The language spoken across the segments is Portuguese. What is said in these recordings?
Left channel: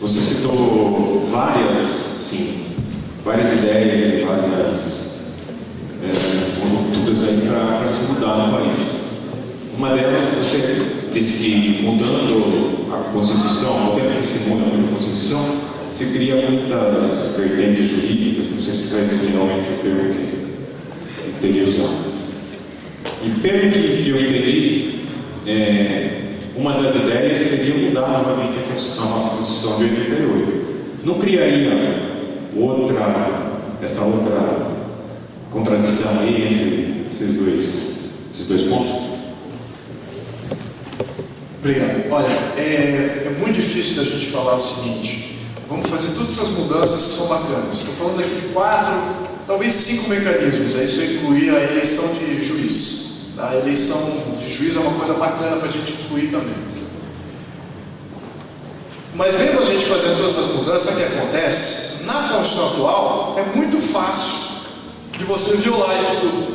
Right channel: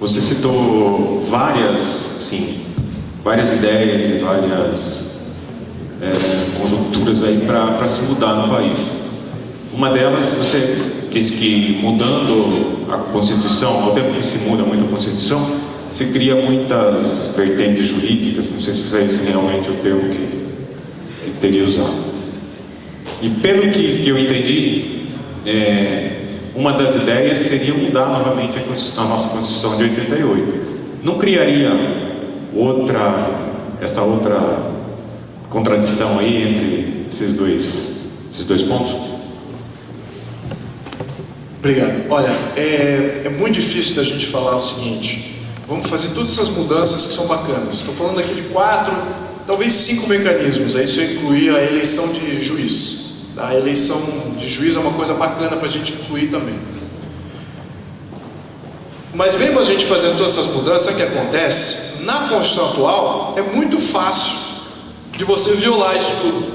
Você citou várias ideias e várias conjunturas aí para se mudar no país. Uma delas, você disse que mudando a Constituição, ao tempo que se muda muito a Constituição, se cria muitas vertentes jurídicas, não sei se foi esse realmente o termo que teria usado. E pelo que eu entendi, uma das ideias seria mudar novamente a nossa Constituição de 88. Não criaria essa outra contradição aí entre esses dois pontos? Obrigado. Olha, é muito difícil da gente falar o seguinte: vamos fazer todas essas mudanças que são bacanas. Estou falando aqui de 4, talvez 5 mecanismos. Aí se eu incluir a eleição de juiz. A eleição de juiz é uma coisa bacana para a gente incluir também. Mas mesmo a gente fazendo todas essas mudanças, sabe o que acontece? Na Constituição atual, é muito fácil de você violar isso tudo.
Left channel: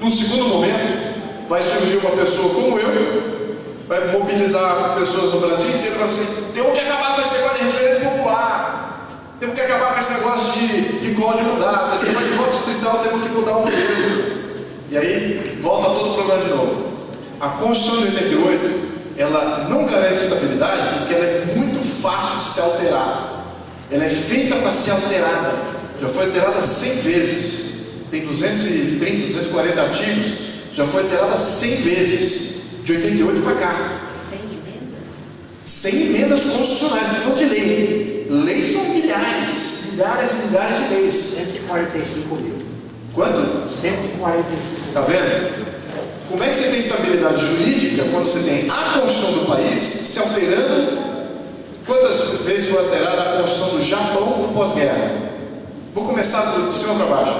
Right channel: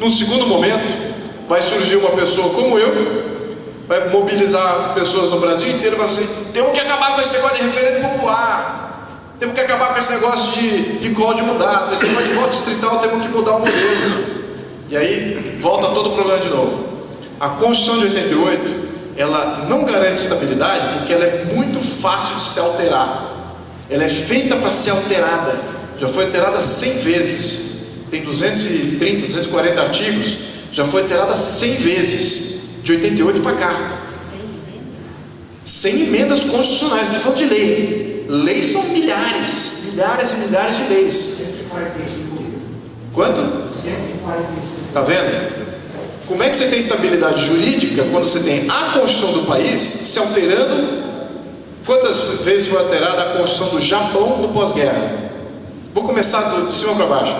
Num segundo momento, vai surgir uma pessoa como eu, vai mobilizar pessoas no Brasil inteiro, vai dizer: temos que acabar com esse negócio de referendo popular, temos que acabar com esse negócio de código de mandato, esse negócio de voto distrital, temos que mudar o modelo. E aí volta todo o problema de novo. A Constituição de 88, ela não garante estabilidade porque ela é muito fácil de se alterar. Ela é feita para ser alterada. Já foi alterada 100 vezes. Tem 230, 240 artigos. Já foi alterada 100 vezes. De 88 para cá. 100 emendas? 100 emendas constitucionais. Não estou falando de lei. Leis são milhares. Milhares e milhares de leis. 145 mil. Quanto? 145. Está vendo? Como é que você tem estabilidade jurídica quando você tem a Constituição do país se alterando? Quantas vezes foi alterada a Constituição do Japão no pós-guerra? Vou começar de cima para baixo.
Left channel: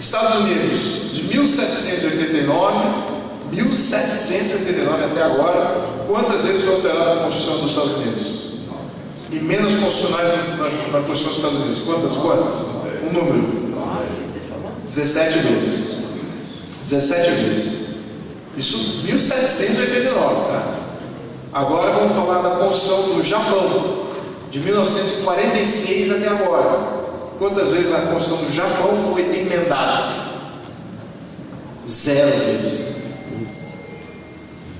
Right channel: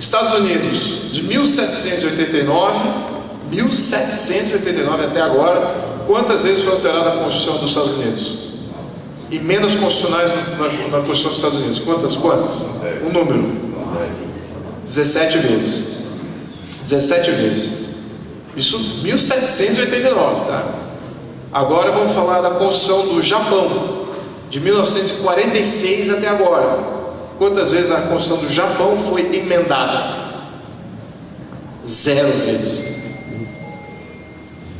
Estados Unidos, de 1789 até agora, quantas vezes foi alterada a Constituição dos Estados Unidos? Emendas constitucionais na Constituição dos Estados Unidos. Quantas? Um número. 17 vezes. 17 vezes. Isso 1789, tá? Agora vamos falar da Constituição do Japão, de 1946 até agora. Quantas vezes a Constituição do Japão foi emendada? 0 vezes.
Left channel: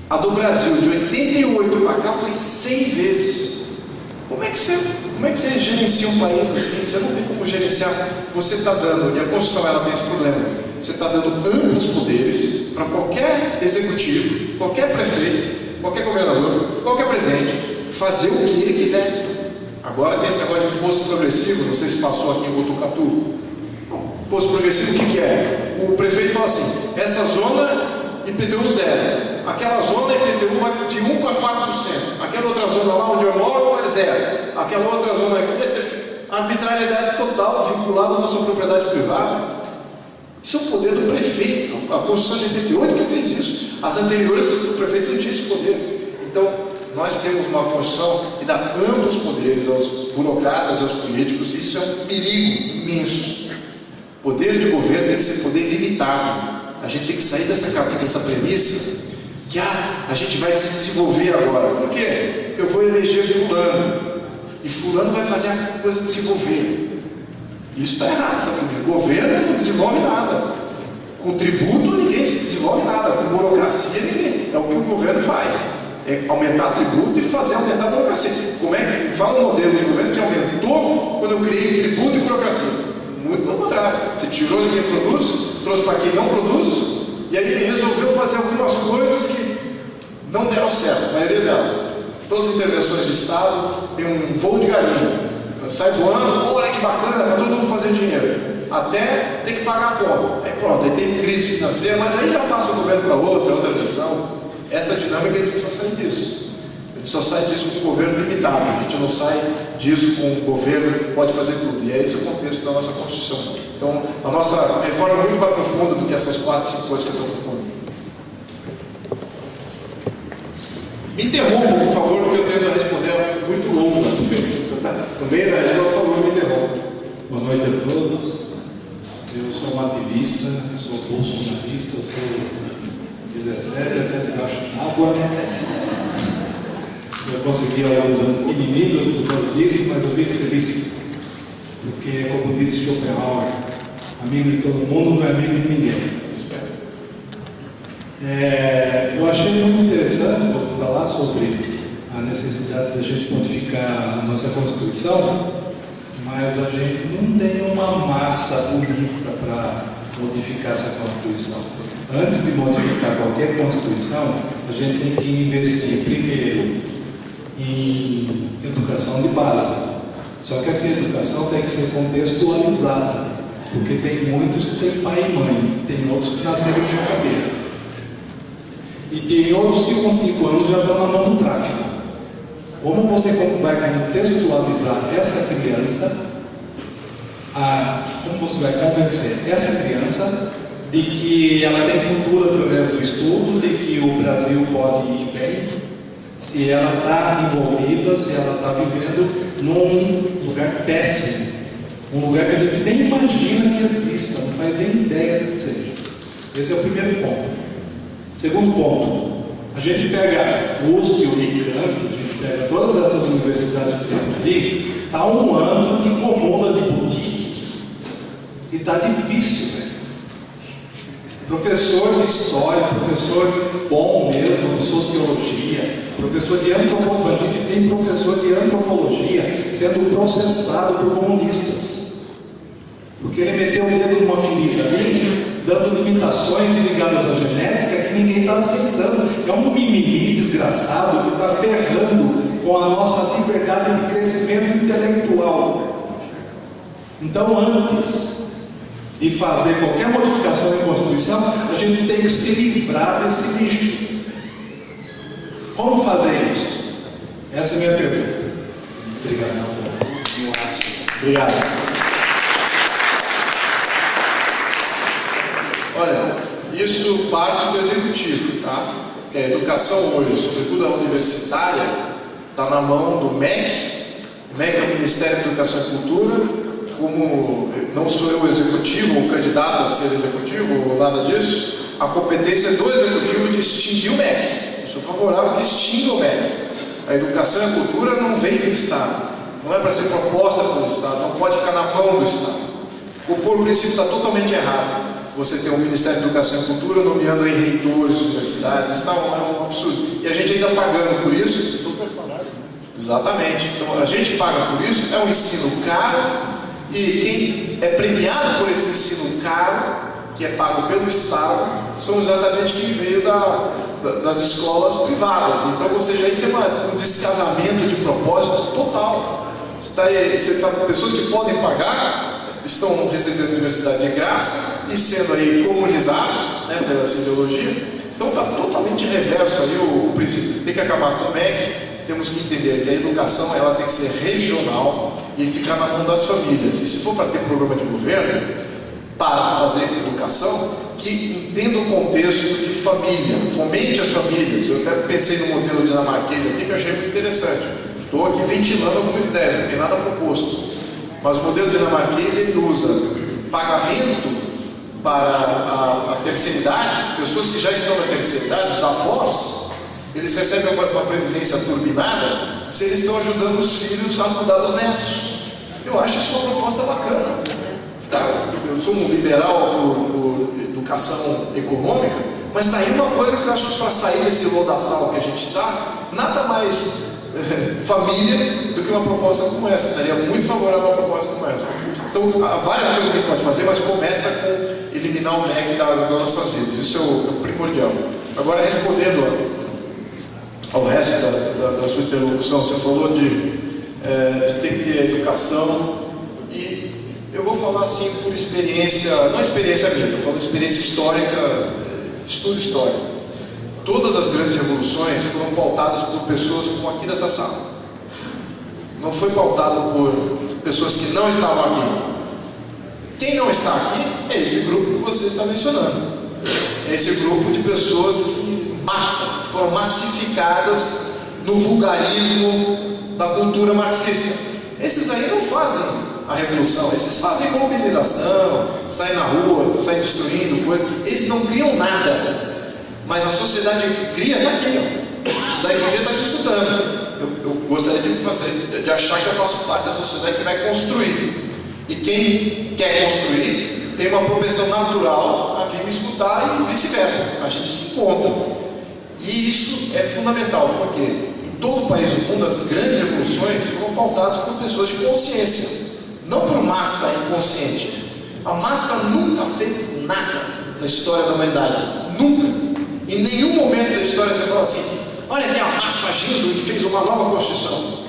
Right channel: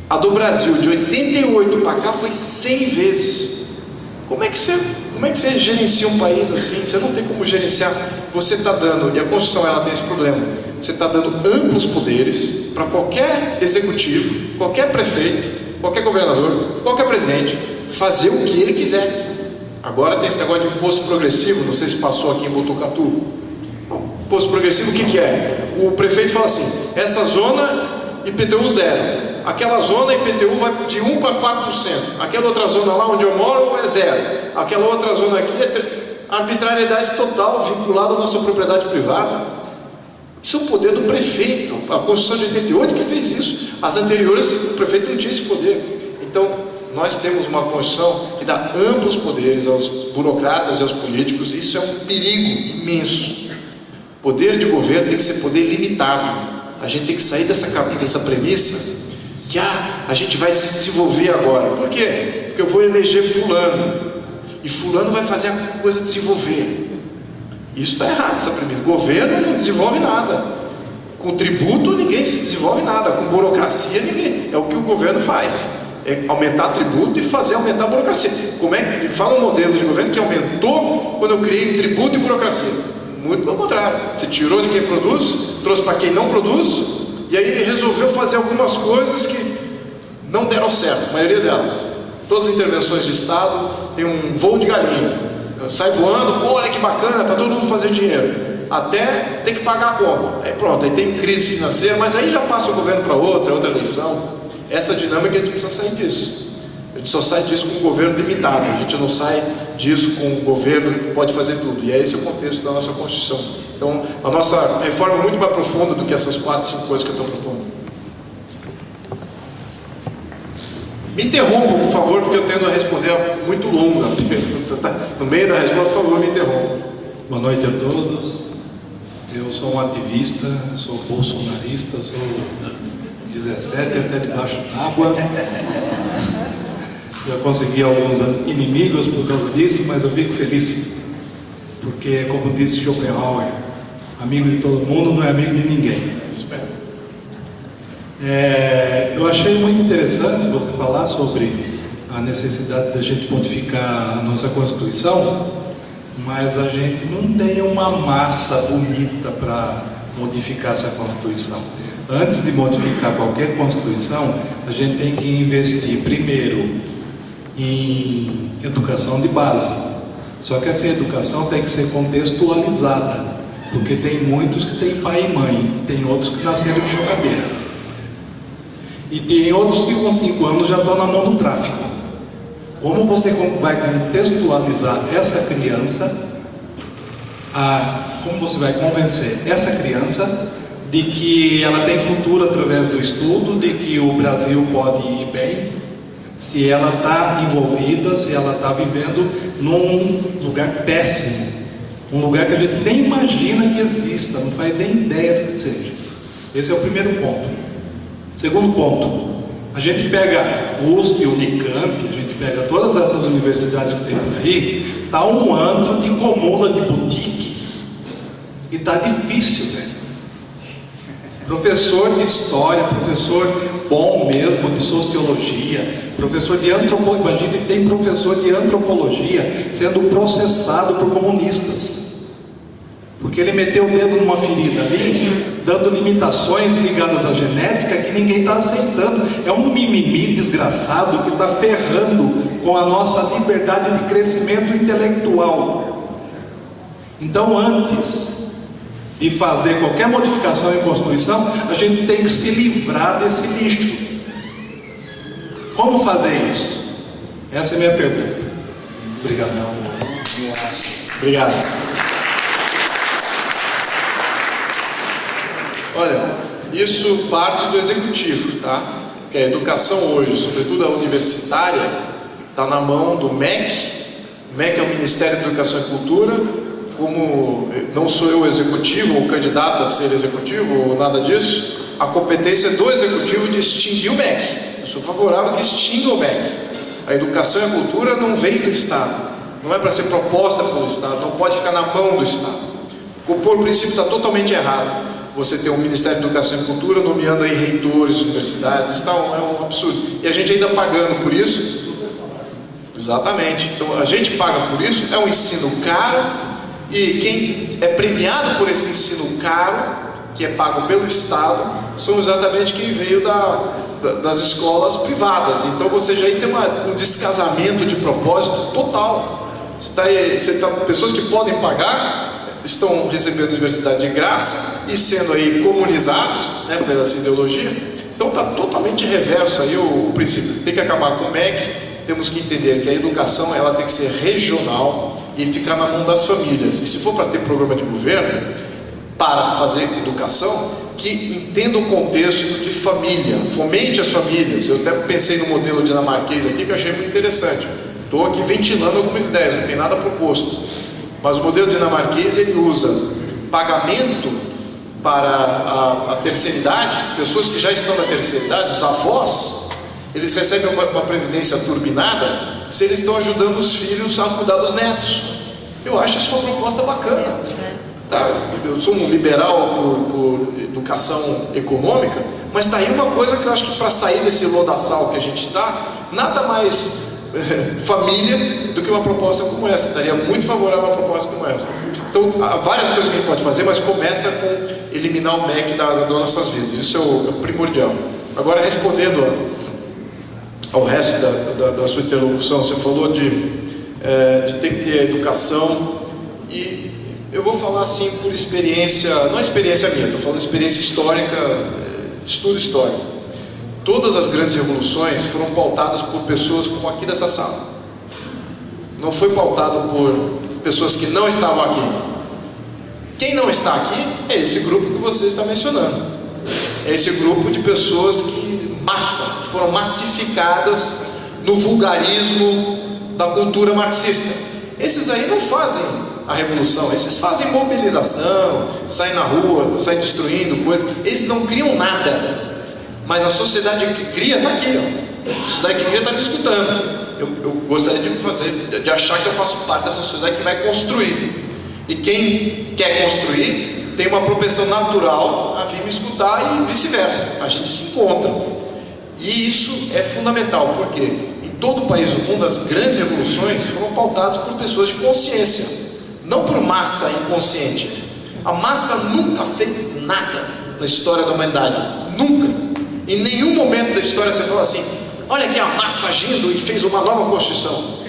A do Brasil, de 88 para cá, foi 100 vezes. Como é que você gerencia um país assim? Você não tem como gerenciar. Você está dando, e a Constituição ela tem esse problema, você está dando amplos poderes para qualquer executivo, qualquer prefeito, qualquer governador, qualquer presidente, fazer o que ele quiser. Agora tem esse negócio de imposto progressivo, não sei se passou aqui em Botucatu. Imposto progressivo, o que é? O prefeito fala assim: essa zona IPTU 0. Aquela zona IPTU vai de 1 para 4%. Aquela outra zona lá onde eu moro é 0. Aquela outra zona aqui é arbitrariedade total, vinculada à nossa propriedade privada. Isso é o poder do prefeito. A Constituição de 88 que fez isso. As anteriores, o prefeito não tinha esse poder. Então, nós temos uma Constituição que dá amplos poderes aos burocratas e aos políticos. Isso é um perigo imenso. Poder de governo tem que ser poder limitado. A gente tem que sair dessa premissa que a gente vai se desenvolver agora. Por quê? Porque eu vou eleger fulano e fulano vai fazer a coisa desenvolver. Isso está errado, essa premissa. O governo não desenvolve nada. Com tributo ninguém se desenvolve nada. Com burocracia ninguém. É o que o governo faz. É aumentar tributo e fazer aumentar a burocracia. Como é que fala um modelo de governo que aumentou quando eu criei tributo e burocracia? Muito pelo contrário. Você tirou de quem produz, trouxe para quem não produz. E aí ele resolveu fazer algumas coisas que não deram certo, a maioria delas. Todas as intervenções de Estado tem um voo de galinha. Sai voando, olha que bacana, está todo mundo fazendo dinheiro. Até ter que pagar a conta. Aí pronto, aí tem crise financeira, mas aí já passa o governo para outra eleição. Essa dinâmica a gente precisa sair disso. A gente só sai disso com um governo limitado. A gente não sai disso com um governo que pode fazer tudo. E é esse o contexto da nossa Constituição. Então, a nossa reforma é muito mais profunda do que essas 4, 5 coisas que eu estou propondo. Me interrompam, por favor, porque eu tendo a responder muito longo na pergunta. No meio da resposta, por favor, me interrompam. Boa noite a todos. Eu sou um ativista, sou bolsonarista, sou 17, até debaixo d'água. Já consegui alguns inimigos por causa disso, mas eu fico feliz, porque, como disse Schopenhauer, amigo de todo mundo não é amigo de ninguém. Eu achei muito interessante você falar sobre a necessidade da gente modificar a nossa Constituição, mas a gente não tem uma massa bonita para modificar essa Constituição. Antes de modificar qualquer Constituição, a gente tem que investir primeiro em educação de base. Só que essa educação tem que ser contextualizada, porque tem muitos que têm pai e mãe, tem outros que nasceram de chocadeira, e tem outros que com 5 anos já estão na mão do tráfico. Como você vai contextualizar essa criança? Como você vai convencer essa criança de que ela tem futuro através do estudo, de que o Brasil pode ir bem, se ela está envolvida, se ela está vivendo num lugar péssimo, um lugar que a gente nem imagina que exista, não faz nem ideia que seja. Esse é o primeiro ponto. Segundo ponto, a gente pega o USP, o Unicamp, a gente pega todas essas universidades que tem aí, está um ano de comuna de boutique, e está difícil, velho. Professor de história, professor bom mesmo, de sociologia, professor de antropologia, a gente tem professor de antropologia sendo processado por comunistas, porque ele meteu o dedo numa ferida ali, dando limitações ligadas à genética que ninguém está aceitando. É um mimimi desgraçado que está ferrando com a nossa liberdade de crescimento intelectual. Então, antes de fazer qualquer modificação em Constituição, a gente tem que se livrar desse lixo. Como fazer isso? Essa é a minha pergunta. Obrigado. Obrigado. Olha, isso parte do executivo, tá? Porque a educação hoje, sobretudo a universitária, está na mão do MEC. O MEC é o Ministério da Educação e Cultura. Como não sou eu o executivo, ou candidato a ser executivo, ou nada disso, a competência do executivo de extinguir o MEC. Eu sou favorável que extinga o MEC. A educação e a cultura não vem do Estado, não é para ser proposta pelo Estado, não pode ficar na mão do Estado. O princípio está totalmente errado. Você tem o Ministério da Educação e Cultura nomeando aí reitores de universidades, isso é um absurdo. E a gente ainda pagando por isso. Exatamente. Então a gente paga por isso, é um ensino caro. E quem é premiado por esse ensino caro, que é pago pelo Estado, são exatamente quem veio das escolas privadas. Então você já tem um descasamento de propósito total. Pessoas que podem pagar, estão recebendo universidade de graça e sendo aí comunizados, né, pela essa ideologia. Então está totalmente reverso aí o princípio. Tem que acabar com o MEC. Temos que entender que a educação ela tem que ser regional e ficar na mão das famílias. E se for para ter programa de governo para fazer educação, que entenda o contexto de família, fomente as famílias. Eu até pensei no modelo dinamarquês aqui que eu achei muito interessante. Estou aqui ventilando algumas ideias, não tem nada proposto. Mas o modelo dinamarquês ele usa pagamento para a terceira idade, pessoas que já estão na terceira idade, os avós. Eles recebem uma previdência turbinada se eles estão ajudando os filhos a cuidar dos netos. Eu acho isso uma proposta bacana. Tá? Eu sou um liberal por educação econômica, mas está aí uma coisa que eu acho que para sair desse lodaçal que a gente está, nada mais família do que uma proposta como essa. Estaria muito favorável a uma proposta como essa. Então, há várias coisas que a gente pode fazer, mas começa com eliminar o MEC das nossas vidas. Isso é o primordial. Agora, respondendo ao resto da sua interlocução, você falou de ter que ter educação, e eu vou falar assim por experiência, não experiência minha, estou falando experiência histórica, estudo histórico. Todas as grandes revoluções foram pautadas por pessoas como aqui nessa sala. Não foi pautado por pessoas que não estavam aqui. Quem não está aqui é esse grupo que você está mencionando. É esse grupo de pessoas que foram massificadas no vulgarismo da cultura marxista. Esses aí não fazem a revolução, esses fazem mobilização, saem na rua, saem destruindo coisas, eles não criam nada. Mas a sociedade que cria está aqui, ó. A sociedade que cria está me escutando. Eu gostaria de achar que eu faço parte dessa sociedade que vai construir. E quem quer construir tem uma propensão natural a vir me escutar e vice-versa. A gente se encontra. E isso é fundamental, porque em todo o país do mundo as grandes revoluções foram pautadas por pessoas de consciência, não por massa inconsciente. A massa nunca fez nada na história da humanidade. Nunca. Em nenhum momento da história você fala assim: olha aqui a massa agindo e fez uma nova Constituição.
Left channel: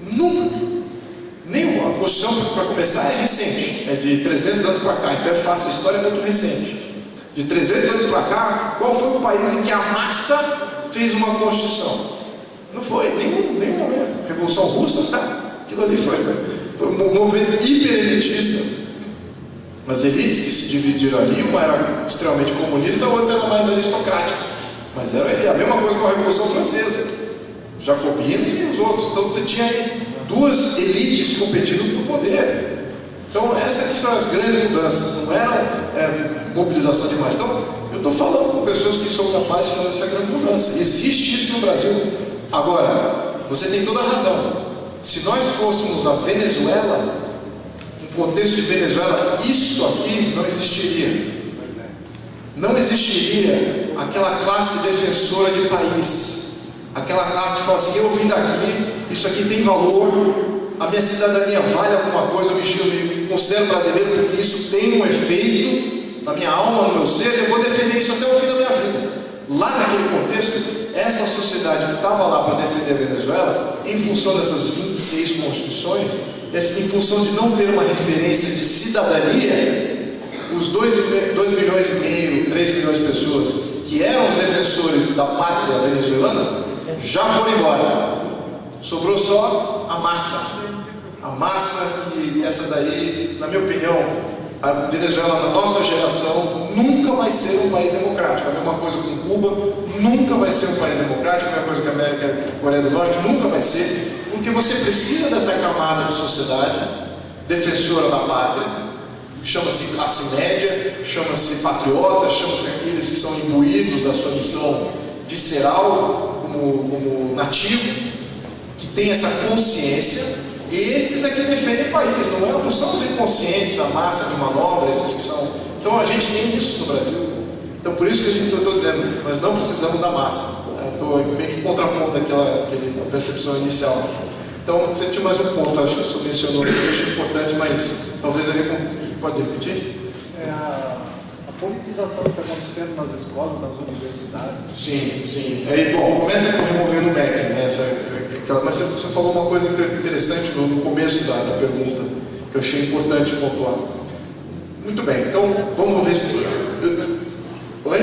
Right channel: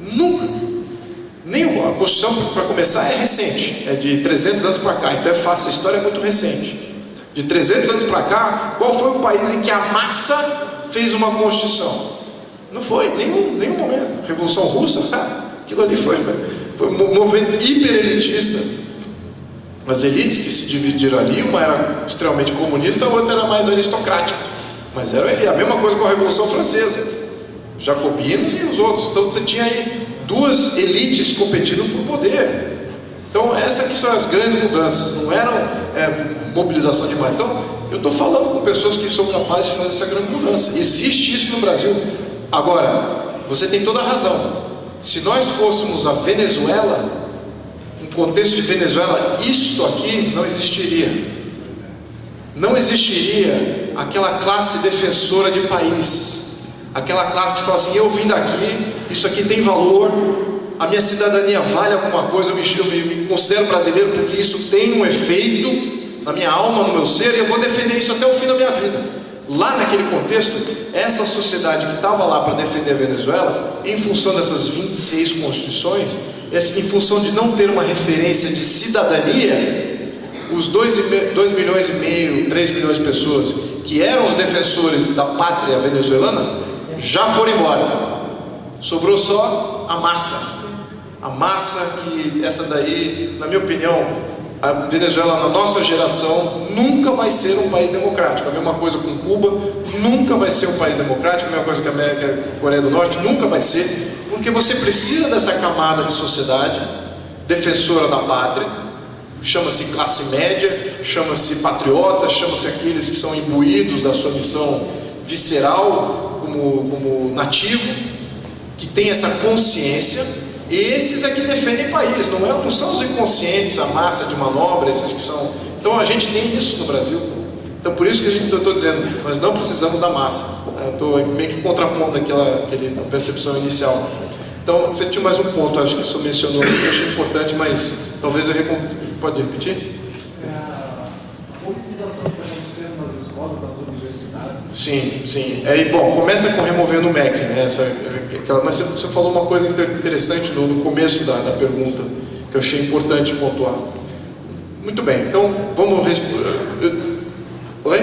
Nunca. Nenhuma. A Constituição, para começar, é recente. É de 300 anos para cá. Então é fácil. A história é muito recente. De 300 anos para cá, qual foi o país em que a massa fez uma Constituição? Não foi. Nenhum momento. Revolução Russa, aquilo ali foi um movimento hiperelitista. As elites que se dividiram ali, uma era extremamente comunista, a outra era mais aristocrática. Mas era a mesma coisa com a Revolução Francesa. Os jacobinos e os outros. Então você tinha aí duas elites competindo por poder. Então essas que são as grandes mudanças. Não eram mobilização demais. Então eu estou falando com pessoas que são capazes de fazer essa grande mudança. Existe isso no Brasil. Agora, você tem toda a razão. Se nós fôssemos a Venezuela, no contexto de Venezuela, isso aqui não existiria. Não existiria aquela classe defensora de país, aquela classe que fala assim: eu vim daqui, isso aqui tem valor, a minha cidadania vale alguma coisa, eu me considero brasileiro porque isso tem um efeito na minha alma, no meu ser, e eu vou defender isso até o fim da minha vida. Lá naquele contexto, essa sociedade que estava lá para defender a Venezuela, em função dessas 26 constituições, em função de não ter uma referência de cidadania, os 2,5 milhões, 3 milhões de pessoas que eram os defensores da pátria venezuelana, já foram embora. Sobrou só a massa. A massa que, essa daí, na minha opinião, a Venezuela, na nossa geração, nunca vai ser um país democrático. A mesma coisa com Cuba, nunca vai ser um país democrático. A mesma coisa com a América, a Coreia do Norte, nunca vai ser. Porque você precisa dessa camada de sociedade defensora da pátria, chama-se classe média, chama-se patriota, chama-se aqueles que são imbuídos da sua missão visceral, como nativo, que tem essa consciência. E esses é que defendem o país, não são os inconscientes, a massa de manobra, esses que são. Então a gente tem isso no Brasil. Então por isso que eu estou dizendo, nós não precisamos da massa. Eu estou meio que contrapondo aquela percepção inicial. Então você tinha mais um ponto, acho que o senhor mencionou, que eu achei importante, mas talvez pode repetir? A politização que está acontecendo nas escolas, nas universidades. Sim. Bom, começa com removendo o MEC, né? Mas você falou uma coisa interessante no começo da pergunta, que eu achei importante pontuar. Muito bem, então vamos ver. Oi?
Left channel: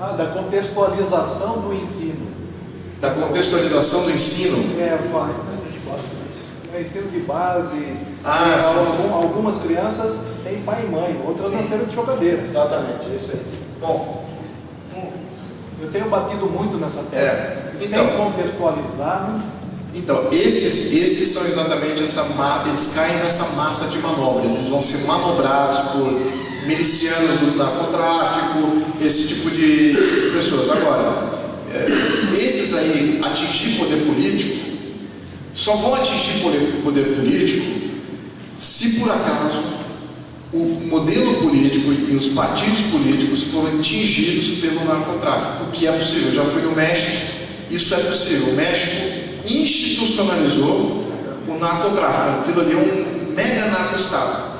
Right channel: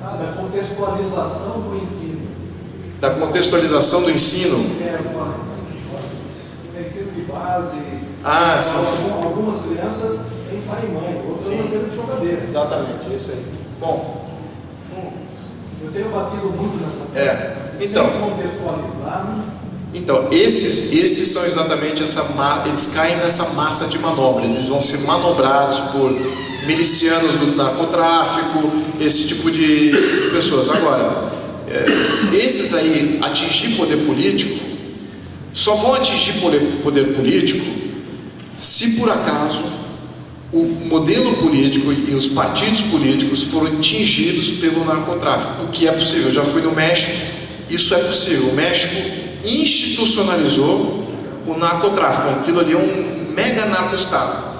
Da contextualização do ensino. Da contextualização do ensino? Ensino de base. Sim. Algumas crianças têm pai e mãe, outras nasceram de chocadeira. Exatamente, é isso aí. Bom. Eu tenho batido muito nessa tecla. Então, sem contextualizar. Então, esses são exatamente eles caem nessa massa de manobra. Eles vão ser manobrados por milicianos do narcotráfico, esse tipo de pessoas. Agora, esses aí atingir poder político, só vão atingir poder político se por acaso o modelo político e os partidos políticos foram atingidos pelo narcotráfico, o que é possível. Eu já fui no México, isso é possível. O México institucionalizou o narcotráfico. Aquilo ali é um mega narco-estado.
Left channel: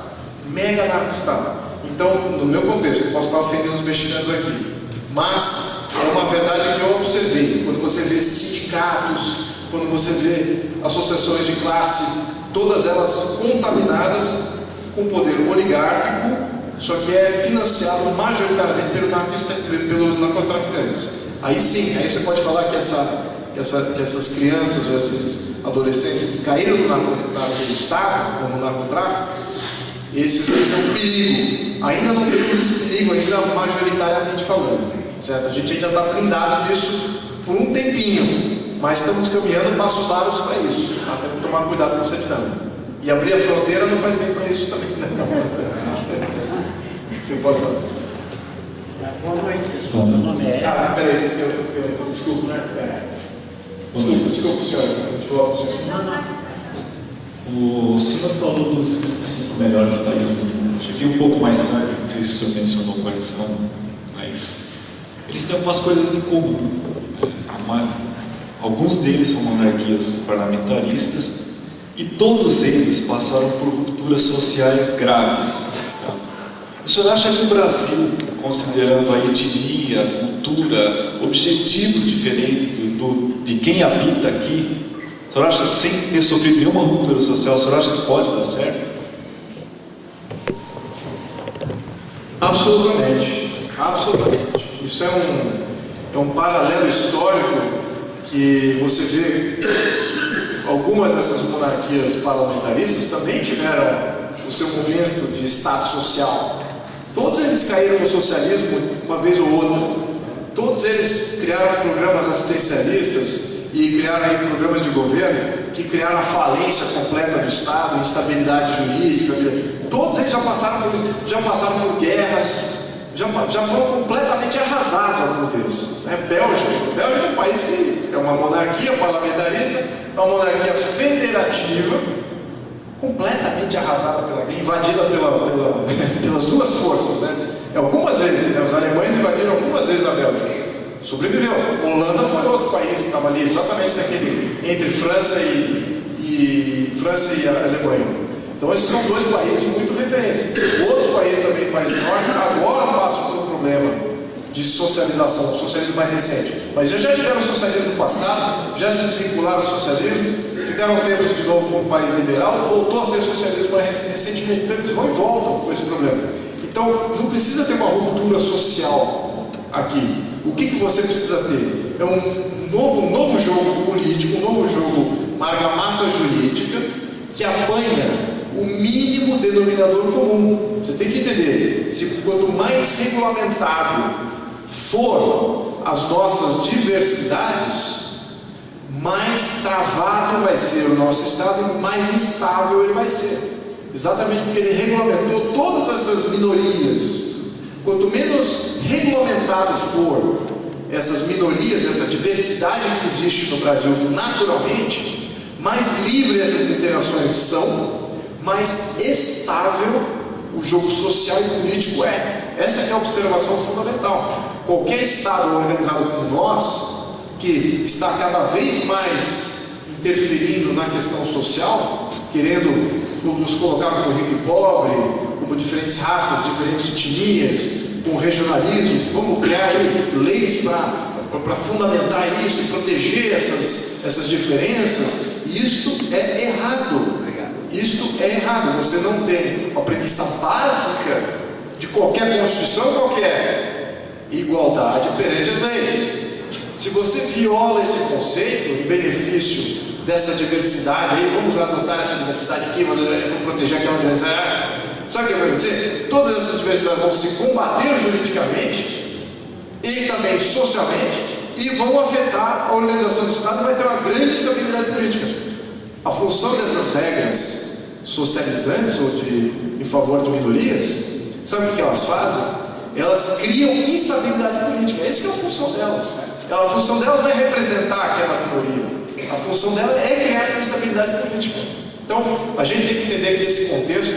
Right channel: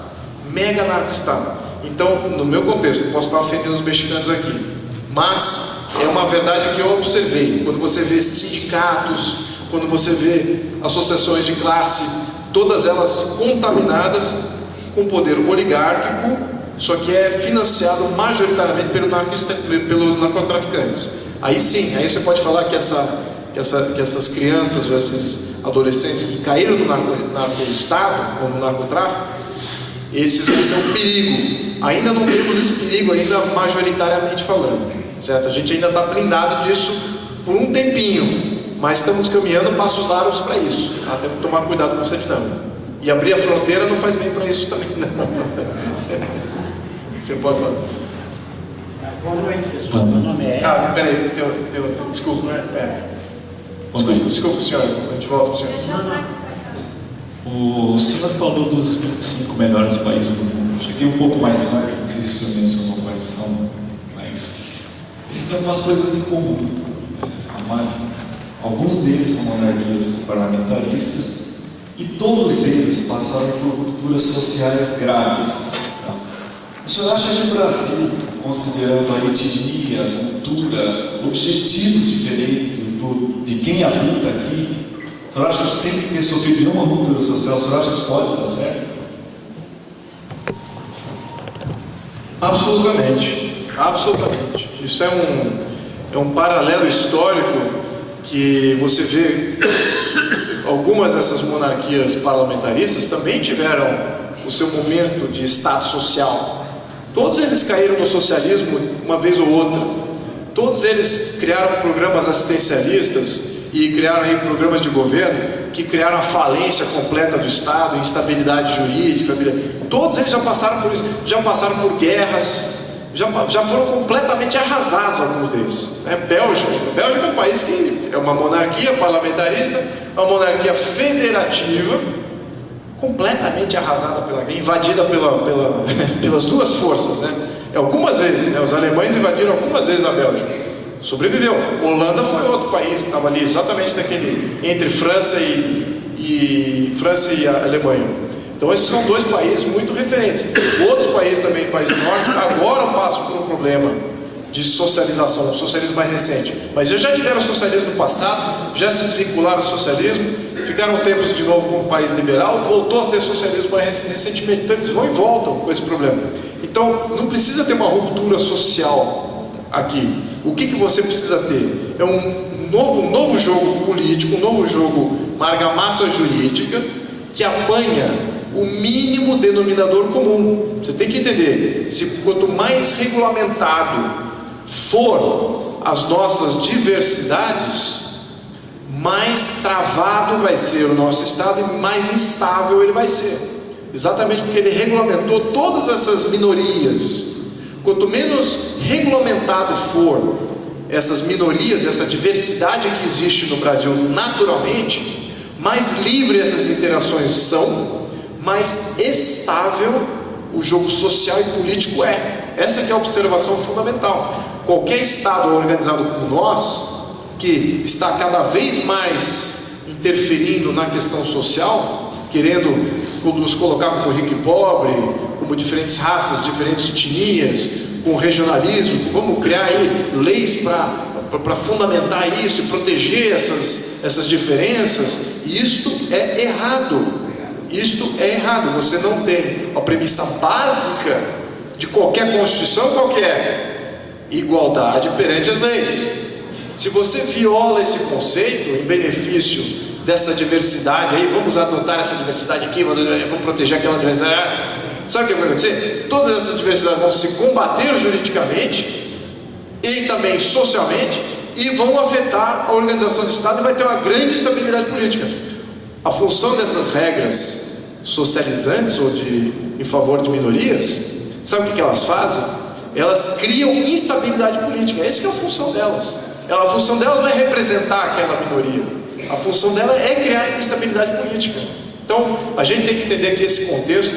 Então, no meu contexto, eu posso estar ofendendo os mexicanos aqui, mas é uma verdade que eu observei. Quando você vê sindicatos, quando você vê associações de classe, todas elas contaminadas com poder oligárquico, só que é financiado majoritariamente pelos narcotraficantes. Aí sim, aí você pode falar que essas crianças ou esses adolescentes que caíram no Estado ou no narcotráfico, esses vão ser um perigo. Ainda não temos esse perigo, ainda majoritariamente falando, certo? A gente ainda está blindado disso por um tempinho, mas estamos caminhando passos largos para isso. Temos que tomar cuidado com essa dinâmica. E abrir a fronteira não faz bem para isso também, não. Você pode falar. Boa noite, pessoal. Meu nome é Ah, peraí, desculpa, desculpa, senhor. A gente volta para o senhor. O senhor falou dos 25 melhores países do mundo. Cheguei um pouco mais tarde, não sei se o senhor mencionou quais são, mas eles têm algumas coisas em comum. Alguns deles são monarquias parlamentaristas e todos eles passaram por rupturas sociais graves. O senhor acha que o Brasil, considerando a etnia, a cultura, objetivos diferentes de quem habita aqui, o senhor acha que sem ter sofrido nenhuma ruptura social, o senhor acha que pode dar certo? Absolutamente, absolutamente. Isso é um paralelo histórico que você vê. Algumas dessas monarquias parlamentaristas também tiveram o seu momento de estado social. Todos eles caíram no socialismo uma vez ou outra. Todos eles criaram programas assistencialistas e criaram aí programas de governo que criaram a falência completa do Estado, instabilidade jurídica. Todos eles já passaram por isso, já passaram por guerras, já foram completamente arrasados alguns deles. Bélgica é um país que é uma monarquia parlamentarista, é uma monarquia federativa, completamente arrasada pela guerra, invadida pelas duas forças, né? Algumas vezes, né? Os alemães invadiram algumas vezes a Bélgica, sobreviveu. Holanda foi outro país que estava ali, exatamente naquele entre França e Alemanha. Então esses são dois países muito referentes. Outros países também, países do norte, agora passam por um problema de socialização, o socialismo mais recente. Mas já tiveram socialismo no passado, já se desvincularam do socialismo, ficaram tempos de novo com um país liberal, voltou a ter socialismo mais recentemente. Então eles vão e voltam com esse problema. Então não precisa ter uma ruptura social aqui. O que você precisa ter? É um novo jogo político, um novo jogo, uma argamassa jurídica que apanha o mínimo denominador comum. Você tem que entender, quanto mais regulamentado for as nossas diversidades, mais travado vai ser o nosso Estado e mais instável ele vai ser. Exatamente porque ele regulamentou todas essas minorias. Quanto menos regulamentado for essas minorias, essa diversidade que existe no Brasil naturalmente, mais livre essas interações são, mais estável o jogo social e político é. Essa que é a observação fundamental. Qualquer Estado organizado como nós, que está cada vez mais interferindo na questão social, querendo nos colocar como rico e pobre, como diferentes raças, diferentes etnias, com regionalismo, vamos criar aí leis para fundamentar isso e proteger essas diferenças. Isto é errado. Isto é errado. Você não tem a premissa básica de qualquer Constituição, qualquer igualdade perante as leis. Se você viola esse conceito em benefício dessa diversidade aí, vamos adotar essa diversidade aqui, vamos proteger aquela diversidade, sabe o que vai acontecer? Todas essas diversidades vão se combater juridicamente e também socialmente e vão afetar a organização do Estado e vai ter uma grande instabilidade política. A função dessas regras socializantes ou em favor de minorias, sabe o que elas fazem? Elas criam instabilidade política. Essa que é a função delas. A função delas não é representar aquela minoria. A função dela é criar instabilidade política. Então, a gente tem que entender que esse contexto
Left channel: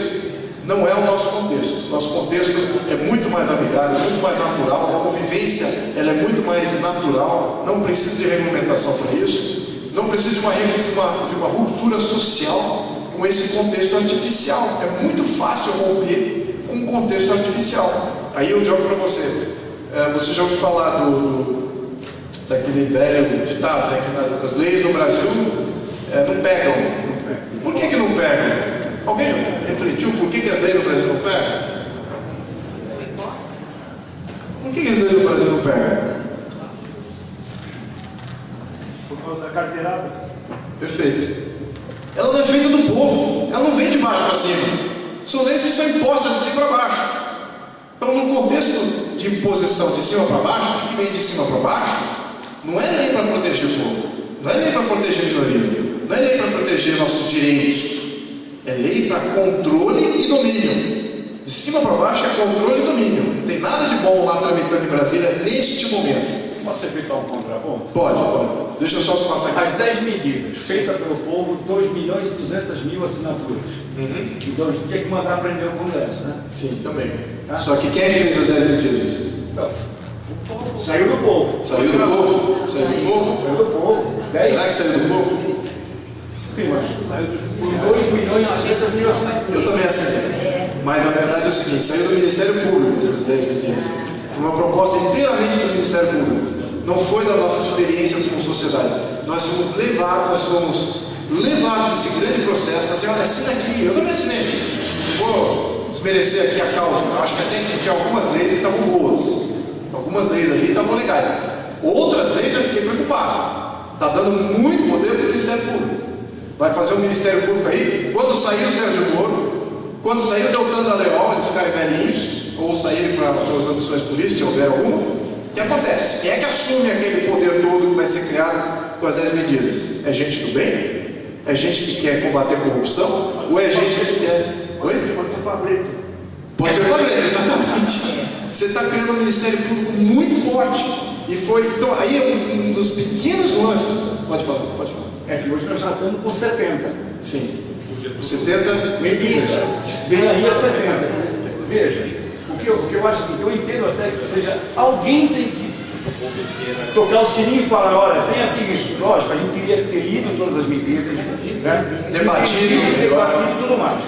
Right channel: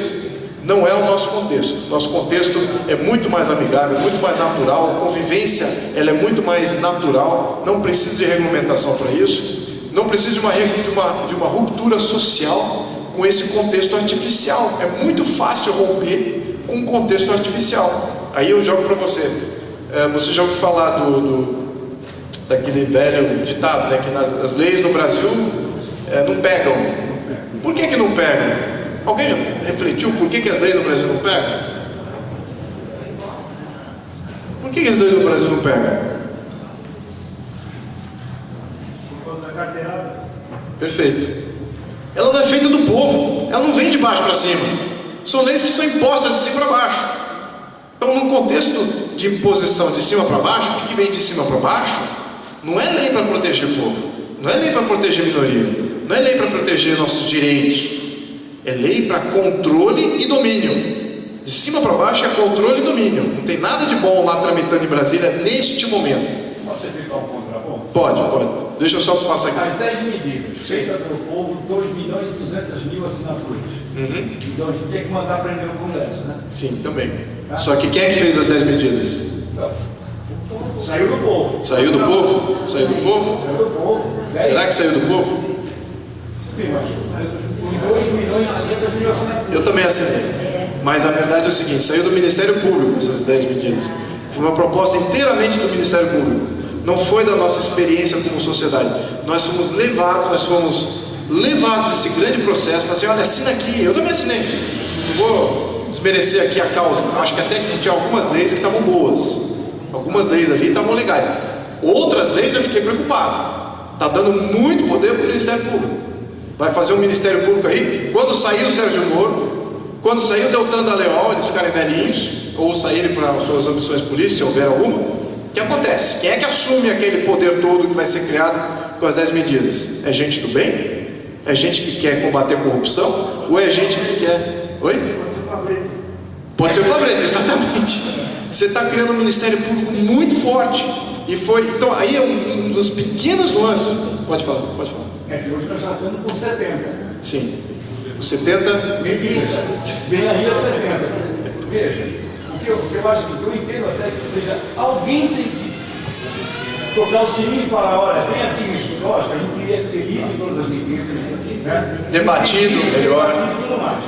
não é o nosso contexto. Nosso contexto é muito mais amigável, muito mais natural. A convivência ela é muito mais natural. Não precisa de regulamentação para isso. Não precisa de uma ruptura social com esse contexto artificial. É muito fácil romper com um contexto artificial. Aí eu jogo para você. Você já ouviu falar daquele velho ditado, né, que as leis no Brasil não pegam. Por que não pegam? Alguém já refletiu por que as leis no Brasil não pegam? Por que as leis no Brasil não pegam? Por causa da carteirada. Perfeito. Ela não é feita do povo, ela não vem de baixo para cima. São leis que são impostas de cima para baixo. Então, no contexto de imposição de cima para baixo, o que vem de cima para baixo não é lei para proteger o povo, não é lei para proteger a minoria, não é lei para proteger nossos direitos, é lei para controle e domínio. De cima para baixo é controle e domínio. Não tem nada de bom lá tramitando em Brasília neste momento. Posso efetuar um contraponto? Pode. Deixa eu só passar aqui. As 10 medidas feitas pelo povo, 2.200.000 assinaturas. Então a gente tinha que mandar prender o Congresso, né? Sim, também. Só que quem é que fez as 10 medidas? Saiu do povo. Saiu do povo? Saiu do povo? Saiu do povo. Será que saiu do povo? Sim, mas 2.200.000 assinaturas. Eu também assinei. Mas a verdade é o seguinte, saiu do Ministério Público essas 10 medidas. Foi uma proposta inteiramente do Ministério Público. Não foi da nossa experiência como sociedade. Nós fomos levados nesse grande processo para dizer, olha, assina aqui. Eu também assinei. Não vou desmerecer aqui a causa. Eu acho que até tinha algumas leis que estavam boas. Algumas leis ali estavam legais. Outras leis eu fiquei preocupado. Está dando muito poder para o Ministério Público. Vai fazer um Ministério Público aí. Quando sair o Sérgio Moro, quando sair o Deltan Dallagnol, eles ficarem velhinhos, ou saírem para suas ambições políticas, se houver alguma, o que acontece? Quem é que assume aquele poder todo que vai ser criado com as 10 medidas? É gente do bem? É gente que quer combater a corrupção? Ou é gente que quer... Oi? Pode ser Fabrício. Pode ser o Fabrício, exatamente. Você está criando um Ministério Público muito forte. E foi... Então, aí é um dos pequenos lances. Pode falar. É que hoje nós já estamos com 70. Sim. Os 70... Medidas. Vem aí a 70. Veja, o que eu acho que eu entendo até que seja... Alguém tem que tocar o sininho e falar, olha, tem aqui isso, lógico, a gente queria ter lido todas as medidas, né? Debatido e tudo mais.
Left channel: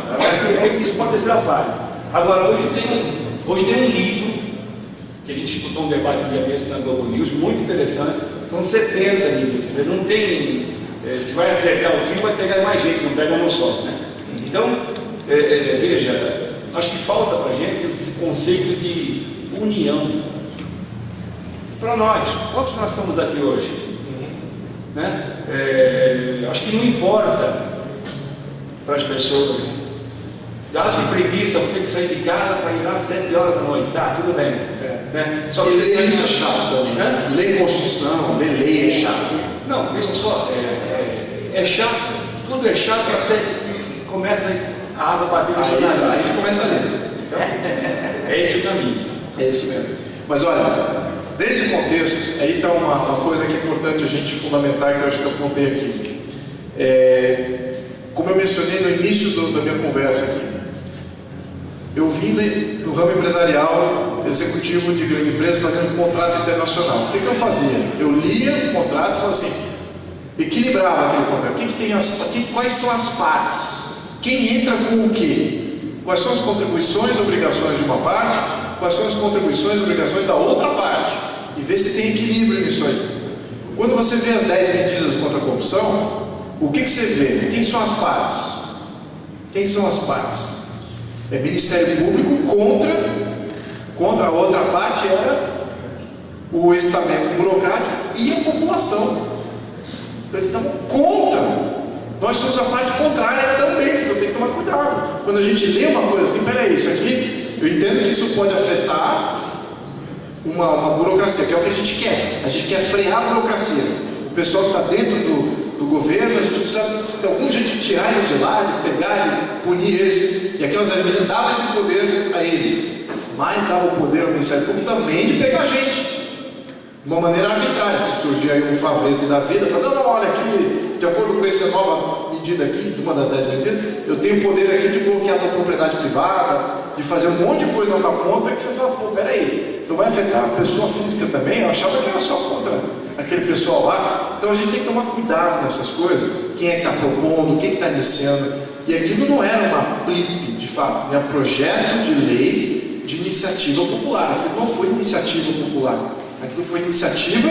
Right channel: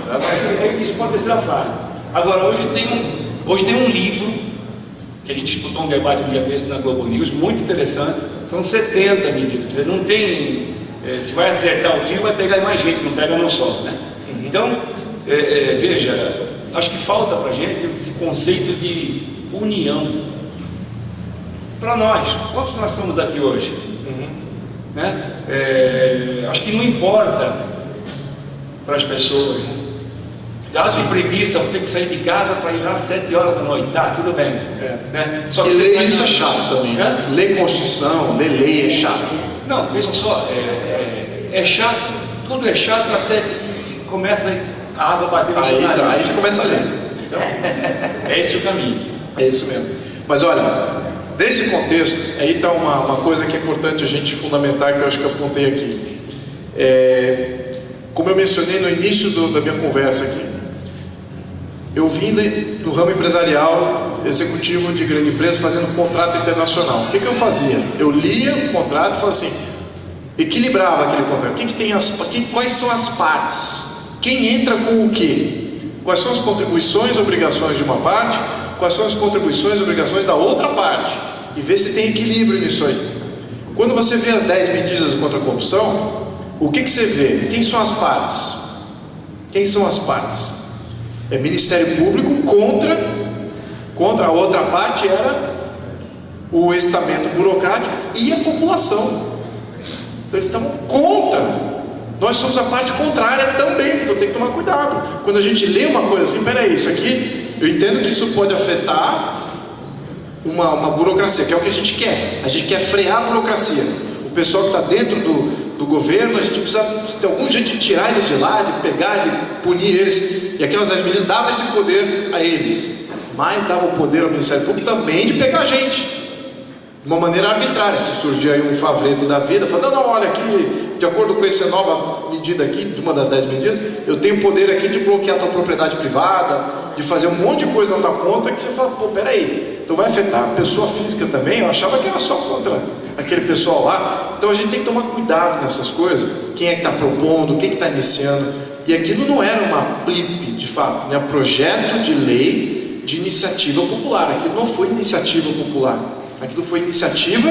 Isso pode ser a fase. Agora, hoje tem um livro, que a gente disputou um debate um dia desse na Globo News, muito interessante, são 70 medidas, não tem, se vai acertar o tiro, vai pegar mais gente, não pega não só, né? Então, veja, acho que falta para a gente esse conceito de união. Para nós, quantos nós estamos aqui hoje? Né? Acho que não importa para as pessoas. Já se preguiça, vou ter que sair de casa para ir lá às 7 horas da noite. Tá, tudo bem. Né? Só que ler isso é chato também. Ler Constituição, ler lei é chato. Não, veja só, é chato, tudo é chato até que começa a água bater no cenário. Aí você começa a ler. Então, é esse o caminho. É isso mesmo. Mas olha, nesse contexto, aí está uma coisa que é importante a gente fundamentar, que eu acho que eu apontei aqui. Como eu mencionei no início da minha conversa aqui, eu vim do ramo empresarial, executivo de grande empresa, fazendo contrato internacional. O que eu fazia? Eu lia o contrato e falava assim, equilibrava aquele contrato. Quais são as partes? Quem entra com o quê? Quais são as contribuições e obrigações de uma parte? Quais são as contribuições e obrigações da outra parte? E ver se tem equilíbrio nisso aí. Quando você vê as 10 medidas contra a corrupção, o que você vê? Quem são as partes? Quem são as partes? É Ministério Público contra a outra parte era o estamento burocrático e a população. Então eles estavam contra. Nós somos a parte contrária também, porque eu tenho que tomar cuidado. Quando a gente lê uma coisa assim, peraí, isso aqui, eu entendo que isso pode afetar uma burocracia, que é o que a gente quer. A gente quer frear a burocracia. O pessoal que está dentro do governo, a gente precisa ter algum jeito de tirar eles de lá, de pegar, de punir eles. E aquelas 10 medidas davam esse poder a eles, mas dava o poder ao Ministério Público também de pegar a gente, de uma maneira arbitrária. Se surgir aí um favreto da vida, fala, não, olha aqui, de acordo com essa nova medida aqui, de uma das 10 medidas, eu tenho poder aqui de bloquear a tua propriedade privada, de fazer um monte de coisa na tua conta, que você fala, pô, peraí, então vai afetar a pessoa física também? Eu achava que era só contra aquele pessoal lá. Então a gente tem que tomar cuidado nessas coisas. Quem é que está propondo, quem que está iniciando. E aquilo não era uma PLIP, de fato, né? Projeto de lei de iniciativa popular. Aquilo não foi iniciativa popular, aquilo foi iniciativa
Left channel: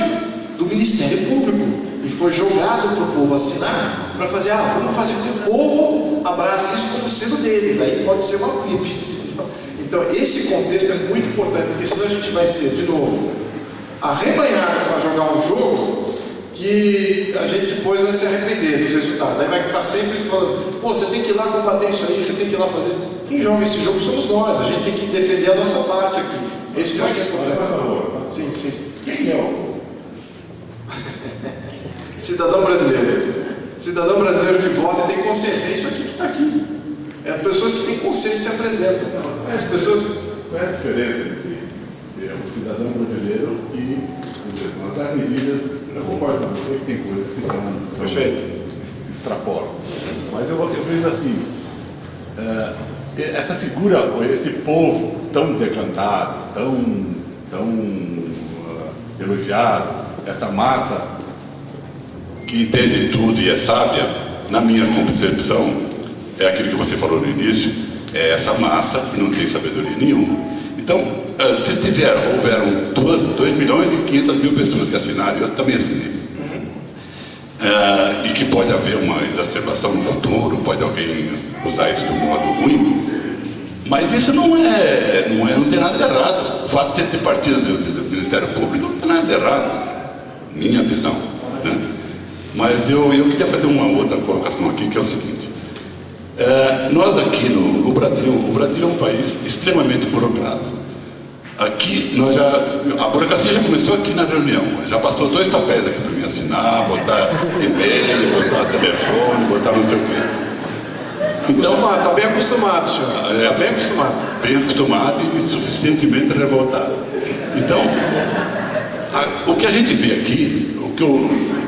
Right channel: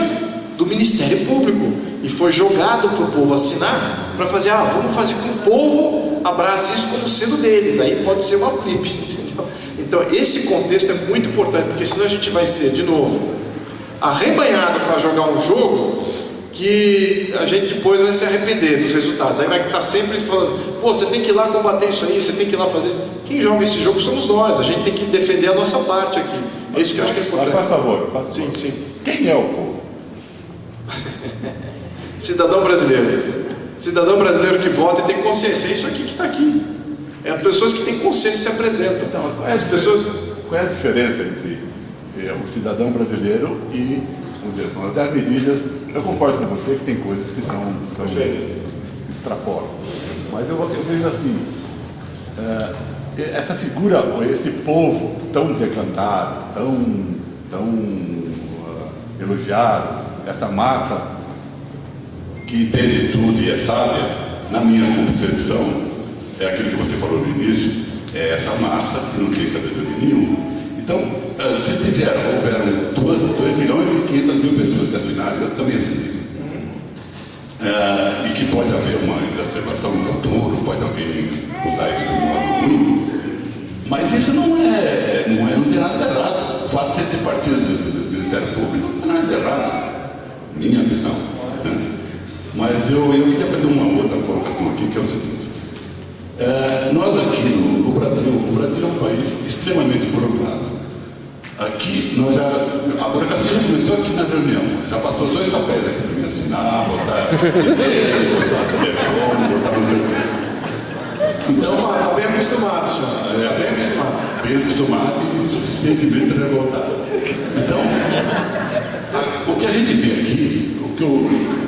do Ministério Público e foi jogado para o povo assinar, para fazer, vamos fazer com que o povo abrace isso como sendo deles. Aí pode ser uma PLIP. Então esse contexto é muito importante, porque senão a gente vai ser, de novo, arrebanhado para jogar um jogo que a gente depois vai se arrepender dos resultados. Aí vai estar sempre falando, pô, você tem que ir lá combater isso aí, você tem que ir lá fazer. Quem joga esse jogo somos nós, a gente tem que defender a nossa parte aqui. É isso que eu acho que é importante. Por favor. Sim. Quem é o povo? Cidadão brasileiro. Cidadão brasileiro que vota e tem consciência. É isso aqui que está aqui. Pessoas que têm consciência se apresentam. As pessoas... Qual é a diferença entre o cidadão brasileiro e os das medidas? Eu concordo com você que tem coisas que são extrapolam. Mas eu vejo assim, essa figura, esse povo tão decantado, tão elogiado, essa massa que entende tudo e é sábia, na minha concepção, é aquilo que você falou no início, é essa massa que não tem sabedoria nenhuma. Então, se houveram 2 milhões e 500 mil pessoas que assinaram, eu também assinei. E que pode haver uma exacerbação no futuro, pode alguém usar isso de um modo ruim, mas isso não tem nada de errado. O fato de ter partido do Ministério Público não tem nada de errado, minha visão, né? Mas eu queria fazer uma outra colocação aqui, que é o seguinte: nós aqui no Brasil, o Brasil é um país extremamente burocrático. Aqui, a burocracia já começou aqui na reunião, já passou 2 papéis aqui para mim assinar, botar e-mail, botar telefone, botar não sei o quê. Então, está bem acostumado, senhor. Está bem acostumado. Bem acostumado e suficientemente revoltado. Então, o que a gente vê aqui, o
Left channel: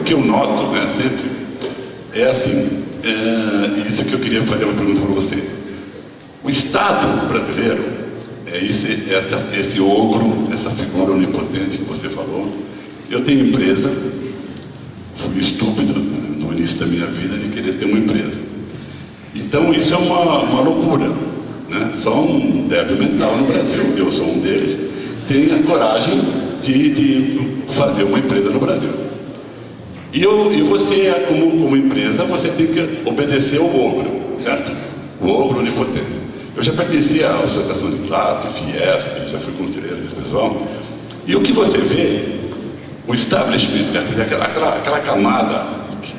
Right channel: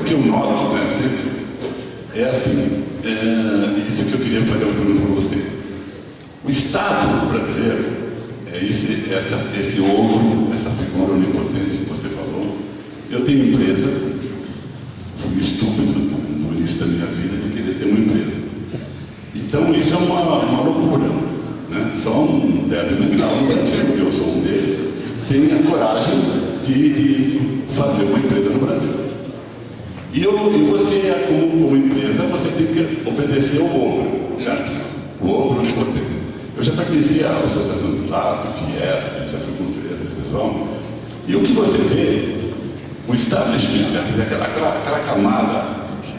que eu noto, né, sempre, é assim, isso que eu queria fazer uma pergunta para você. O Estado brasileiro é esse ogro, essa figura onipotente que você falou. Eu tenho empresa, fui estúpido no início da minha vida de querer ter uma empresa. Então isso é uma loucura, né? Só um débil mental no Brasil, eu sou um deles, tem a coragem de fazer uma empresa no Brasil. E você, como empresa, você tem que obedecer ao ogro, certo? O ogro onipotente. Eu já pertencia à Associação de Classe, Fiesp, já fui conselheiro desse pessoal. E o que você vê, o establishment, aquela camada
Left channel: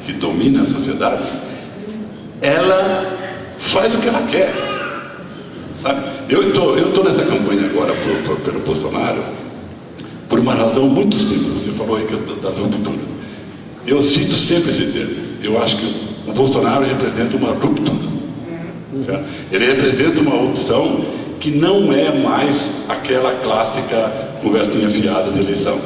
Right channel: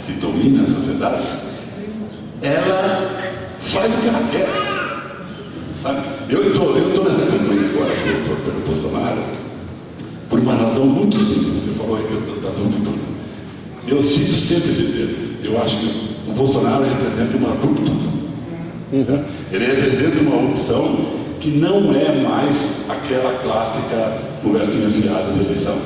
que domina a sociedade, ela faz o que ela quer. Sabe? Eu estou nessa campanha agora pelo Bolsonaro por uma razão muito simples. Você falou aí das rupturas. Eu cito sempre esse termo. Eu acho que o Bolsonaro representa uma ruptura. Ele representa uma opção que não é mais aquela clássica conversinha fiada de eleição.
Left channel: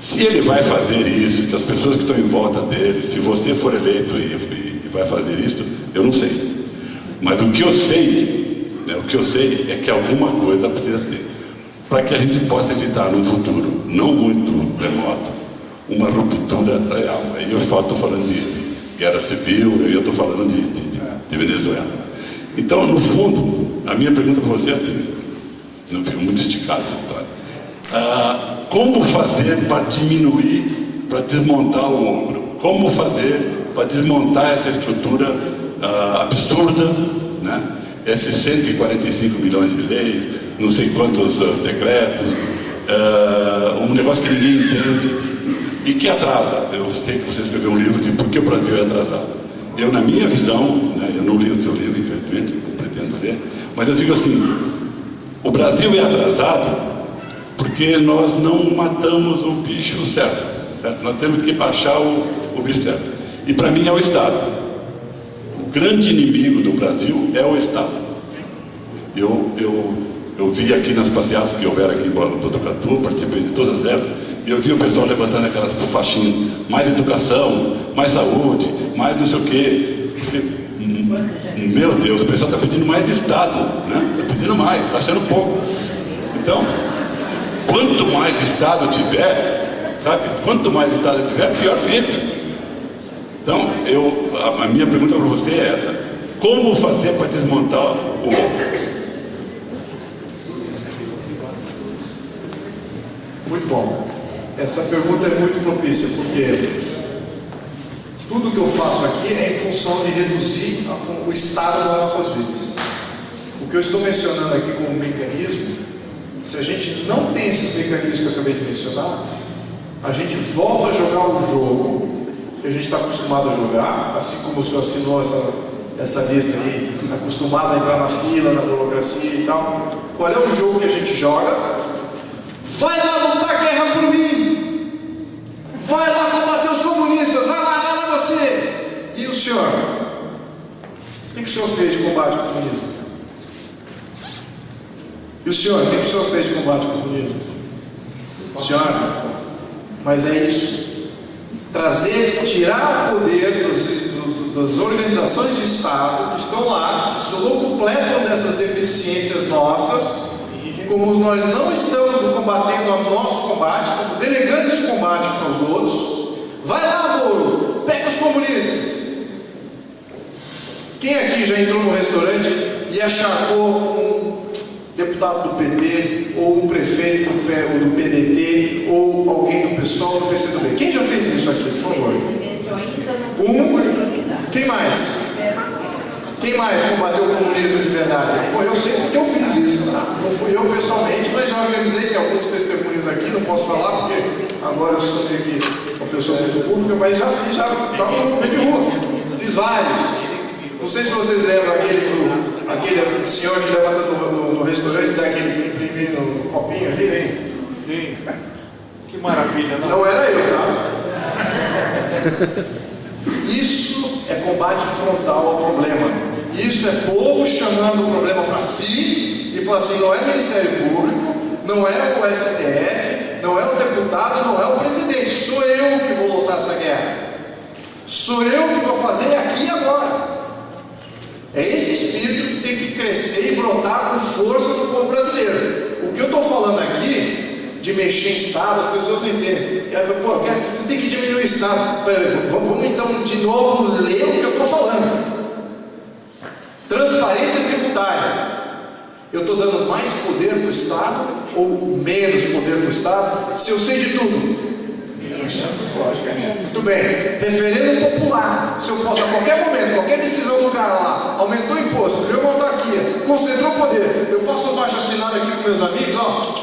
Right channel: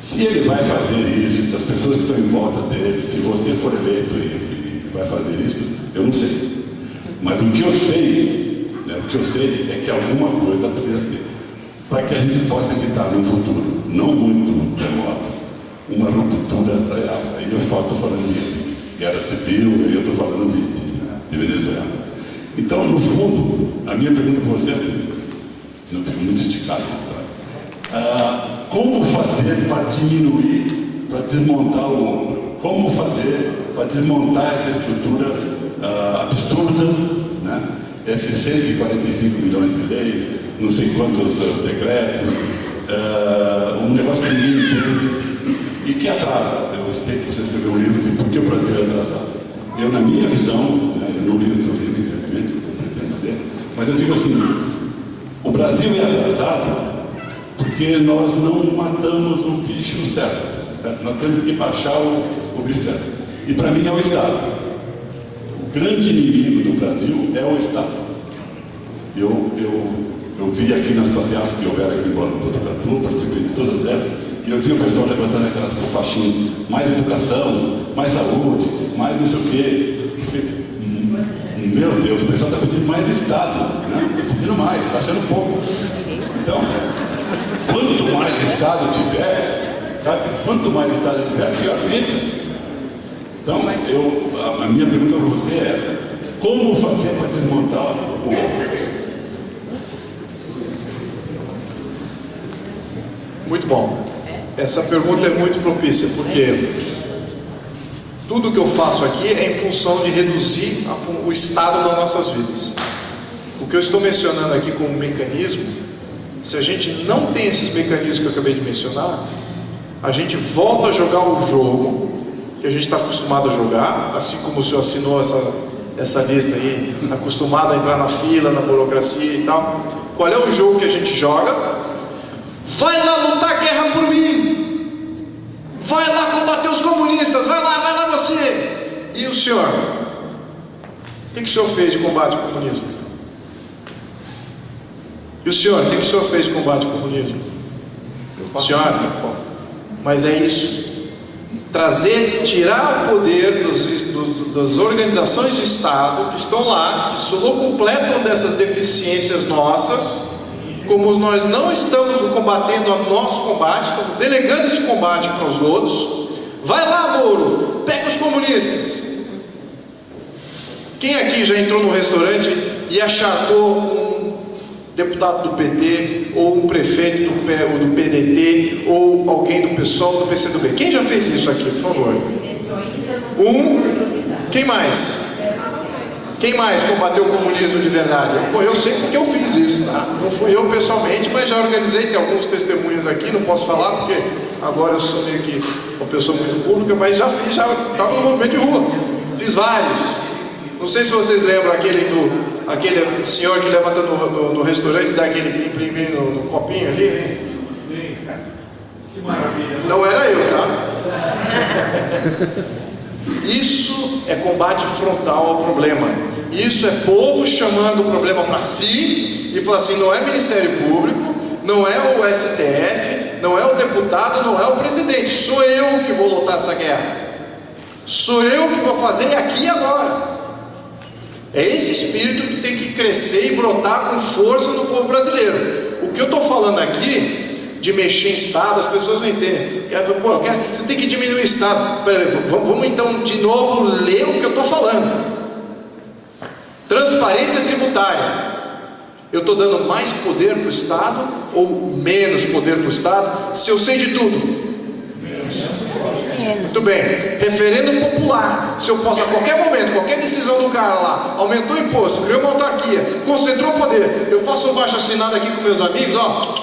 Se ele vai fazer isso, se as pessoas que estão em volta dele, se você for eleito e vai fazer isso, eu não sei. Mas o que eu sei, é que alguma coisa precisa ter, para que a gente possa evitar no futuro, não muito remoto, uma ruptura real. Aí eu estou falando de guerra civil, eu estou falando de Venezuela. Então, no fundo, a minha pergunta para você é assim, não fico muito esticado essa história. Como fazer para diminuir, para desmontar o ogro? Como fazer para desmontar essa estrutura absurda, né? Esses 145 milhões de leis, não sei quantos decretos, um negócio que ninguém entende e que atrasa. Eu sei que você escreveu um livro de por que o Brasil é atrasado. Eu, na minha visão, né, eu não li o seu livro, infelizmente, eu pretendo ler, mas eu digo assim, o Brasil é atrasado porque nós não matamos o bicho certo? Nós temos que baixar o bicho certo. E para mim é o Estado. O grande inimigo do Brasil é o Estado. Eu vi aqui nas passeatas que houveram aqui em Botucatu, participei de todas elas, e eu vi o pessoal levantando aquelas faixinhas, mais educação, mais saúde, mais não sei o quê. Meu Deus, o pessoal está pedindo mais Estado, né? Está pedindo mais, está achando pouco. Então, quanto mais Estado tiver, sabe? Quanto mais Estado tiver, pior fica. Então, a minha pergunta para você é essa: como fazer para desmontar o ogro? Muito bom. Essa pergunta é muito propícia, porque tudo que eu faço aqui é em função de reduzir o estado das nossas vidas. O que eu estou mencionando aqui como mecanismo, se a gente não tem esses mecanismos que eu acabei de mencionar, a gente volta a jogar o jogo que a gente está acostumado a jogar, assim como o senhor assinou essa lista aí, acostumado a entrar na fila, na burocracia e tal. Qual é o jogo que a gente joga? Vai lá lutar guerra por mim, vai lá combater os comunistas, vai lá você. E o senhor? O que o senhor fez de combate ao comunismo? E o senhor, o que o senhor fez de combate ao comunismo? Senhora, mas é isso. Tirar o poder das organizações de Estado que estão lá, que se completam dessas deficiências nossas, como nós não estamos combatendo o nosso combate, estamos delegando esse combate para os outros. Vai lá, Moro, pega os comunistas. Quem aqui já entrou no restaurante e acharcou um deputado do PT, ou um prefeito do PDT, ou alguém do PSOL, do PCdoB? Quem já fez isso aqui, por favor? Quem mais? Quem mais combateu o comunismo de verdade? Eu sei porque eu fiz isso, tá? Não fui eu pessoalmente, mas já organizei, tem alguns testemunhos aqui, não posso falar porque agora eu sou meio que uma pessoa muito pública, mas já fiz, já estava no movimento de rua. Fiz vários. Não sei se vocês lembram aquele senhor que levanta no restaurante e dá aquele imprimir no copinho ali, hein? Sim. Que maravilha. Não era eu, tá? Isso é combate frontal ao problema. Isso é povo chamando o problema para si e falando assim: não é Ministério Público, não é o STF, não é o deputado, não é o presidente. Sou eu que vou lutar essa guerra. Sou eu que vou fazer aqui e agora. É esse espírito que tem que crescer e brotar com força no povo brasileiro. O que eu estou falando aqui, de mexer em Estado, as pessoas não entendem. Pô, você tem que diminuir o Estado. Peraí, vamos então de novo ler o que eu estou falando. Transparência tributária. Eu estou dando mais poder para o Estado ou menos poder para o Estado? Se eu sei de tudo. Muito bem. Referendo popular. Se eu posso a qualquer momento, qualquer decisão do cara lá, aumentou o imposto, criou uma autarquia, concentrou o poder, eu faço um baixo assinado aqui com meus amigos, ó.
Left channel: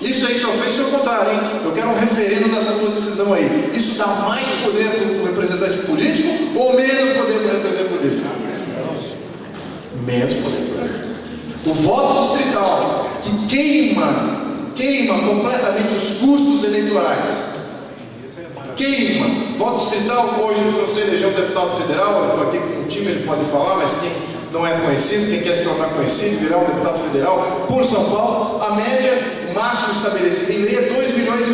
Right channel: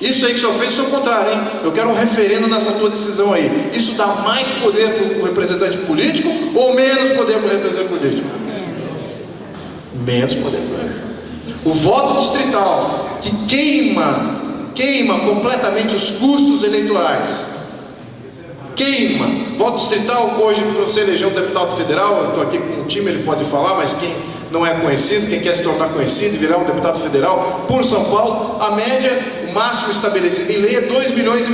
Isso aí que o senhor fez, isso é o contrário, hein? Eu quero um referendo nessa tua decisão aí. Isso dá mais poder para o representante político ou menos poder para o representante político? Menos poder. O voto distrital, que queima completamente os custos eleitorais. Queima. Voto distrital, hoje, para você eleger um deputado federal, eu estou aqui com um time, ele pode falar, mas quem não é conhecido, quem quer se tornar conhecido e virar um deputado federal, por São Paulo, a média, o máximo estabelecido em lei é 2,5 milhões.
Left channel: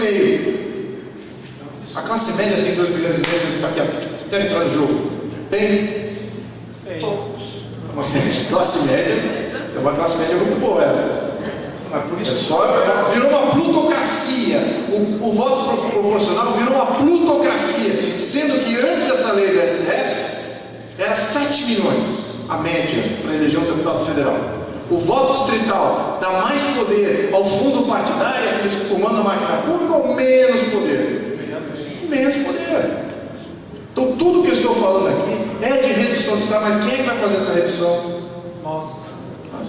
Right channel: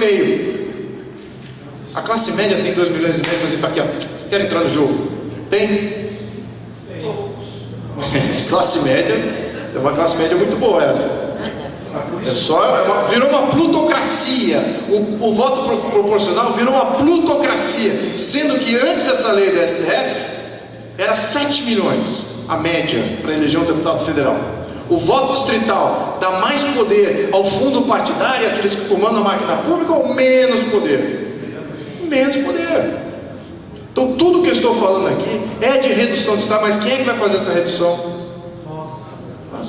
A classe média tem 2,5 milhões, está aqui, ó. Quer entrar no jogo? Tem? Classe média, é uma classe média muito boa essa. Virou uma plutocracia. O voto proporcional virou uma plutocracia, sendo que antes dessa lei do STF era 7 milhões a média para eleger um deputado federal. O voto distrital dá mais poder ao fundo partidário, aqueles que comandam a máquina pública, ou menos poder? Menos poder. Então tudo que eu estou falando aqui é de redução de Estado, mas quem é que vai fazer essa redução?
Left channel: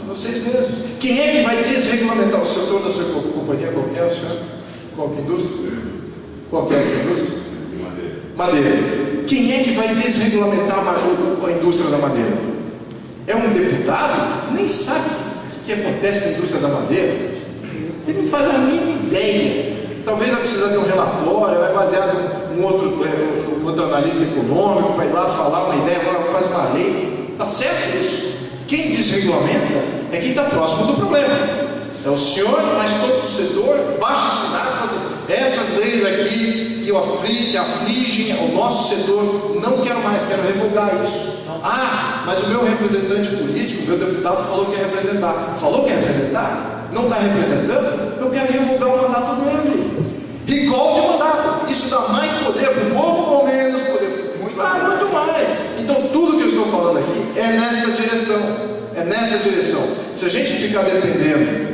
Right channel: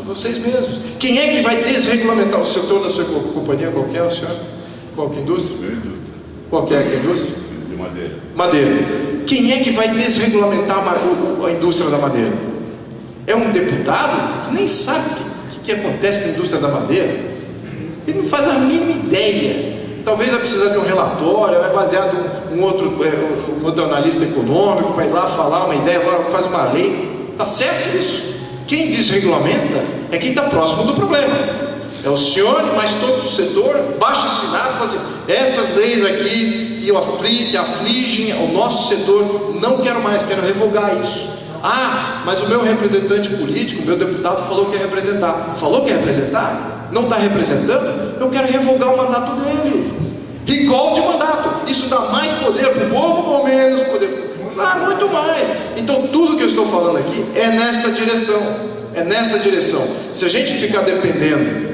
Vocês mesmos. Quem é que vai desregulamentar o setor da sua companhia? Qualquer, senhor? Qualquer indústria? Qualquer indústria? Madeira. Quem é que vai desregulamentar a indústria da madeira? É um deputado que nem sabe o que acontece na indústria da madeira. Ele não faz a mínima ideia. Talvez vai precisar de um relatório, vai baseado em um outro analista econômico para ir lá falar uma ideia, agora faz uma lei. Está certo isso? Quem desregulamenta é quem está próximo do problema. É o senhor, mas todo o setor, baixo assinado, fazendo essas leis aqui que afligem o nosso setor, não quero mais, quero revogar isso. Ah, mas o meu representante político, o meu deputado falou que ia representar. Falou que ia representar? Não está representando? Eu quero revogar o mandato dele. Recall de mandato. Isso dá mais poder para o povo ou menos poder? Muito mais. Então tudo que eu estou falando aqui é nesta direção. É nesta direção. Se a gente ficar dependendo,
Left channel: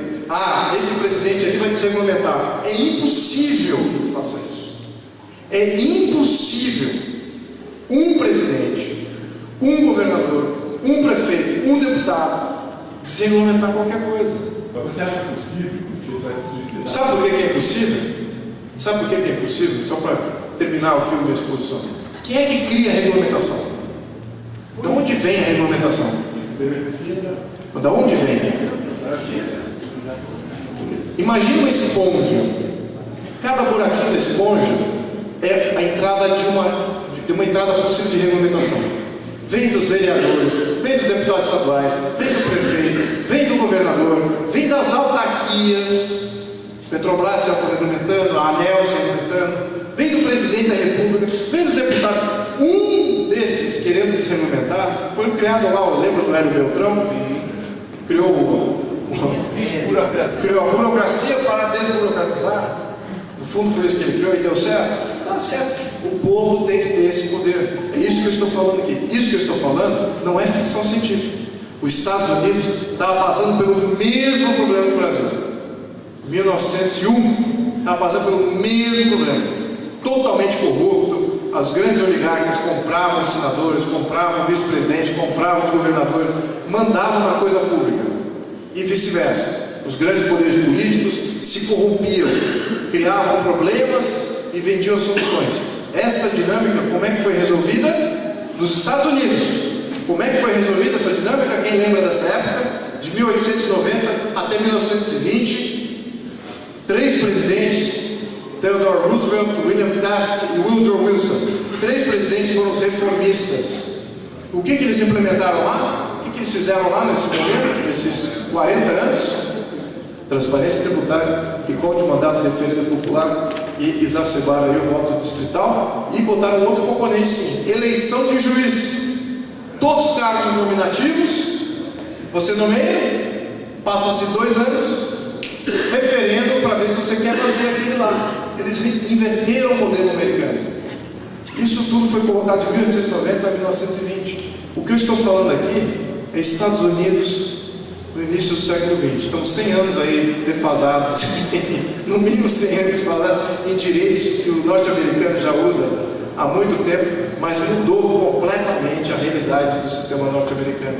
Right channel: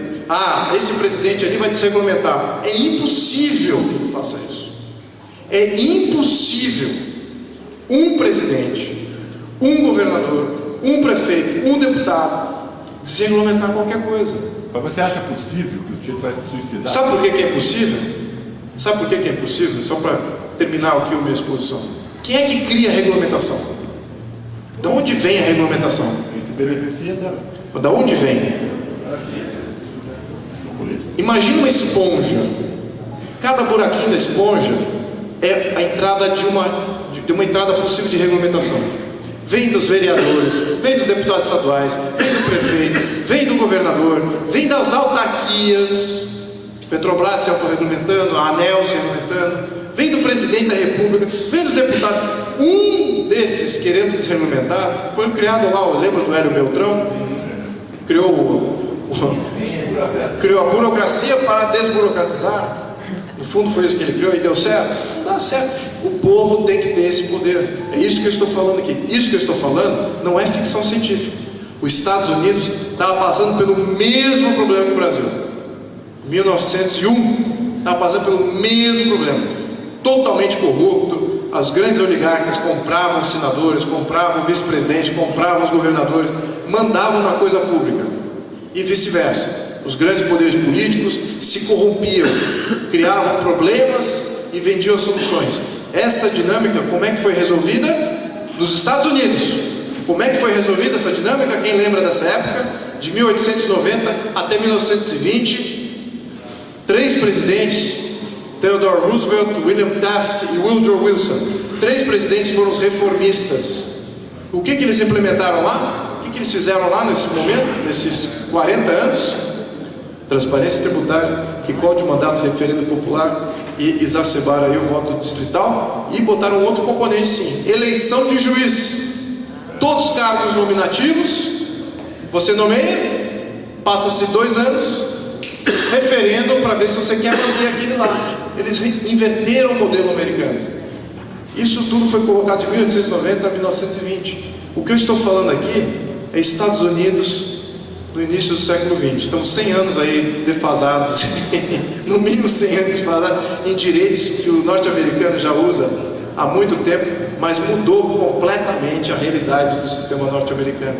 esse presidente ali vai desregulamentar, é impossível que ele faça isso. É impossível um presidente, um governador, um prefeito, um deputado desregulamentar qualquer coisa. Mas você acha possível que ele vai se suicidar? Sabe por que é impossível? Sabe por que é impossível? Só para terminar aqui a minha exposição. Quem é que cria a regulamentação? De onde vem a regulamentação? De onde vem? Imagina uma esponja. Cada buraquinho da esponja é a entrada de uma entrada possível de regulamentação. vem dos vereadores, vem dos deputados estaduais, vem do prefeito, vem do governador, vem das autarquias, Petrobras se aumentando, a ANEEL se aumentando, vem do presidente da república, vem dos deputados. Um desses, querendo desregumentar, foi criado lá, lembra do Hélio Beltrão? Criou a burocracia para desburocratizar. No fundo foi isso que ele criou e deu certo. Dá certo. O povo tem que ter esse poder. É isso que eu estou falando aqui. Isso que eu estou falando não é ficção científica. Os Estados Unidos estavam passando pelo mesmo problema que o Brasil. 1901 estava passando pelo mesmo problema. Totalmente corrupto. As grandes oligarcas compravam os senadores, compravam o vice-presidente, compravam os governadores, mandavam na coisa pública. E vice-versa. Os grandes poderes políticos se corrompiam, criavam problemas e vendiam as soluções. Essa dinâmica, como é que foi resolvida? Nos Estados Unidos. Como é que foi resolvida essa dinâmica? Quem lembra dessa época? De 1890 até 1920, 3 presidentes, Theodore Roosevelt, William Taft e Woodrow Wilson, 3 presidentes foram os reformistas. O que eles implementaram lá? O que eles fizeram lá nesse momento, nesses 40 anos? Transparência tributária, recall de mandato, referendo popular e exacerbaram aí o voto distrital e botaram outro componente sim, eleição de juiz. Todos os cargos nominativos, você nomeia, passa-se 2 anos, referendo para ver se você quer manter aquele lá. Eles inverteram o modelo americano. Isso tudo foi colocado de 1890 a 1920. O que eu estou falando aqui é Estados Unidos no início do século XX. Então 100 anos aí defasados, no mínimo 100 anos defasados em direitos que o norte-americano já usa há muito tempo, mas mudou completamente a realidade do sistema norte-americano.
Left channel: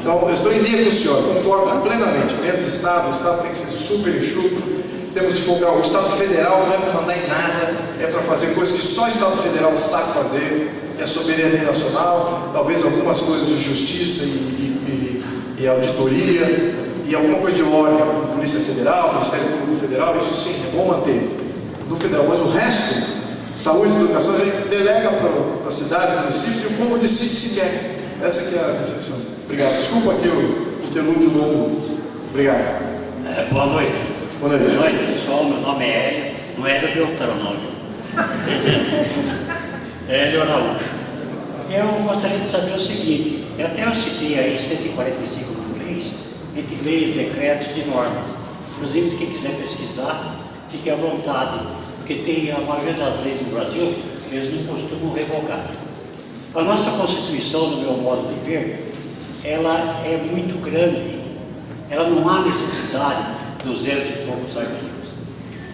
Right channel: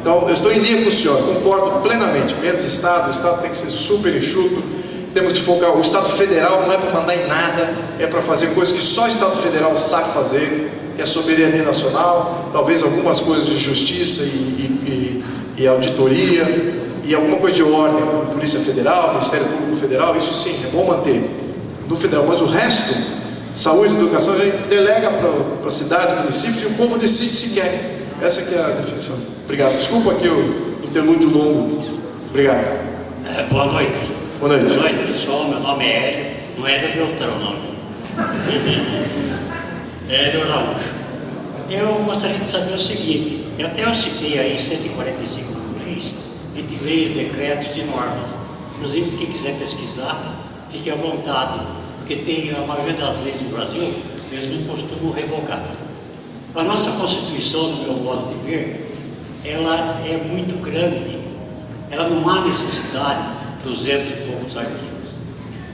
Então eu estou em linha com o senhor, concordo plenamente. Menos Estado, o Estado tem que ser super enxuto. Temos de focar, o Estado Federal não é para mandar em nada, é para fazer coisas que só o Estado Federal sabe fazer, que é soberania nacional, talvez algumas coisas de justiça e auditoria, e alguma coisa de ordem, Polícia Federal, Ministério Público Federal, isso sim, é bom manter no federal, mas o resto, saúde e educação, a gente delega para a cidade, município, e o povo decide se quer. Essa que é a definição. Obrigado. Desculpa aqui o interlúdio longo. Obrigado. Boa noite. Boa noite. Boa noite, pessoal. Meu nome é Hélio. Não é Hélio Beltrão, não. Hélio Araújo. Eu gostaria de saber o seguinte. Até eu citei aí 145 leis, entre leis, decretos e normas. Inclusive, quem quiser pesquisar, fique à vontade, porque tem a maioria das leis no Brasil, eles não costumam revogar. A nossa Constituição, no meu modo de ver, ela é muito grande, ela não há necessidade de 200 e poucos artigos.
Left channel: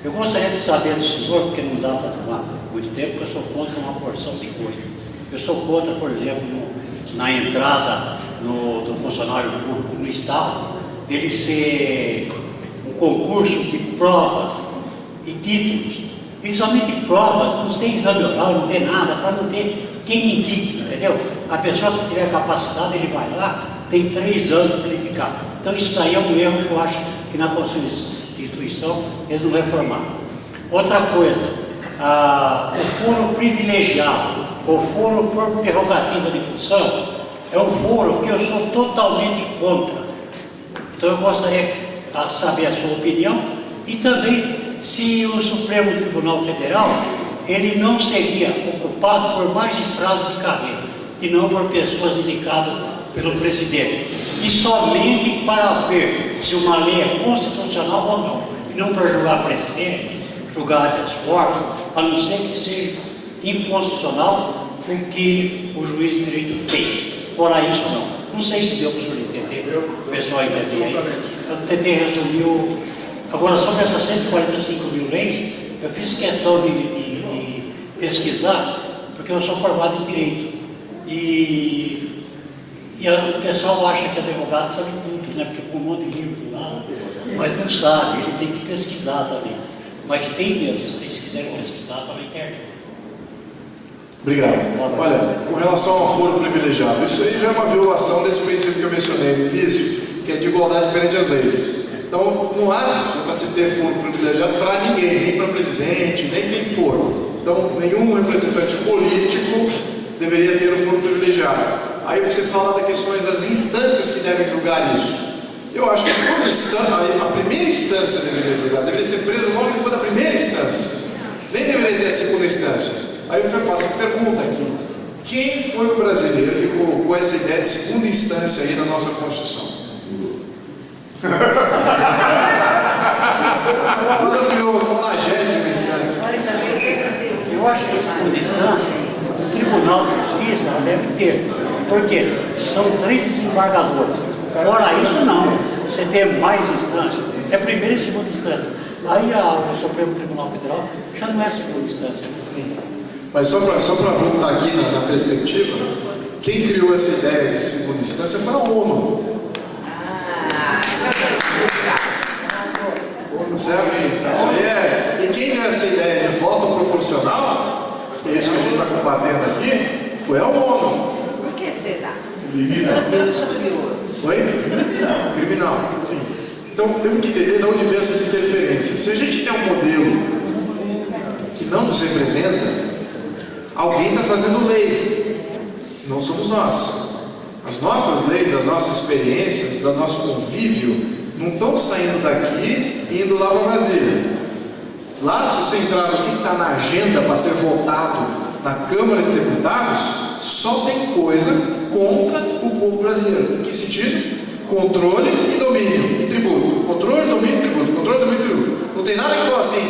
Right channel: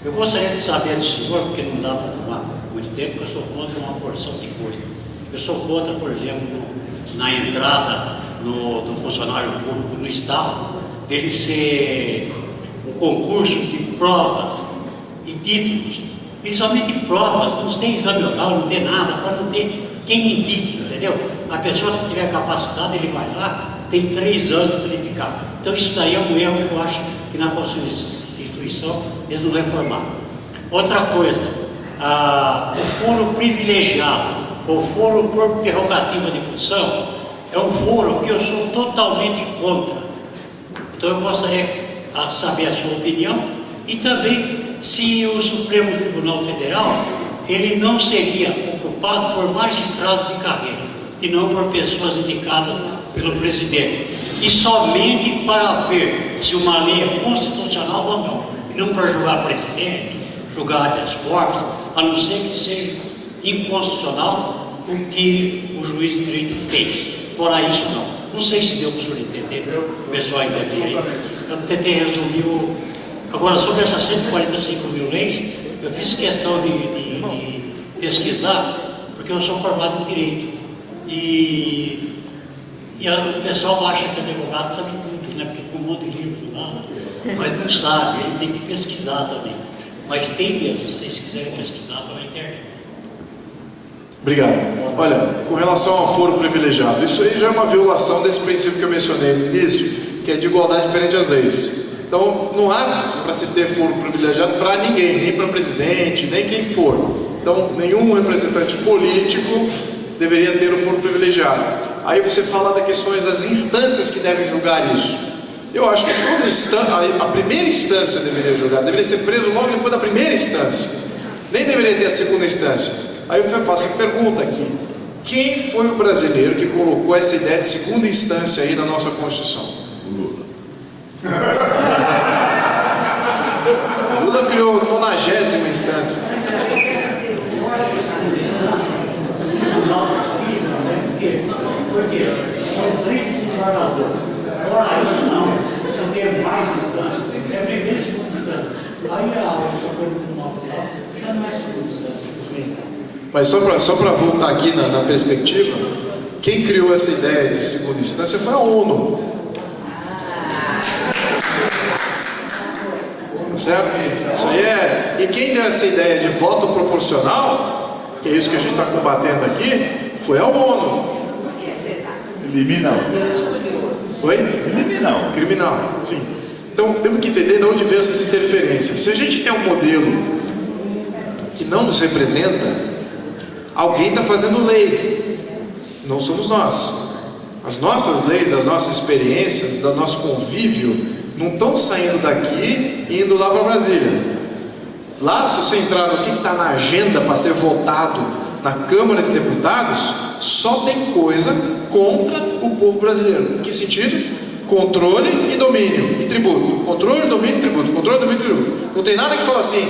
Eu gostaria de saber do senhor, porque não dá para tomar muito tempo, porque eu sou contra uma porção de coisas. Eu sou contra, por exemplo, na entrada do funcionário público no Estado, dele ser um concurso de provas e títulos, principalmente provas, não tem exame oral, não tem nada, para não ter quem indique, entendeu? A pessoa que tiver capacidade, ele vai lá, tem 3 anos para ele ficar. Então isso daí é um erro que eu acho que na Constituição eles não reformaram. Outra coisa, o foro privilegiado, o foro por prerrogativa de função, é um foro que eu sou totalmente contra. Então eu gostaria de saber a sua opinião e também se o Supremo Tribunal Federal ele não seria ocupado por magistrados de carreira e não por pessoas indicadas pelo presidente. E somente para ver se uma lei é constitucional ou não. E não para julgar presidente, julgar habeas corpus, a não ser que seja inconstitucional o que o juiz de direito fez. Fora isso, não. Não sei se deu para o senhor entender, o pessoal entendeu. Eu tentei resumir. Agora, sobre essas 145 mil leis, eu fiz questão de pesquisar, porque eu sou formado em Direito. E o pessoal acha que advogado sabe tudo, né? Porque com um monte de livro do lado, mas não sabe, ele tem que pesquisar também. Mas tem mesmo, se vocês quiserem pesquisar, está na internet. Obrigado. Olha, com relação ao foro privilegiado, isso aí já é uma violação desse princípio que eu mencionei no início, que é de igualdade perante as leis. Então, não há para se ter foro privilegiado para ninguém, nem para presidente, nem quem for. Então, nenhum representante político deveria ter o foro privilegiado. Aí você fala das questões das instâncias que devem julgar isso. Eu acho que toda instância, a primeira instância deveria julgar, deveria ser preso logo depois da primeira instância. Nem deveria ter a segunda instância. Aí eu faço a pergunta aqui: quem foi o brasileiro que colocou essa ideia de segunda instância aí na nossa Constituição? Lula criou a 90ª instância. Eu acho que a segunda instância, o Tribunal de Justiça deve ter, porque são 3 desembargadores. Fora isso, não. Você tem mais instâncias, é primeira e segunda instância. Aí o Supremo Tribunal Federal já não é segunda instância. Mas só para voltar aqui na perspectiva, quem criou essa ideia de segunda instância foi a ONU. Certo? Isso aí é. E quem deu essa ideia de voto proporcional, que é isso que a gente está combatendo aqui, foi a ONU. Por que será? Criminal. Foi? Criminal. Criminal, sim. Então temos que entender de onde vem essas interferências. Se a gente tem um modelo que não nos representa, alguém está fazendo lei. Não somos nós. As nossas leis, as nossas experiências, do nosso convívio, não estão saindo daqui e indo lá para Brasília. Lá, se você entrar no que está na agenda para ser votado na Câmara de Deputados, só tem coisa contra o povo brasileiro. Em que sentido? Controle e domínio e tributo. Controle, domínio e tributo. Controle, domínio e tributo. Não tem nada que fala assim:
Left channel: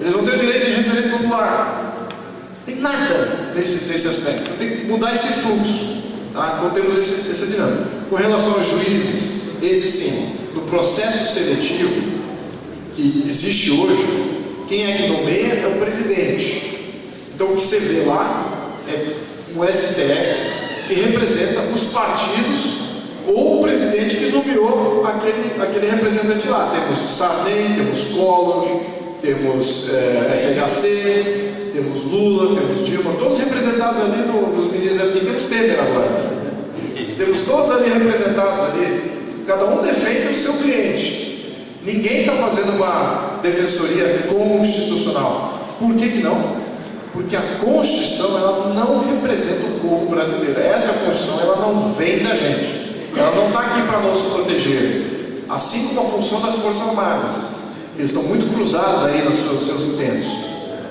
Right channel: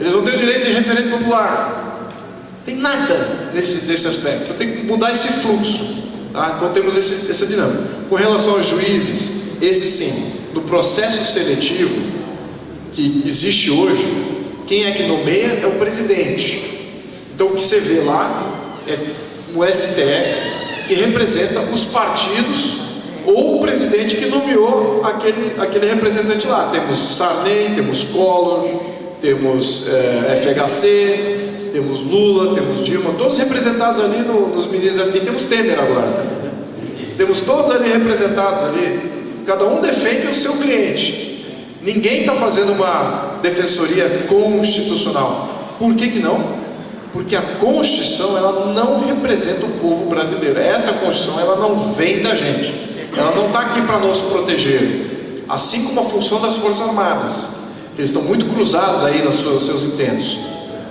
eles vão ter o direito de referendo popular. Não tem nada nesse aspecto. Tem que mudar esse fluxo. Tá? Então temos essa dinâmica. Com relação aos juízes, esse sim, no processo seletivo que existe hoje, quem é que nomeia é o presidente. Então o que você vê lá é o STF, que representa os partidos ou o presidente que nomeou aquele representante lá. Temos Sarney, temos Collor, temos FHC, temos Lula, temos Dilma, todos representados ali nos ministros, e temos Temer agora. Temos todos ali representados ali. Cada um defende o seu cliente. Ninguém está fazendo uma defensoria constitucional. Por que não? Porque a Constituição, ela não representa o povo brasileiro. Essa Constituição, ela não vem da gente. Ela não está aqui para nos proteger. Assim como a função das Forças Armadas. Eles estão muito cruzados aí nos seus intentos.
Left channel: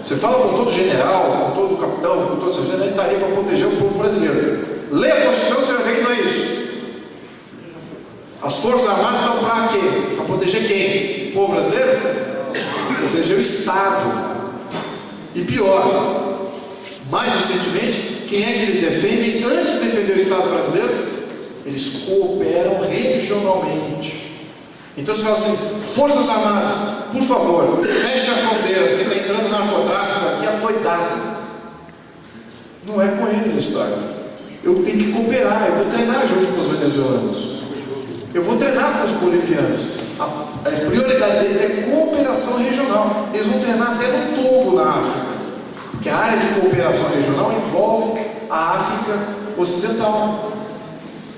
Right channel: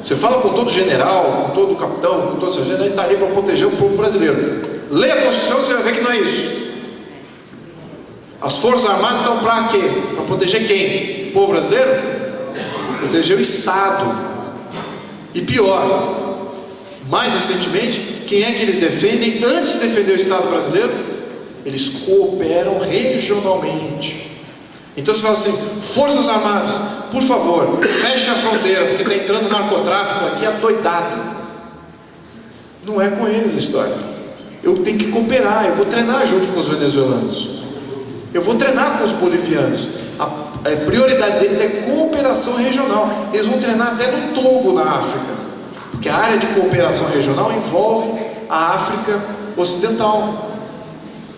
Você fala com todo general, com todo capitão, com todo sargento, ele está ali para proteger o povo brasileiro. Lê a Constituição, você vai ver que não é isso. As Forças Armadas estão para quê? Para proteger quem? O povo brasileiro? Proteger o Estado. E pior, mais recentemente, quem é que eles defendem antes de defender o Estado brasileiro? Eles cooperam regionalmente. Então você fala assim: Forças Armadas, por favor, feche a fronteira, porque está entrando narcotráfico aqui adoidado. Não é com eles a história. Eu tenho que cooperar, eu vou treinar junto com os venezuelanos. Eu vou treinar com os bolivianos. A prioridade deles é cooperação regional. Eles vão treinar até no Togo, na África, porque a área de cooperação regional envolve a África Ocidental.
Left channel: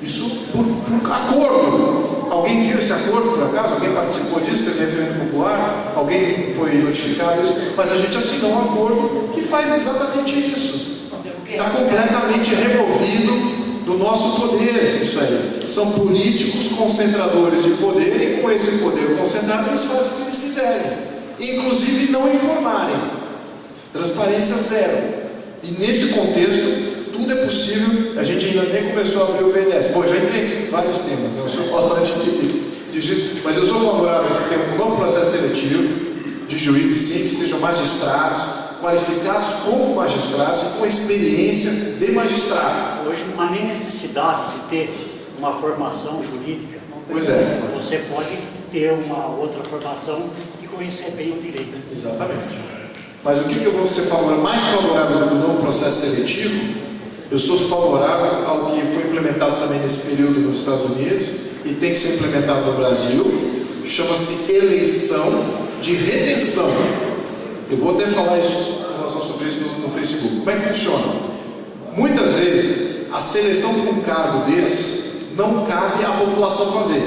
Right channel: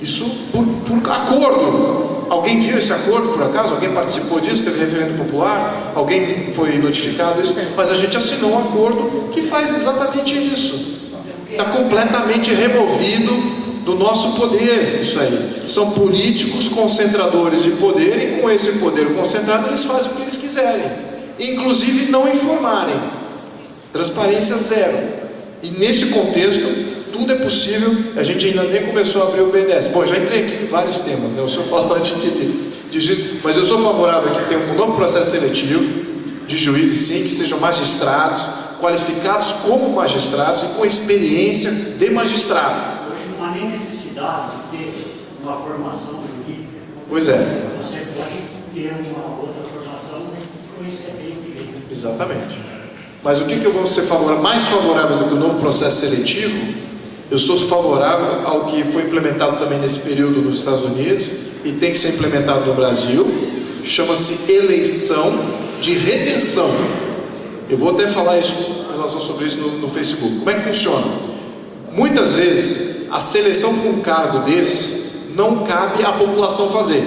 Isso por acordo. Alguém viu esse acordo por acaso? Alguém participou disso? Teve referendo popular? Alguém foi notificado disso? Mas a gente assinou um acordo que faz exatamente isso. Está completamente removido do nosso poder, isso aí. São políticos concentradores de poder, e com esse poder concentrado eles fazem o que eles quiserem, inclusive não informarem. Transparência zero. E nesse contexto tudo é possível. A gente ainda nem começou a abrir o BNDES. Bom, já entrei aqui em vários temas, né? Eu sou falante mas eu sou favorável a que tenha um novo processo seletivo de juízes, sim, que sejam magistrados, qualificados como magistrados e com experiência de magistrado. Hoje não há nem necessidade de ter uma formação jurídica. Pois é. Você pode ter uma outra formação e conhecer bem o direito. Exatamente. Mas o que eu vou ser mais favorável do que o novo processo seletivo? Eu sou favorável ao que foi implementado também nesse período nos Estados Unidos e tem que ser implementado no Brasil. Chama-se eleição de retenção. Eu vou até falar isso em relação sobre isso no Facebook. Como é que funciona? Muitas vezes a seleção para um cargo desses não cabe à população fazer.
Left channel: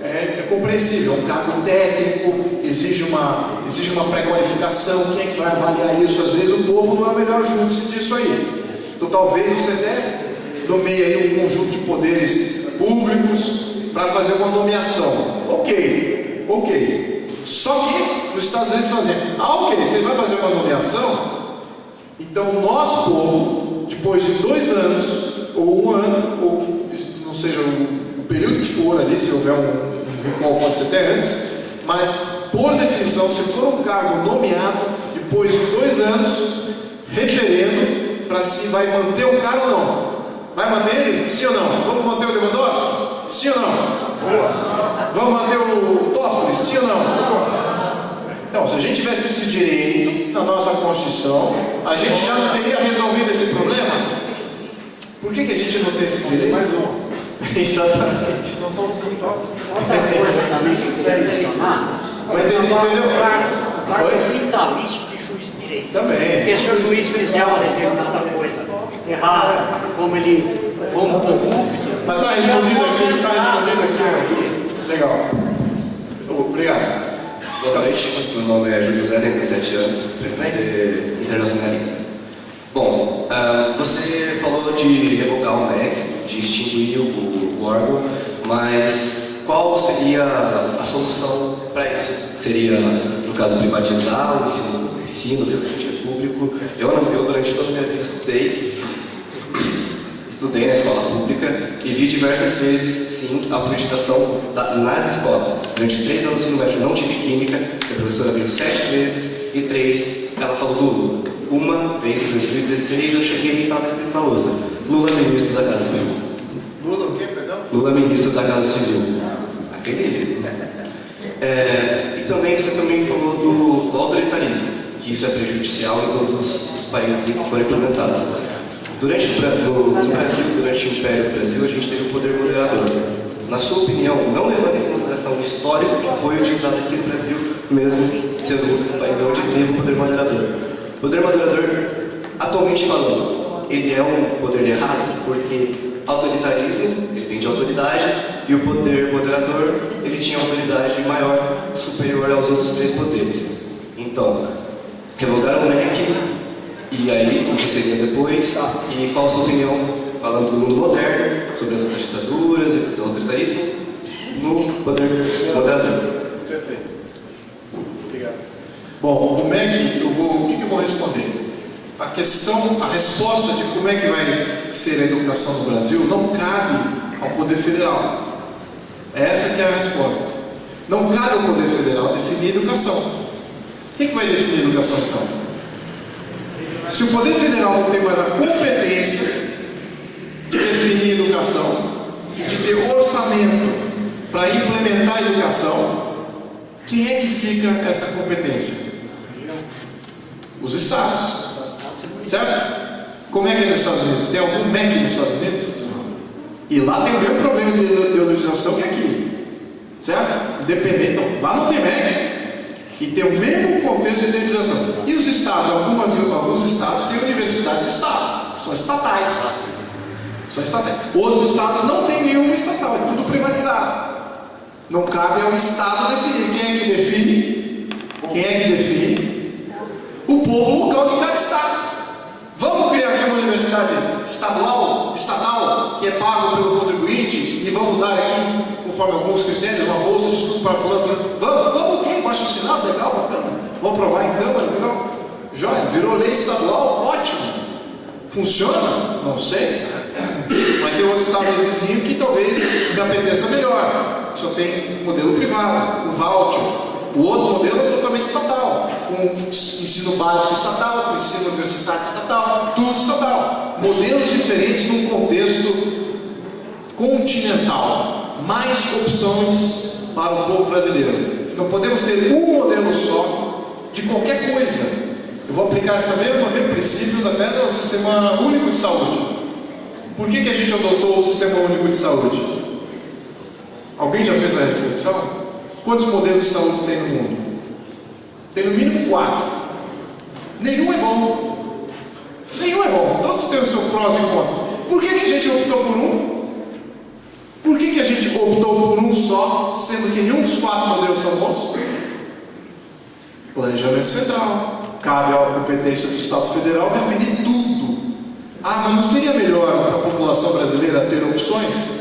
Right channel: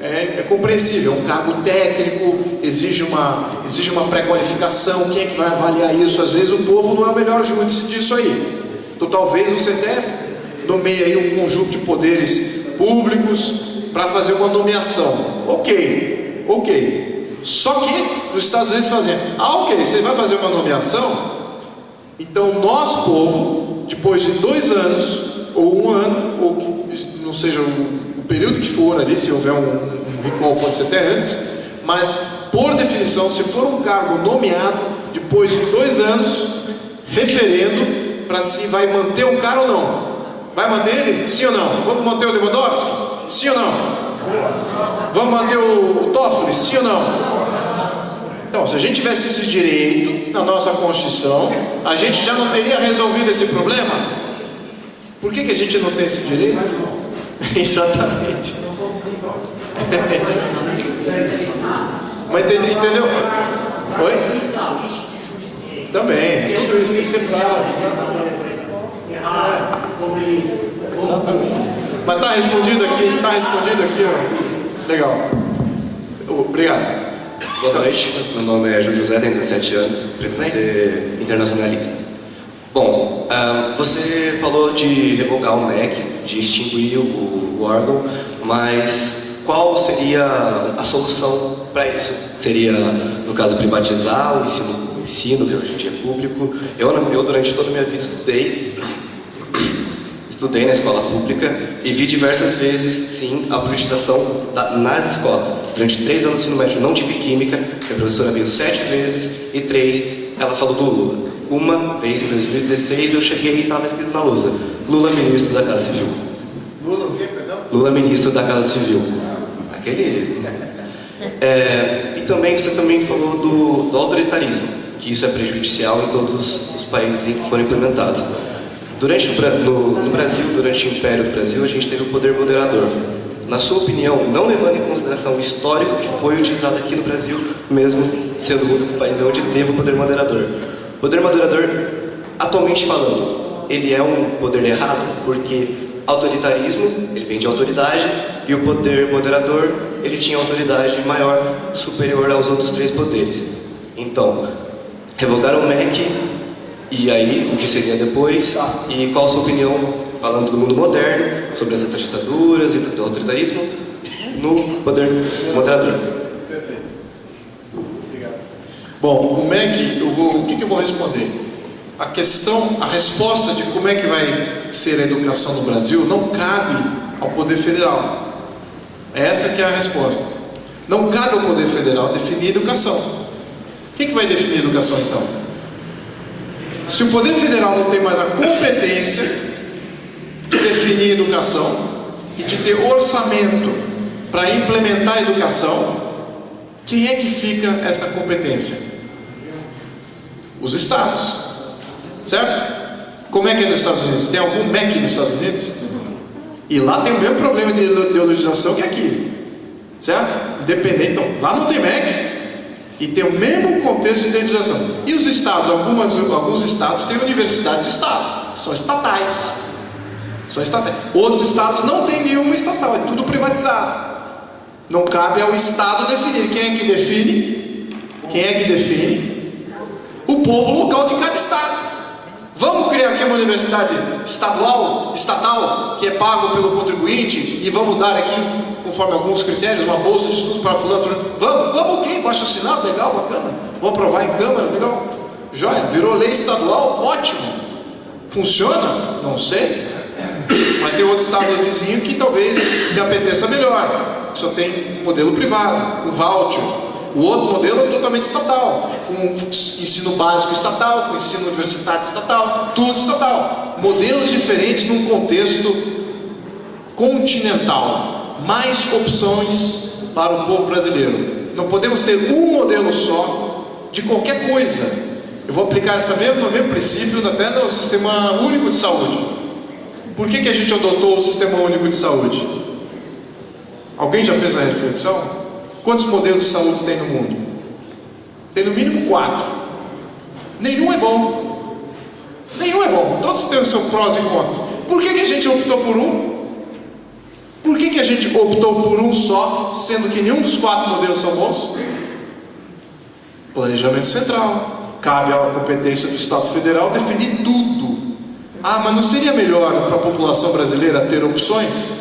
É compreensível, é um cargo técnico, exige uma pré-qualificação. Quem é que vai avaliar isso? Às vezes o povo não é o melhor júdice disso aí. Então talvez você até nomeie aí um conjunto de poderes públicos para fazer uma nomeação. Ok. Só que nos Estados Unidos faziam, ok, você vai fazer uma nomeação, então nós, povo, depois de 2 anos, ou 1 ano, ou não seja o período que for ali, se houver um recall pode ser até antes, mas por definição, se for um cargo nomeado, depois de 2 anos, referendo para se vai manter o cara ou não. Vai manter ele? Sim ou não? Vamos manter o Lewandowski? Sim ou não? Vamos manter o Toffoli? Sim ou não? Então, se a gente tivesse esse direito na nossa Constituição, a gente já não teria resolvido esse problema? Por que a gente não tem esse direito? Exatamente. Mas entendeu? Oi? Então, isso de juiz de direito. Também. Pessoa do juiz federal, alguma coisa errada, como ele. Mas está respondido aqui, ó. Legal. Obrigado. Boa noite, meu nome é Júlio José, tenho 17 anos, pretendo ser internacionalista. Bom, você falou de revogar o MEC, de extinguir o órgão, mas qual seria a solução para isso? Seria, no caso, privatizar o ensino, que hoje é público? Eu durante toda a minha vida estudei na escola pública e vi diversas vezes, sim, a politização nas escolas. Durante 3 anos de ensino médio não tive química, a professora veio 7 vezes e 3 ela falou do Lula. Uma vez em 2016 eu cheguei e estava escrito na lousa: Lula ministro da Casa Civil. Lula o quê, perdão? Lula ministro da Casa Civil. Aquele. E também você também falou do autoritarismo, que isso é prejudicial em todos os países em que foram implementados. No Brasil, durante o Império do Brasil, a gente teve o poder moderador. Na sua opinião, não levando em consideração o histórico que foi utilizado aqui no Brasil, mesmo sendo um país onde teve o poder moderador. O poder moderador, atualmente falando, ele é um poder errado, porque autoritarismo, ele vem de autoridade, e o poder moderador, ele tinha autoridade maior, superior aos outros 3 poderes. Então, revogar o MEC. E aí, o que seria depois? E qual a sua opinião, falando do mundo moderno, sobre as outras ditaduras e do autoritarismo, no poder moderador? Perfeito. Obrigado. Bom, o MEC, o que eu vou responder? A resposta de como é que vai ser a educação no Brasil não cabe ao Poder Federal. Essa que é a resposta. Não cabe ao Poder Federal definir a educação. Quem que vai definir a educação, então? Se o Poder Federal não tem mais a competência de definir a educação e de ter orçamento para implementar a educação, quem é que fica essa competência? Os estados, certo? Como é que é nos Estados Unidos? Tem algum MEC nos Estados Unidos? E lá tem o mesmo problema de ideologização que aqui, certo? Independente, então, lá não tem MEC. E tem o mesmo contexto de ideologização. E os estados, alguns estados têm universidades de estado, que são estatais. Outros estados não têm nenhuma estatal, é tudo privatizado. Não cabe ao estado definir. Quem é que define? O povo local de cada estado. Vamos criar aqui uma universidade estatal, que é pago pelo contribuinte, e vamos dar aqui, conforme alguns critérios, uma bolsa de estudos para fulano. Vamos o quê? Baixo assinado, legal, bacana. Vamos aprovar em Câmara, legal. Joia, virou lei estadual, ótimo. Funciona? Não sei. Mas tem outro estado vizinho que talvez me apeteça melhor. Só tem um modelo privado, um voucher. O outro modelo é totalmente estatal, com ensino básico estatal, com ensino universitário estatal, tudo estatal. Modelos diferentes num contexto continental. Mais opções para o povo brasileiro. Não podemos ter um modelo só de qualquer coisa. Eu vou aplicar esse mesmo princípio até no Sistema Único de Saúde. Por que a gente adotou o Sistema Único de Saúde? Alguém já fez a reflexão? Quantos modelos de saúde tem no mundo? Tem no mínimo 4. Nenhum é bom. Todos têm os seus prós e contras. Por que a gente optou por um? Por que a gente optou por um só, sendo que nenhum dos 4 modelos são bons? Planejamento central. Cabe à competência do Estado Federal definir tudo. Ah, mas não seria melhor para a população brasileira ter opções?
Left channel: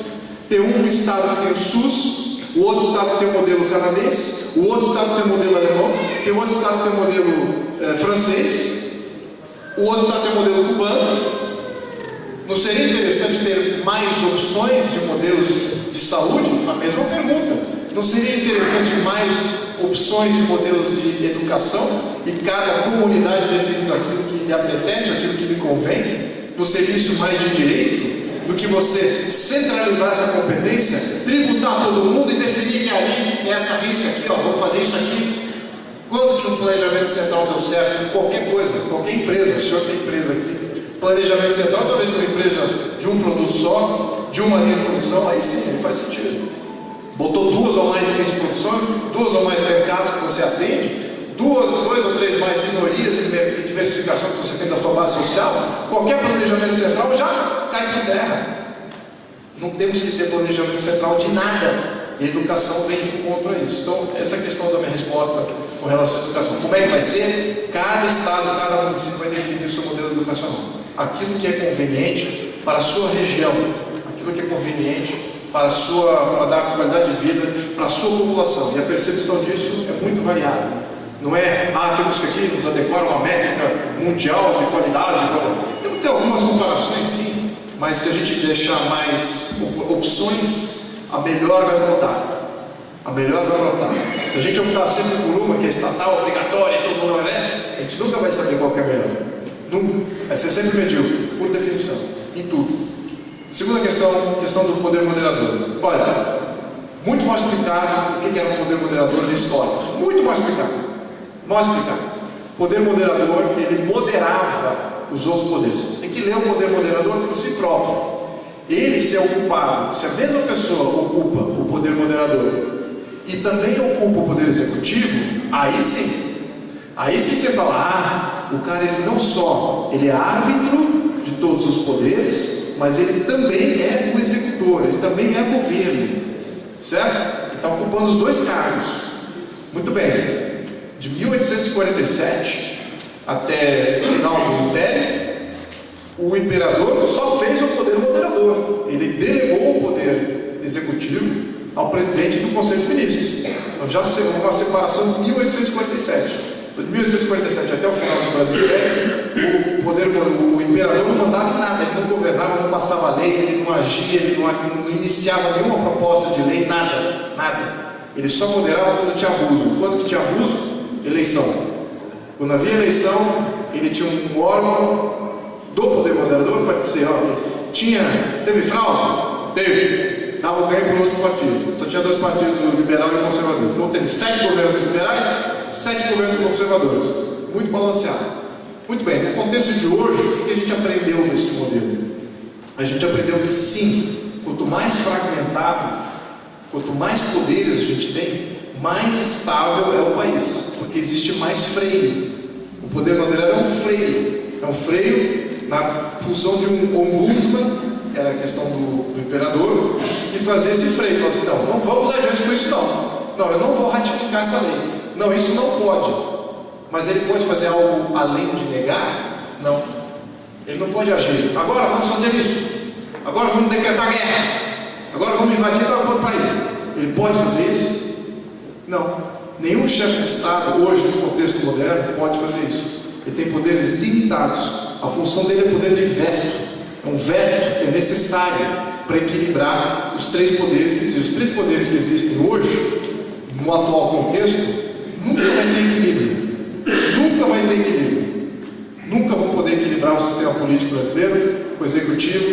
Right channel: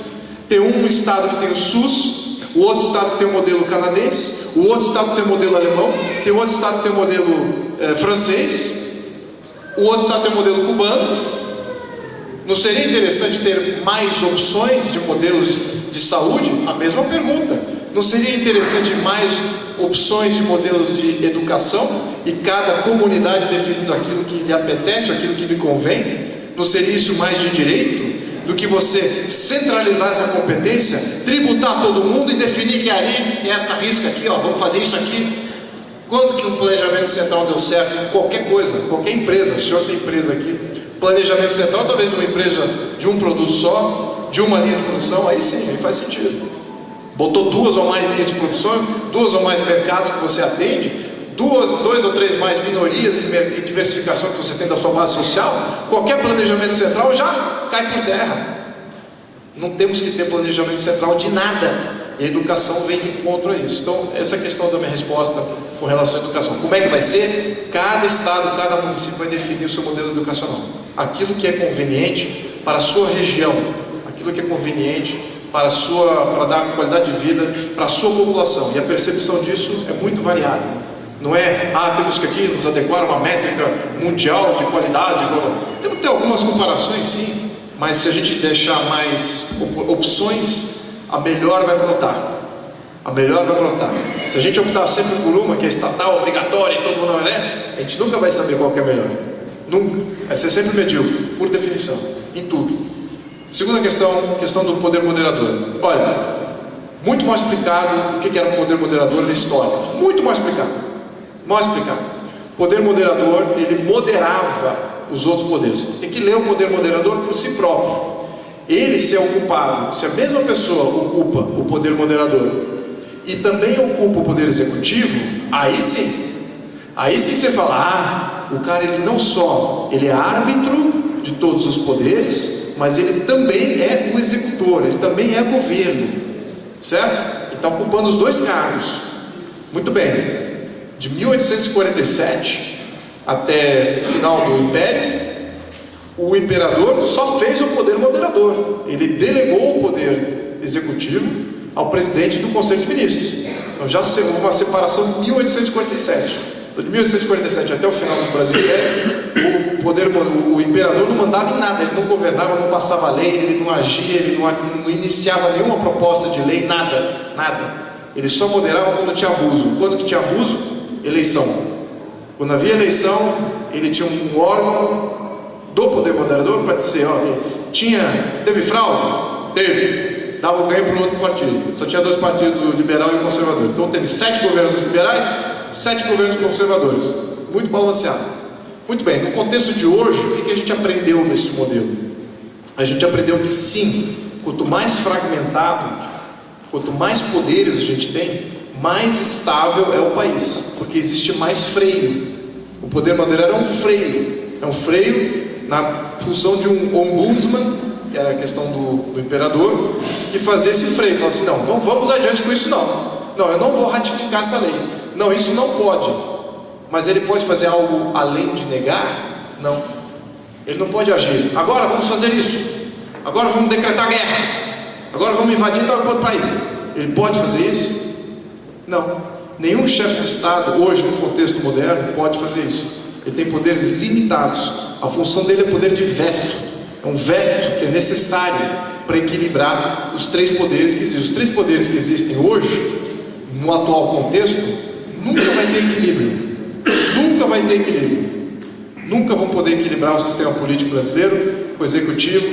Ter um estado que tem o SUS, o outro estado que tem o modelo canadense, o outro estado que tem o modelo alemão, tem outro estado que tem o modelo francês, o outro estado que tem o modelo cubano. Não seria interessante ter mais opções de modelos de saúde? A mesma pergunta. Não seria interessante mais opções de modelos de educação e cada comunidade definindo aquilo que lhe apetece, aquilo que lhe convém? Não seria isso mais de direito do que você centralizar essa competência, tributar todo mundo e definir que ali é essa risca aqui, ó, vamos fazer isso aqui? Quando que o planejamento central deu certo em qualquer coisa, qualquer empresa, o senhor tem empresa aqui, planejamento central, talvez uma empresa de um produto só, de uma linha de produção, aí sim, aí faz sentido. Botou 2 ou mais linhas de produção, 2 ou mais mercados que você atende, 2 ou 3 mais minorias e diversificação que você tem da sua base social, qualquer planejamento central já cai por terra. Não temos que ter planejamento central de nada. E a educação vem de encontro a isso. Então, essa é a questão da minha resposta com relação à educação. Como é que vai ser? Cada estado, cada município vai definir o seu modelo educacional. Aquilo que é conveniente para a sua região, aquilo que é conveniente para dar qualidade de vida para a sua população. E a percepção disso é muito variada. Não é, temos que aqui nos adequar a uma métrica mundial de qualidade. Temos que ter algumas comparações, sim, mas se a gente deixar mais opções, a melhor vai brotar. A melhor vai brotar. Se a gente optar sempre por uma que é estatal, obrigatória, e todo mundo é, a gente nunca vai saber qual que é a melhor. Nunca. Vai ser sempre medíocre, por definição, em tudo. Segunda questão do poder moderador. Olha, muito mal explicado o que era o poder moderador da história. Muito mal explicado. Mal explicado. O poder moderador, ele moderava os outros poderes. Tem que ler o poder moderador por si próprio. Ele, se é ocupado, se a mesma pessoa ocupa o poder moderador e também ocupa o poder executivo, aí sim você fala, o cara ele não só ele é árbitro de todos os poderes, mas ele também é o executor, ele também é governo, certo? Ele está ocupando os 2 cargos. Muito bem. De 1847 até o final do Império, o imperador só fez o poder moderador. Ele delegou o poder executivo ao presidente do Conselho de Ministros. Então já houve uma separação de 1847. Então, de 1847 até o final do Brasil Império, o imperador não mandava em nada, ele não governava, não passava lei, ele não agia, ele não iniciava nenhuma proposta de lei, nada. Ele só moderava quando tinha abuso. Quando que tinha abuso? Eleição. Quando havia eleição, ele tinha um órgão do poder moderador para dizer, teve fraude? Teve. Dava o ganho para o outro partido. Só tinha 2 partidos, o liberal e o conservador. Então teve 7 governos liberais, 7 governos conservadores. Muito balanceado. Muito bem, no contexto de hoje, o que a gente aprendeu nesse modelo? A gente aprendeu que sim, quanto mais fragmentado, quanto mais poderes a gente tem, mais estável é o país, porque existe mais freio. O poder moderador é um freio na função de um ombudsman, que era a questão do imperador, que fazia esse freio, falava assim, não vamos adiante com isso não, eu não vou ratificar essa lei, não, isso não pode, mas ele pode fazer algo além de negar? Não, ele não pode agir, agora vamos fazer isso, agora vamos decretar guerra, agora vamos invadir todo o país. Ele pode fazer isso? Não, nenhum chefe de Estado hoje, no contexto moderno, pode fazer isso. Ele tem poderes limitados. A função dele é poder de veto. É um veto que é necessário para equilibrar os 3 poderes que existem. Os 3 poderes que existem hoje, no atual contexto, nunca vai ter equilíbrio. Nunca vai ter equilíbrio. Nunca vão poder equilibrar o sistema político brasileiro, o executivo,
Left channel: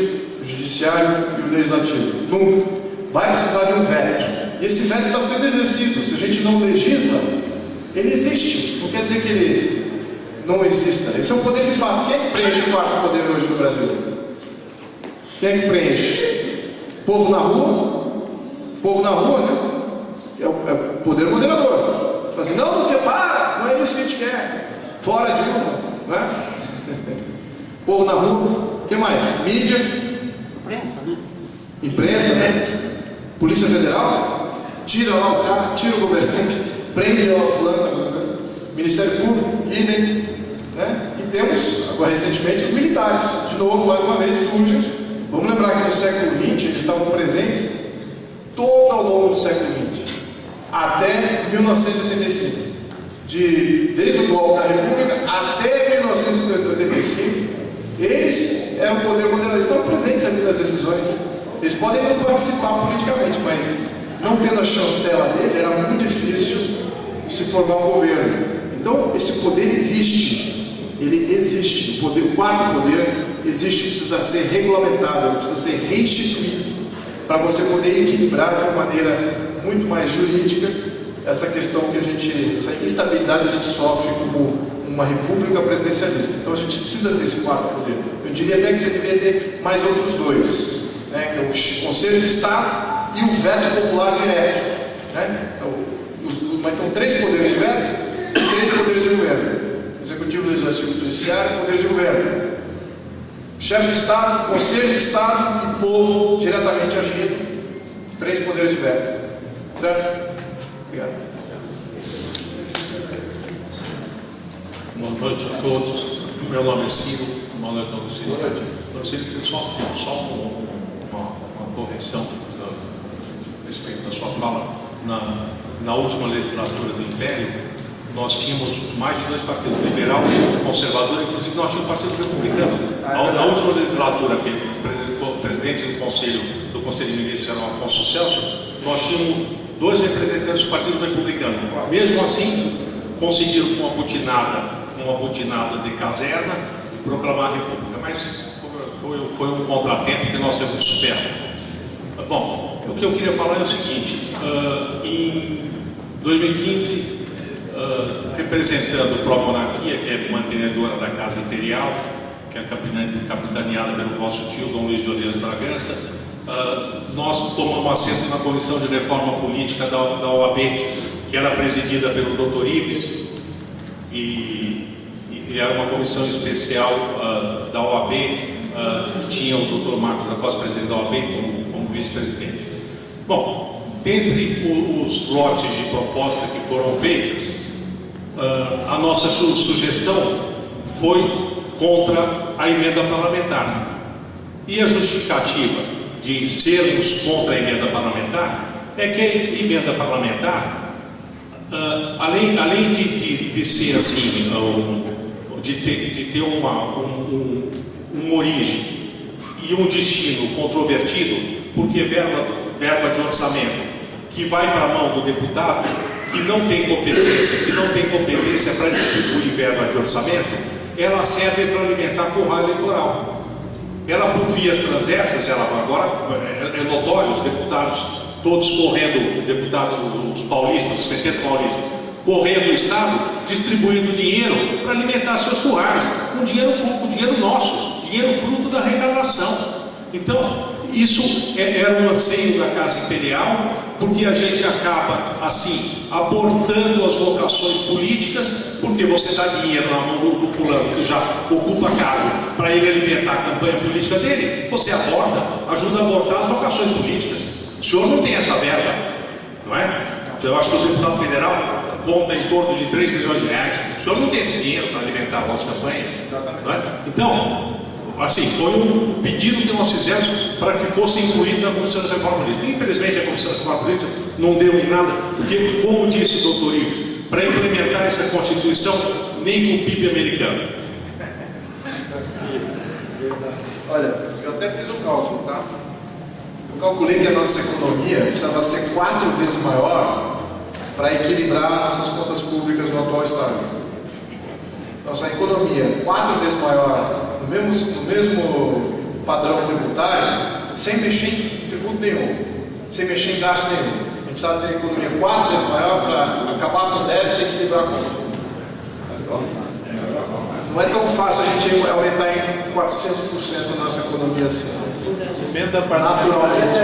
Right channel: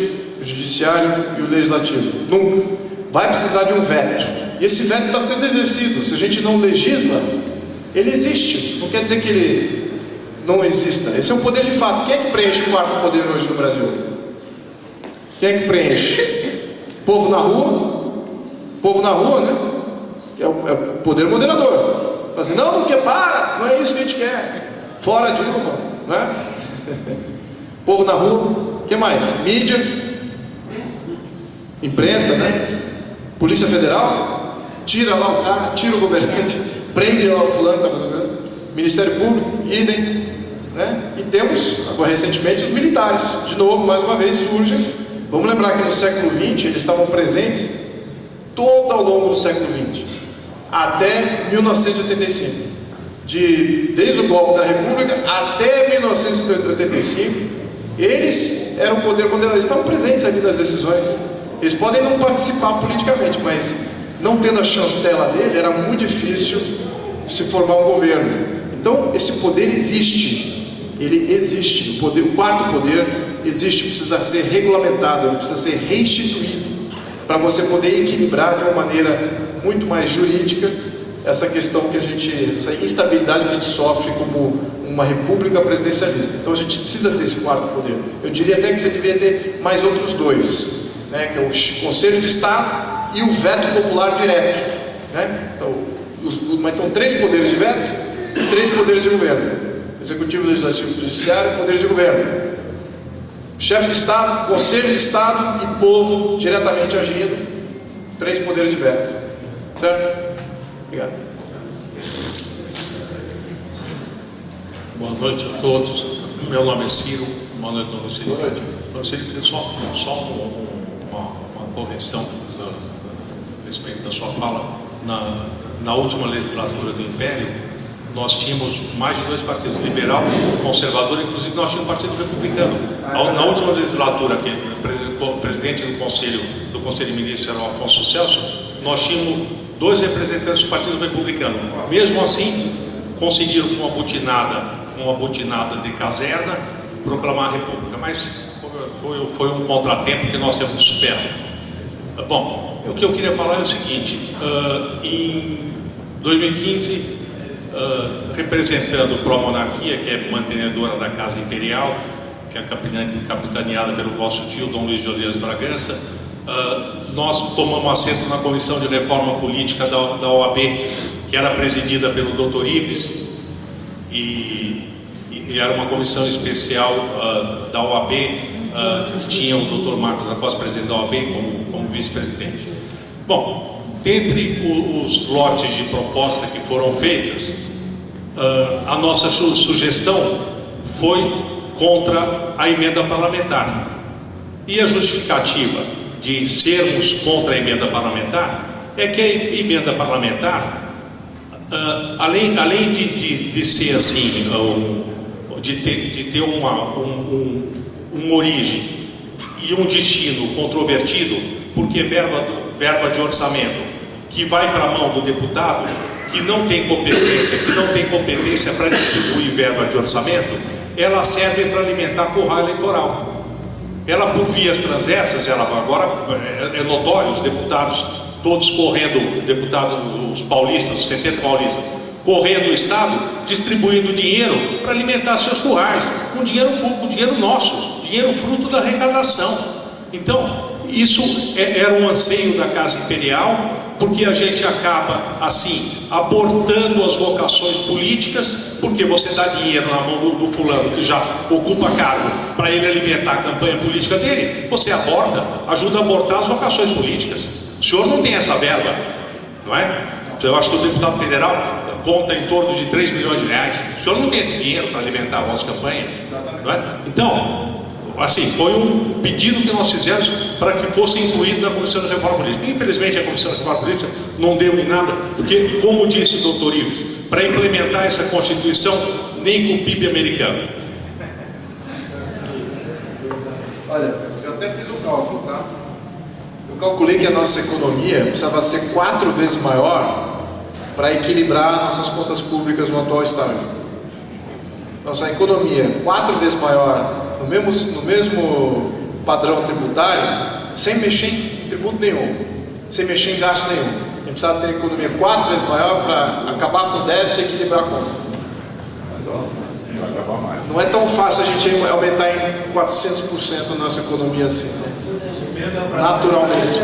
o judiciário e o legislativo. Nunca. Vai precisar de um veto. E esse veto está sendo exercido. Se a gente não legisla, ele existe. Não quer dizer que ele não exista. Esse é um poder de fato. Quem é que preenche o 4º poder hoje no Brasil? Quem é que preenche? Povo na rua? Povo na rua, né? É o poder moderador. Fala assim, não é isso que a gente quer. Fora Dilma, não é? Povo na rua. O que mais? Mídia. Imprensa, né? Polícia Federal, tira lá o cara, tira o governante, prende lá o fulano, tá governando. Ministério Público, idem, né? E temos, agora recentemente, os militares. De novo, mais uma vez, surgem. Vamos lembrar que no século XX eles estavam presentes todo ao longo do século XX, até 1985. Desde o golpe da República até 1985, eles eram o poder moderador, eles estavam presentes aqui nas decisões. Eles podem não participar politicamente, mas não tendo a chancela dele, era muito difícil se formar um governo. Então, esse poder existe, ele existe. O quarto poder existe, precisa ser regulamentado, ele precisa ser restituído, para você poder equilibrar de uma maneira muito mais jurídica essa questão que essa instabilidade que a gente sofre como uma república presidencialista. Então a gente precisa ter esse quarto poder. Eu diria até que você deveria ter mais outros dois, né, que é o Conselho de Estado e o veto popular direto, né? Então 3 poderes de veto e 3 poderes de governo: executivo, legislativo, judiciário, poder de governo. Chefe de Estado, Conselho de Estado e povo diretamente agindo. 3 poderes de veto. Certo? Obrigado. Boa noite a todos. Meu nome é Ciro, Manuel Donocelli. Boa noite. Donocelli, só uma correção a respeito da sua fala. Na última legislatura do Império, nós tínhamos mais de 2 partidos, liberal e conservador, inclusive nós tínhamos um partido republicano. Na última legislatura, que o presidente do Conselho de Ministros era o Afonso Celso, nós tínhamos 2 representantes do Partido Republicano. Mesmo assim, conseguiram com uma butinada de caserna, proclamar a República. Mas foi um contratempo que nós temos que superar. Bom, o que eu queria falar é o seguinte: em 2015, representando o Pró-Monarquia, que é mantenedora da Casa Imperial, que é capitaneada pelo nosso tio Dom Luiz Josias Bragança, nós tomamos assento na Comissão de Reforma Política da OAB, que era presidida pelo Dr. Ives, e era uma comissão especial da OAB, que tinha o Dr. Marcos da Costa, presidente da OAB, como vice-presidente. Bom, dentre os lotes de proposta que foram feitas, a nossa sugestão foi contra a emenda parlamentar. E a justificativa de sermos contra a emenda parlamentar é que a emenda parlamentar, além de ser assim, de ter uma origem e um destino controvertido, porque verba de orçamento que vai para a mão do deputado, que não tem competência para distribuir verba de orçamento, ela serve para alimentar curral eleitoral. Ela, por vias transversas, agora é notório, os deputados todos correndo, os paulistas, os 70 paulistas, correndo o Estado, distribuindo dinheiro para alimentar seus currais, com dinheiro nosso, dinheiro fruto da arrecadação. Então, isso era um anseio da Casa Imperial, porque a gente acaba, assim, abortando as vocações políticas, porque você dá dinheiro na mão do fulano que já ocupa cargo para ele alimentar a campanha política dele, você ajuda a abortar as vocações políticas. O senhor não tem essa verba, não é? Eu acho que o deputado federal conta em torno de 3 milhões de reais. O senhor não tem esse dinheiro para alimentar a nossa campanha, não é? Então, assim, foi um pedido que nós fizemos para que fosse incluído na Comissão de Reforma Política. Infelizmente, a Comissão de Reforma Política não deu em nada, porque, como disse o Dr. Ives, para implementar essa Constituição, nem com o PIB americano. Olha, eu até fiz um cálculo, tá? Eu calculei que a nossa economia precisava ser 4 vezes maior para equilibrar nossas contas públicas no atual estado. Nossa economia 4 vezes maior no mesmo padrão tributário, sem mexer em tributo nenhum, sem mexer em gasto nenhum. A gente precisava ter a economia 4 vezes maior para acabar com o déficit e equilibrar a conta. Não é tão fácil a gente aumentar em 400% a nossa economia assim. Naturalmente.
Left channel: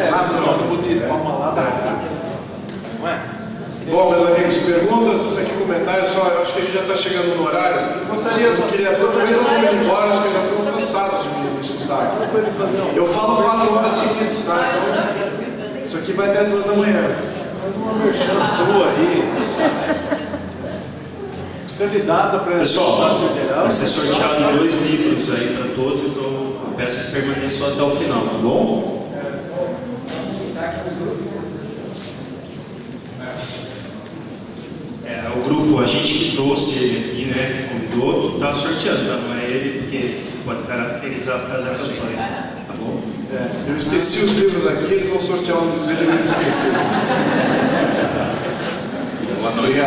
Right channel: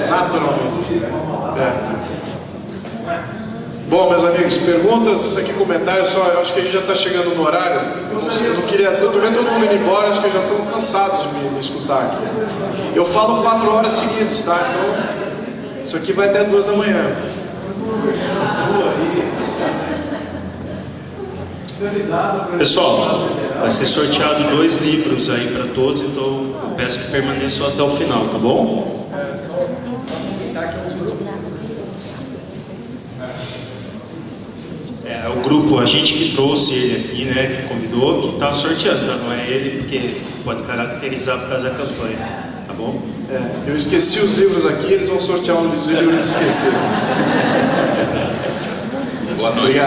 Bom, meus amigos, perguntas, aqui comentários, só acho que a gente já está chegando no horário. Eu queria todo mundo ir embora, acho que já estão cansados de me escutar aqui. Eu falo 4 horas seguidas, tá? Então, isso aqui vai até 2 da manhã. Pessoal, Vai ser sorteado 2 livros aí para todos, então eu peço que permaneçam até o final, tá bom? É o grupo, a gente que trouxe ele aqui, né, que convidou, que está sorteando, tá? Não é ele, porque pode caracterizar por causa da campanha, tá bom? Eu esqueci os livros aqui, eles vão sortear um dos livros esquecidos. Boa noite.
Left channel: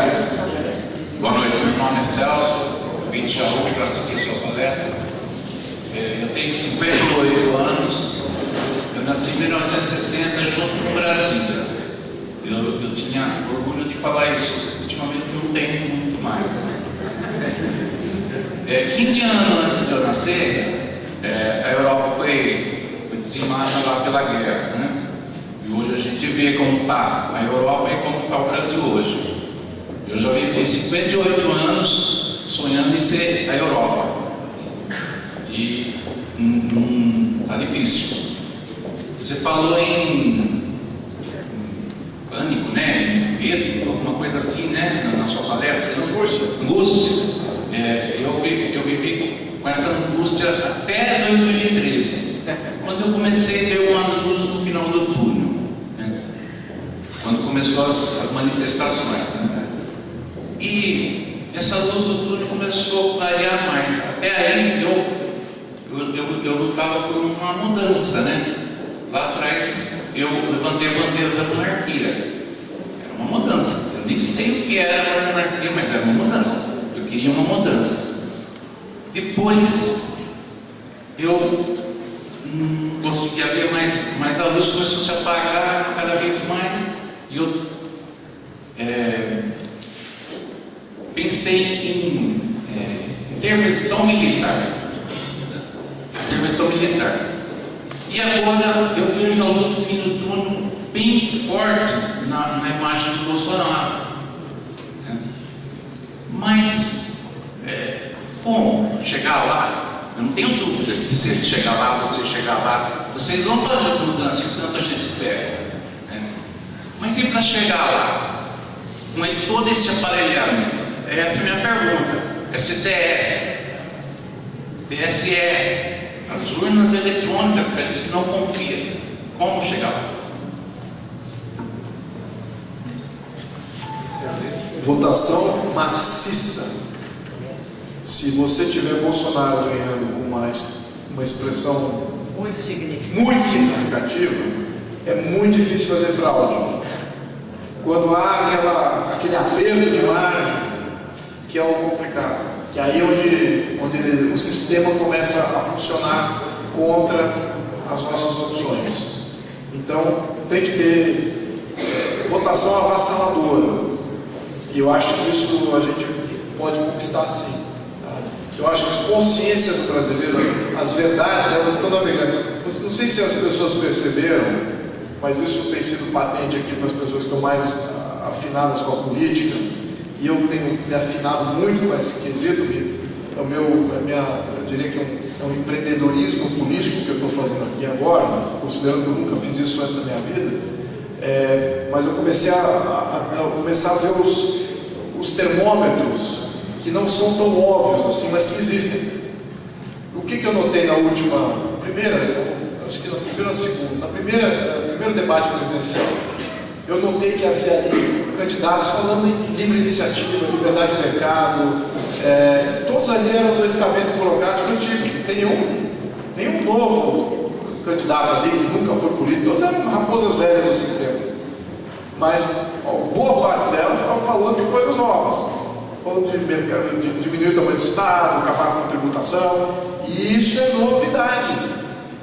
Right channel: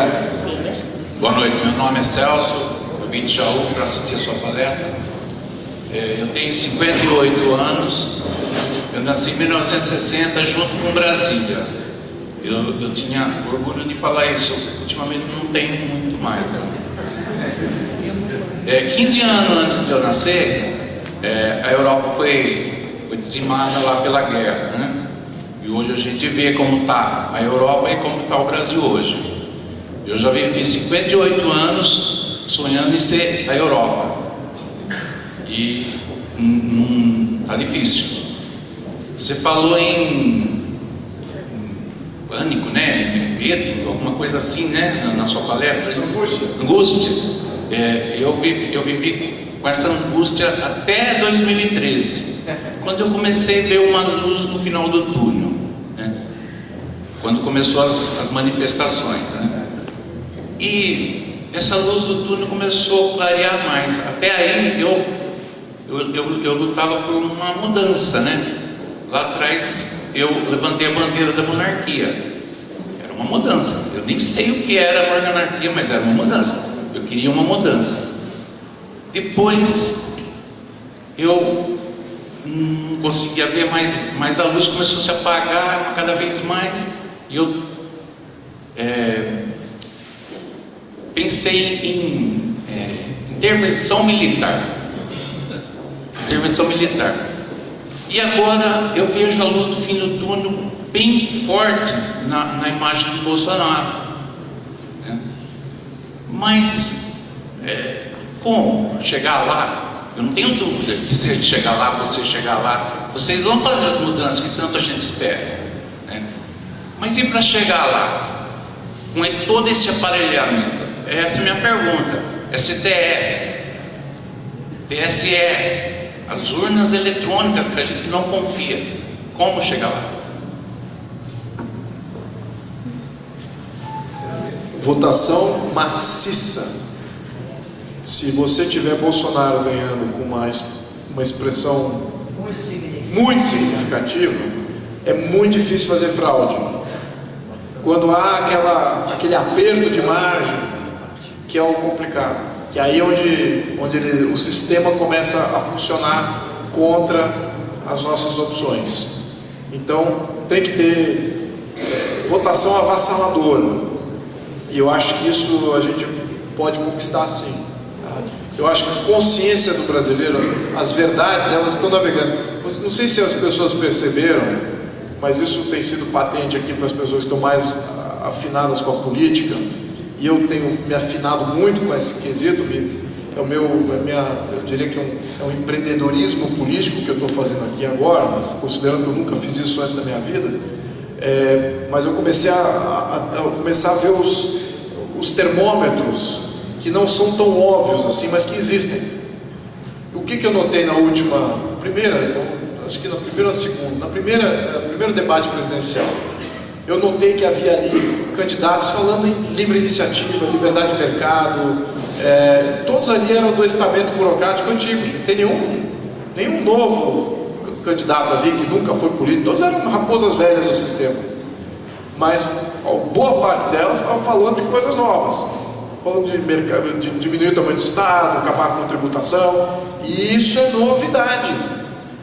Boa noite, meu nome é Celso, eu vim de Jaú para assistir a sua palestra. Eu tenho 58 anos, eu nasci em 1960 junto com Brasília. Eu tinha orgulho de falar isso, ultimamente não tenho muito mais. 15 anos antes de eu nascer, a Europa foi dizimada lá pela guerra, né? E hoje a gente vê como está a Europa e como está o Brasil hoje. Eu já vivi 58 anos sonhando em ser a Europa. E tá difícil. Você falou em pânico, né? Medo, alguma coisa assim, né? Na sua palestra. Angústia. Eu vivi com essa angústia até 2013. Quando eu comecei a ver uma luz no final do túnel. Né? Quando começou as manifestações. Né? E essa luz do túnel começou a clarear mais. Até aí eu lutava por uma mudança, né? Lá atrás eu levantei a bandeira da monarquia. Era uma mudança. Eu nem sei o que era a monarquia, mas era uma mudança. Eu queria uma mudança. Depois eu não conseguia ver mais, a luz começou a se apagar cada vez mais. E eu pensei em intervenção militar. Intervenção militar. E agora eu vejo a luz do fim do túnel bem forte na imagem de Bolsonaro. Né? Mas como chegar lá? Eu não tenho dúvida que se ele chegar lá, você chegar lá, vocês vão fazer as mudanças que tanta gente espera. Né? Mas e para chegar lá? Com todo esse aparelhamento? Essa é a minha pergunta. STF, TSE, as urnas eletrônicas que a gente não confia. Como chegar lá? Votação maciça. Se você tiver Bolsonaro ganhando com uma expressão muito significativa, é muito difícil fazer fraude. Quando há aquele aperto de margem, que é o complicado, que aí é onde o sistema começa a funcionar contra as nossas opções. Então tem que ter votação avassaladora, e eu acho que isso a gente pode conquistar sim. Tá? Eu acho que a consciência do brasileiro, as verdades, elas estão navegando. Não sei se as pessoas perceberam, mas isso tem sido patente aqui para as pessoas que estão mais afinadas com a política, e eu tenho me afinado muito com esse quesito. Eu diria que é um empreendedorismo político que eu estou fazendo aqui agora, considerando que eu nunca fiz isso antes da minha vida. Mas eu comecei a ver os termômetros que não são tão óbvios assim, mas que existem. O que eu notei na acho que na primeira ou segunda, no primeiro debate presidencial, eu notei que havia ali candidatos falando em livre iniciativa, liberdade de mercado, todos ali eram do estamento burocrático antigo, não tem nenhum novo candidato ali que nunca foi político, todos eram raposas velhas do sistema. Mas boa parte delas estavam falando de coisas novas, falando de mercado, de diminuir o tamanho do Estado, acabar com a tributação, e isso é novidade.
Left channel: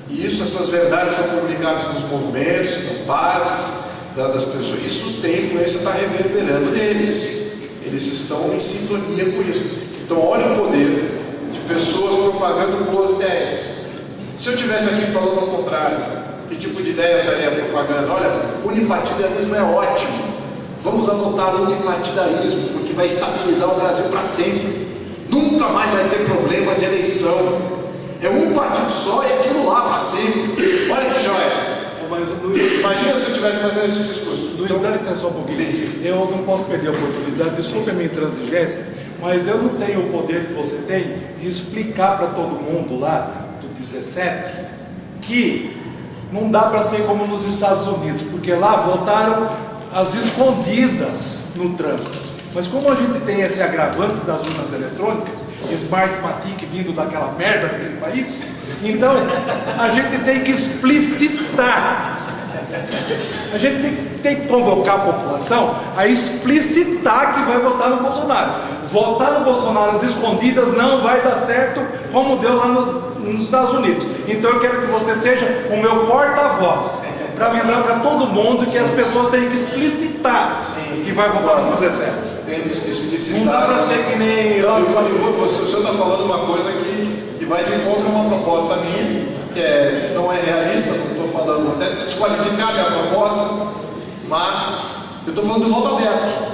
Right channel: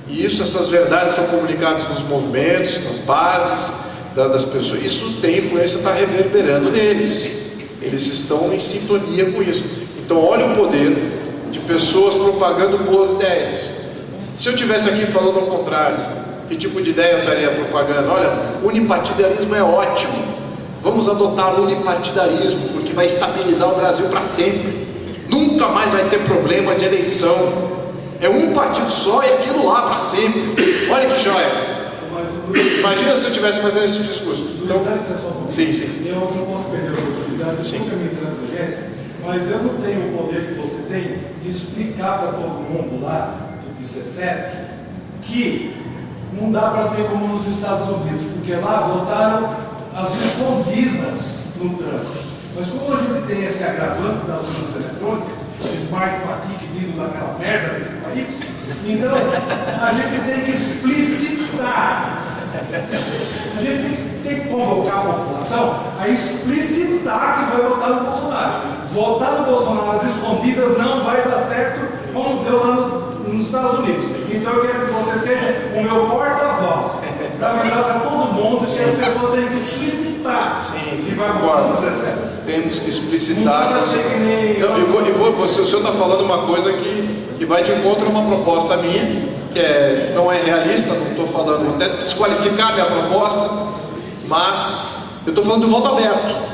E essas verdades são comunicadas nos movimentos, nas bases das pessoas. Isso tem influência, está reverberando neles. Eles estão em sintonia com isso. Então, olha o poder de pessoas propagando boas ideias. Se eu estivesse aqui falando ao contrário, que tipo de ideia eu estaria propagando? Olha, unipartidarismo é ótimo. Vamos adotar o unipartidarismo, porque vai estabilizar o Brasil para sempre. Nunca mais vai ter problema de eleição. É um partido só e aquilo lá para sempre. Olha que joia. Imagina se eu estivesse fazendo esse discurso. Luiz, dá licença só um pouquinho. Sim. Eu não posso perder a oportunidade, eu sou caminho de transigência. mas eu não tenho o poder que você tem de explicar para todo mundo lá do 17 que não dá para ser como nos Estados Unidos, porque lá votaram as escondidas no trânsito. Mas como a gente tem esse agravante das urnas eletrônicas, Smartmatic vindo daquela merda daquele país, então a gente tem que explicitar. A gente tem que convocar a população a explicitar que vai votar no Bolsonaro. Votar no Bolsonaro às escondidas não vai dar certo como deu lá nos Estados Unidos. Então eu quero que você seja o meu porta-voz para avisar para todo mundo que as pessoas têm que explicitar que vai votar no 17. Temos que explicitar. Não ser que nem o senhor está falando uma coisa que vai de encontro a uma proposta minha, que não é realista, não estou falando até desqualificar a minha proposta, mas eu estou falando do voto aberto.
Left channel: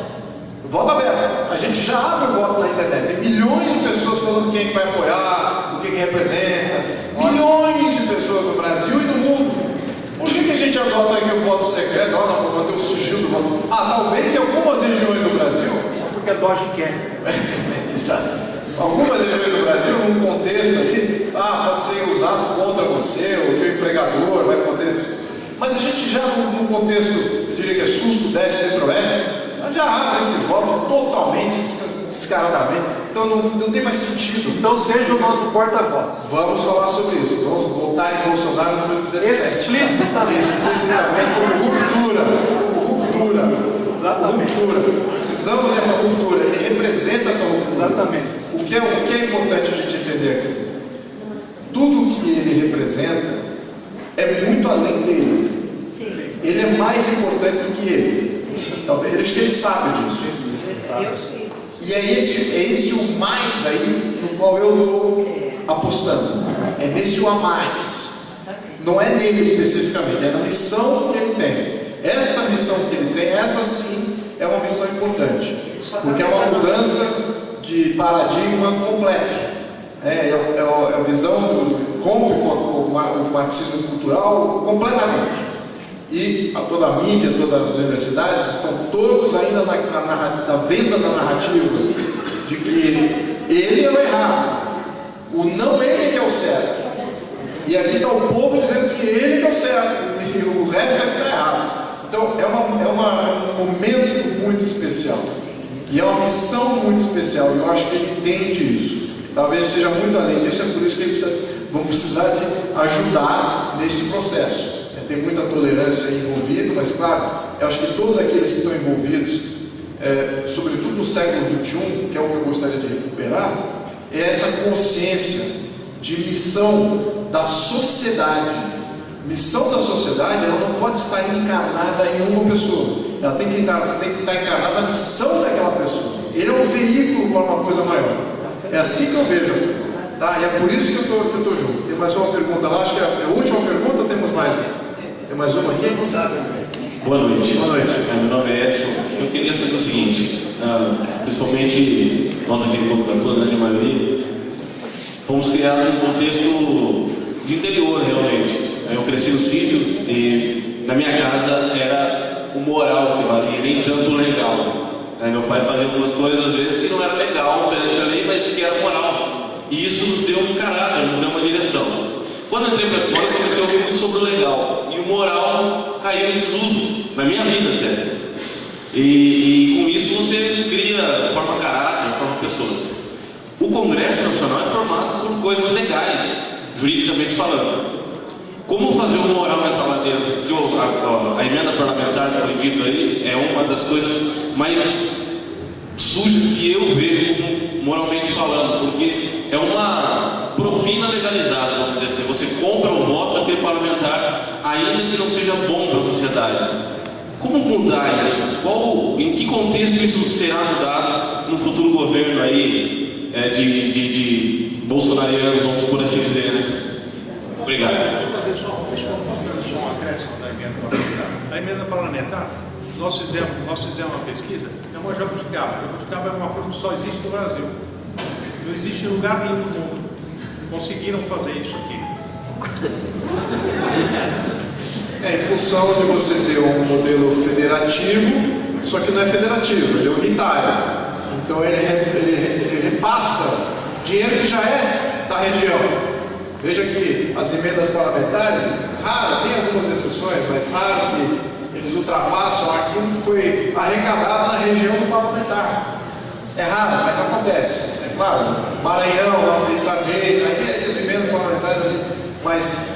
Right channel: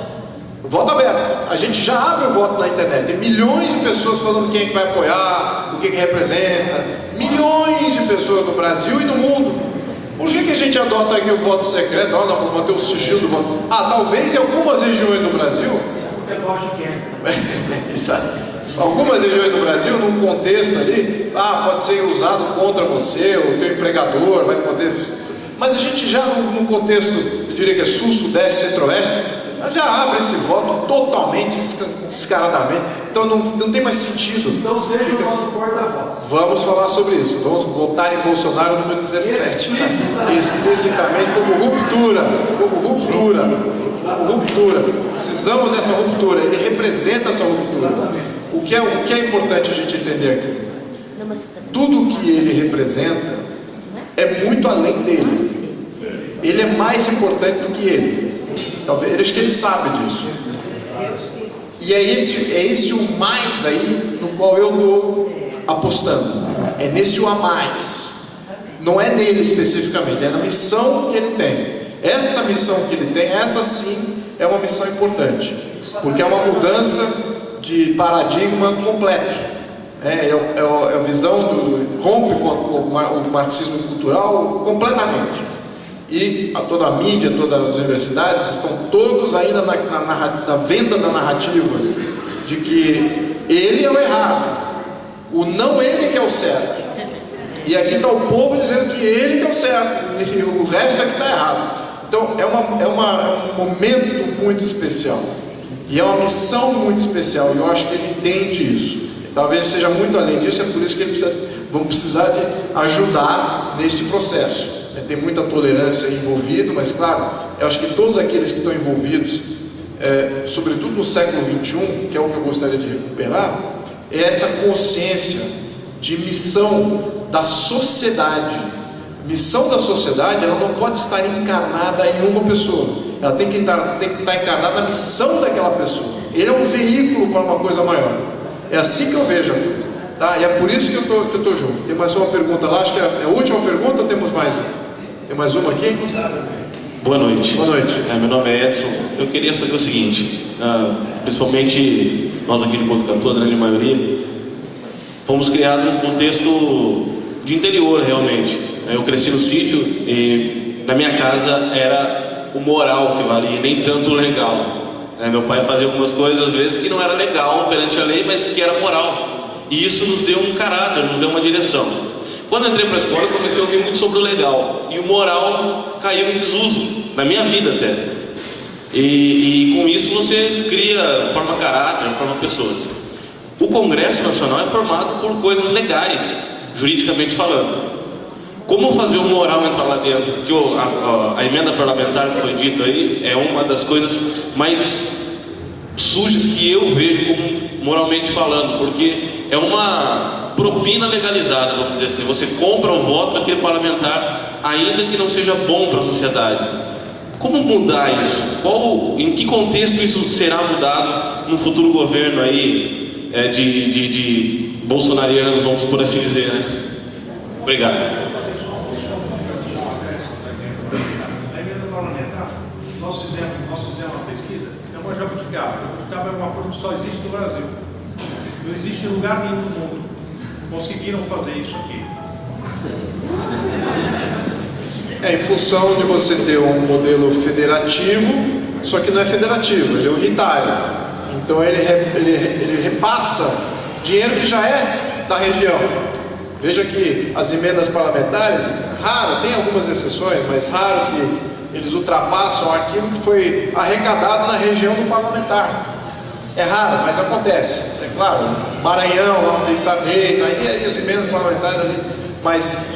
Voto aberto. A gente já abre o voto na internet. Tem milhões de pessoas falando quem é que vai apoiar, o que representa. Milhões de pessoas no Brasil e no mundo. Por que a gente adota aqui o voto secreto? Não, para manter o sigilo do voto. Talvez em algumas regiões do Brasil. Porque Bosch quer. Algumas regiões do Brasil, num contexto ali, pode ser usado contra você, o teu empregador, vai poder. Mas a gente já, num contexto, eu diria que é sul, sudeste, centro-oeste, já abre esse voto totalmente, descaradamente. Então não tem mais sentido. Então seja o nosso porta-voz. Vamos falar sobre isso. Vamos votar em Bolsonaro número 17. Explicitamente como ruptura. Precisamos dessa ruptura. Ele representa essa ruptura. Exatamente. O que é importante a gente entender aqui? Tudo que ele representa é muito além dele. Ele é mais importante do que ele. Talvez, acho que ele sabe disso. E é esse o mais aí no qual eu estou apostando. É nesse o a mais. Não é nele especificamente, é na missão que ele tem. Essa missão que ele tem, essa sim é uma missão importante. Porque é uma mudança de paradigma completo. É a visão rompe com o marxismo cultural completamente. E toda a mídia, todas as universidades estão todos ainda na venda da narrativa de que ele é o errado, o não ele que é o certo. E aqui está o povo dizendo que ele que é o certo e o resto é que está errado. Então é um momento muito especial e é uma missão muito especial. E eu acho que ele entende isso. Talvez seja muito além disso, é por isso que vamos precisar de ajudar neste processo. Tem muita tolerância envolvida, mas claro, eu acho que todos aqueles que estão envolvidos, sobretudo no século XXI, que é o que eu gostaria de recuperar, é essa consciência de missão da sociedade. Missão da sociedade, ela não pode estar encarnada em uma pessoa, ela tem que estar encarnada na missão daquela pessoa. Ele é um veículo para uma coisa maior. É assim que eu vejo a coisa. Tá? E é por isso que eu estou junto. Tem mais uma pergunta lá, acho que é a última pergunta, ou temos mais uma? Tem mais uma aqui? Boa noite. Boa noite. Meu nome é Edson. Eu queria saber o seguinte, principalmente nós aqui no Botucatu, a grande maioria, fomos criados em um contexto de interior realmente. Eu cresci no sítio e na minha casa era o moral que valia, nem tanto o legal. Meu pai fazia algumas coisas às vezes que não era legal perante a lei, mas que era moral. E isso nos deu um caráter, nos deu uma direção. Quando eu entrei para a escola, eu comecei a ouvir muito sobre o legal. E o moral caiu em desuso, na minha vida até. E com isso você cria, forma caráter, forma pessoas. O Congresso Nacional é formado por coisas legais, juridicamente falando. Como fazer o moral entrar lá dentro? Porque a emenda parlamentar que foi dito aí é uma das coisas mais sujas que eu vejo como moralmente falando, porque é uma propina legalizada, vamos dizer assim. Você compra o voto daquele parlamentar, ainda que não seja bom para a sociedade. Como mudar isso? Em que contexto isso será mudado no futuro governo aí de bolsonarianos, vamos por assim dizer, né? Obrigado. Na emenda parlamentar, nós fizemos uma pesquisa, é uma jabuticaba. Jabuticaba é uma fruta que só existe no Brasil. Não existe em lugar nenhum do mundo. Conseguiram fazer isso aqui. Em função de você ter um modelo federativo, só que não é federativo, ele é unitário. Então ele ele repassa dinheiro que já é da região. Veja que as emendas parlamentares, raro, tem algumas exceções, mas raro que eles ultrapassam aquilo que foi arrecadado na região do parlamentar. É raro, mas acontece. É claro, Maranhão, lá onde Sarney, aí as emendas parlamentares ali, mas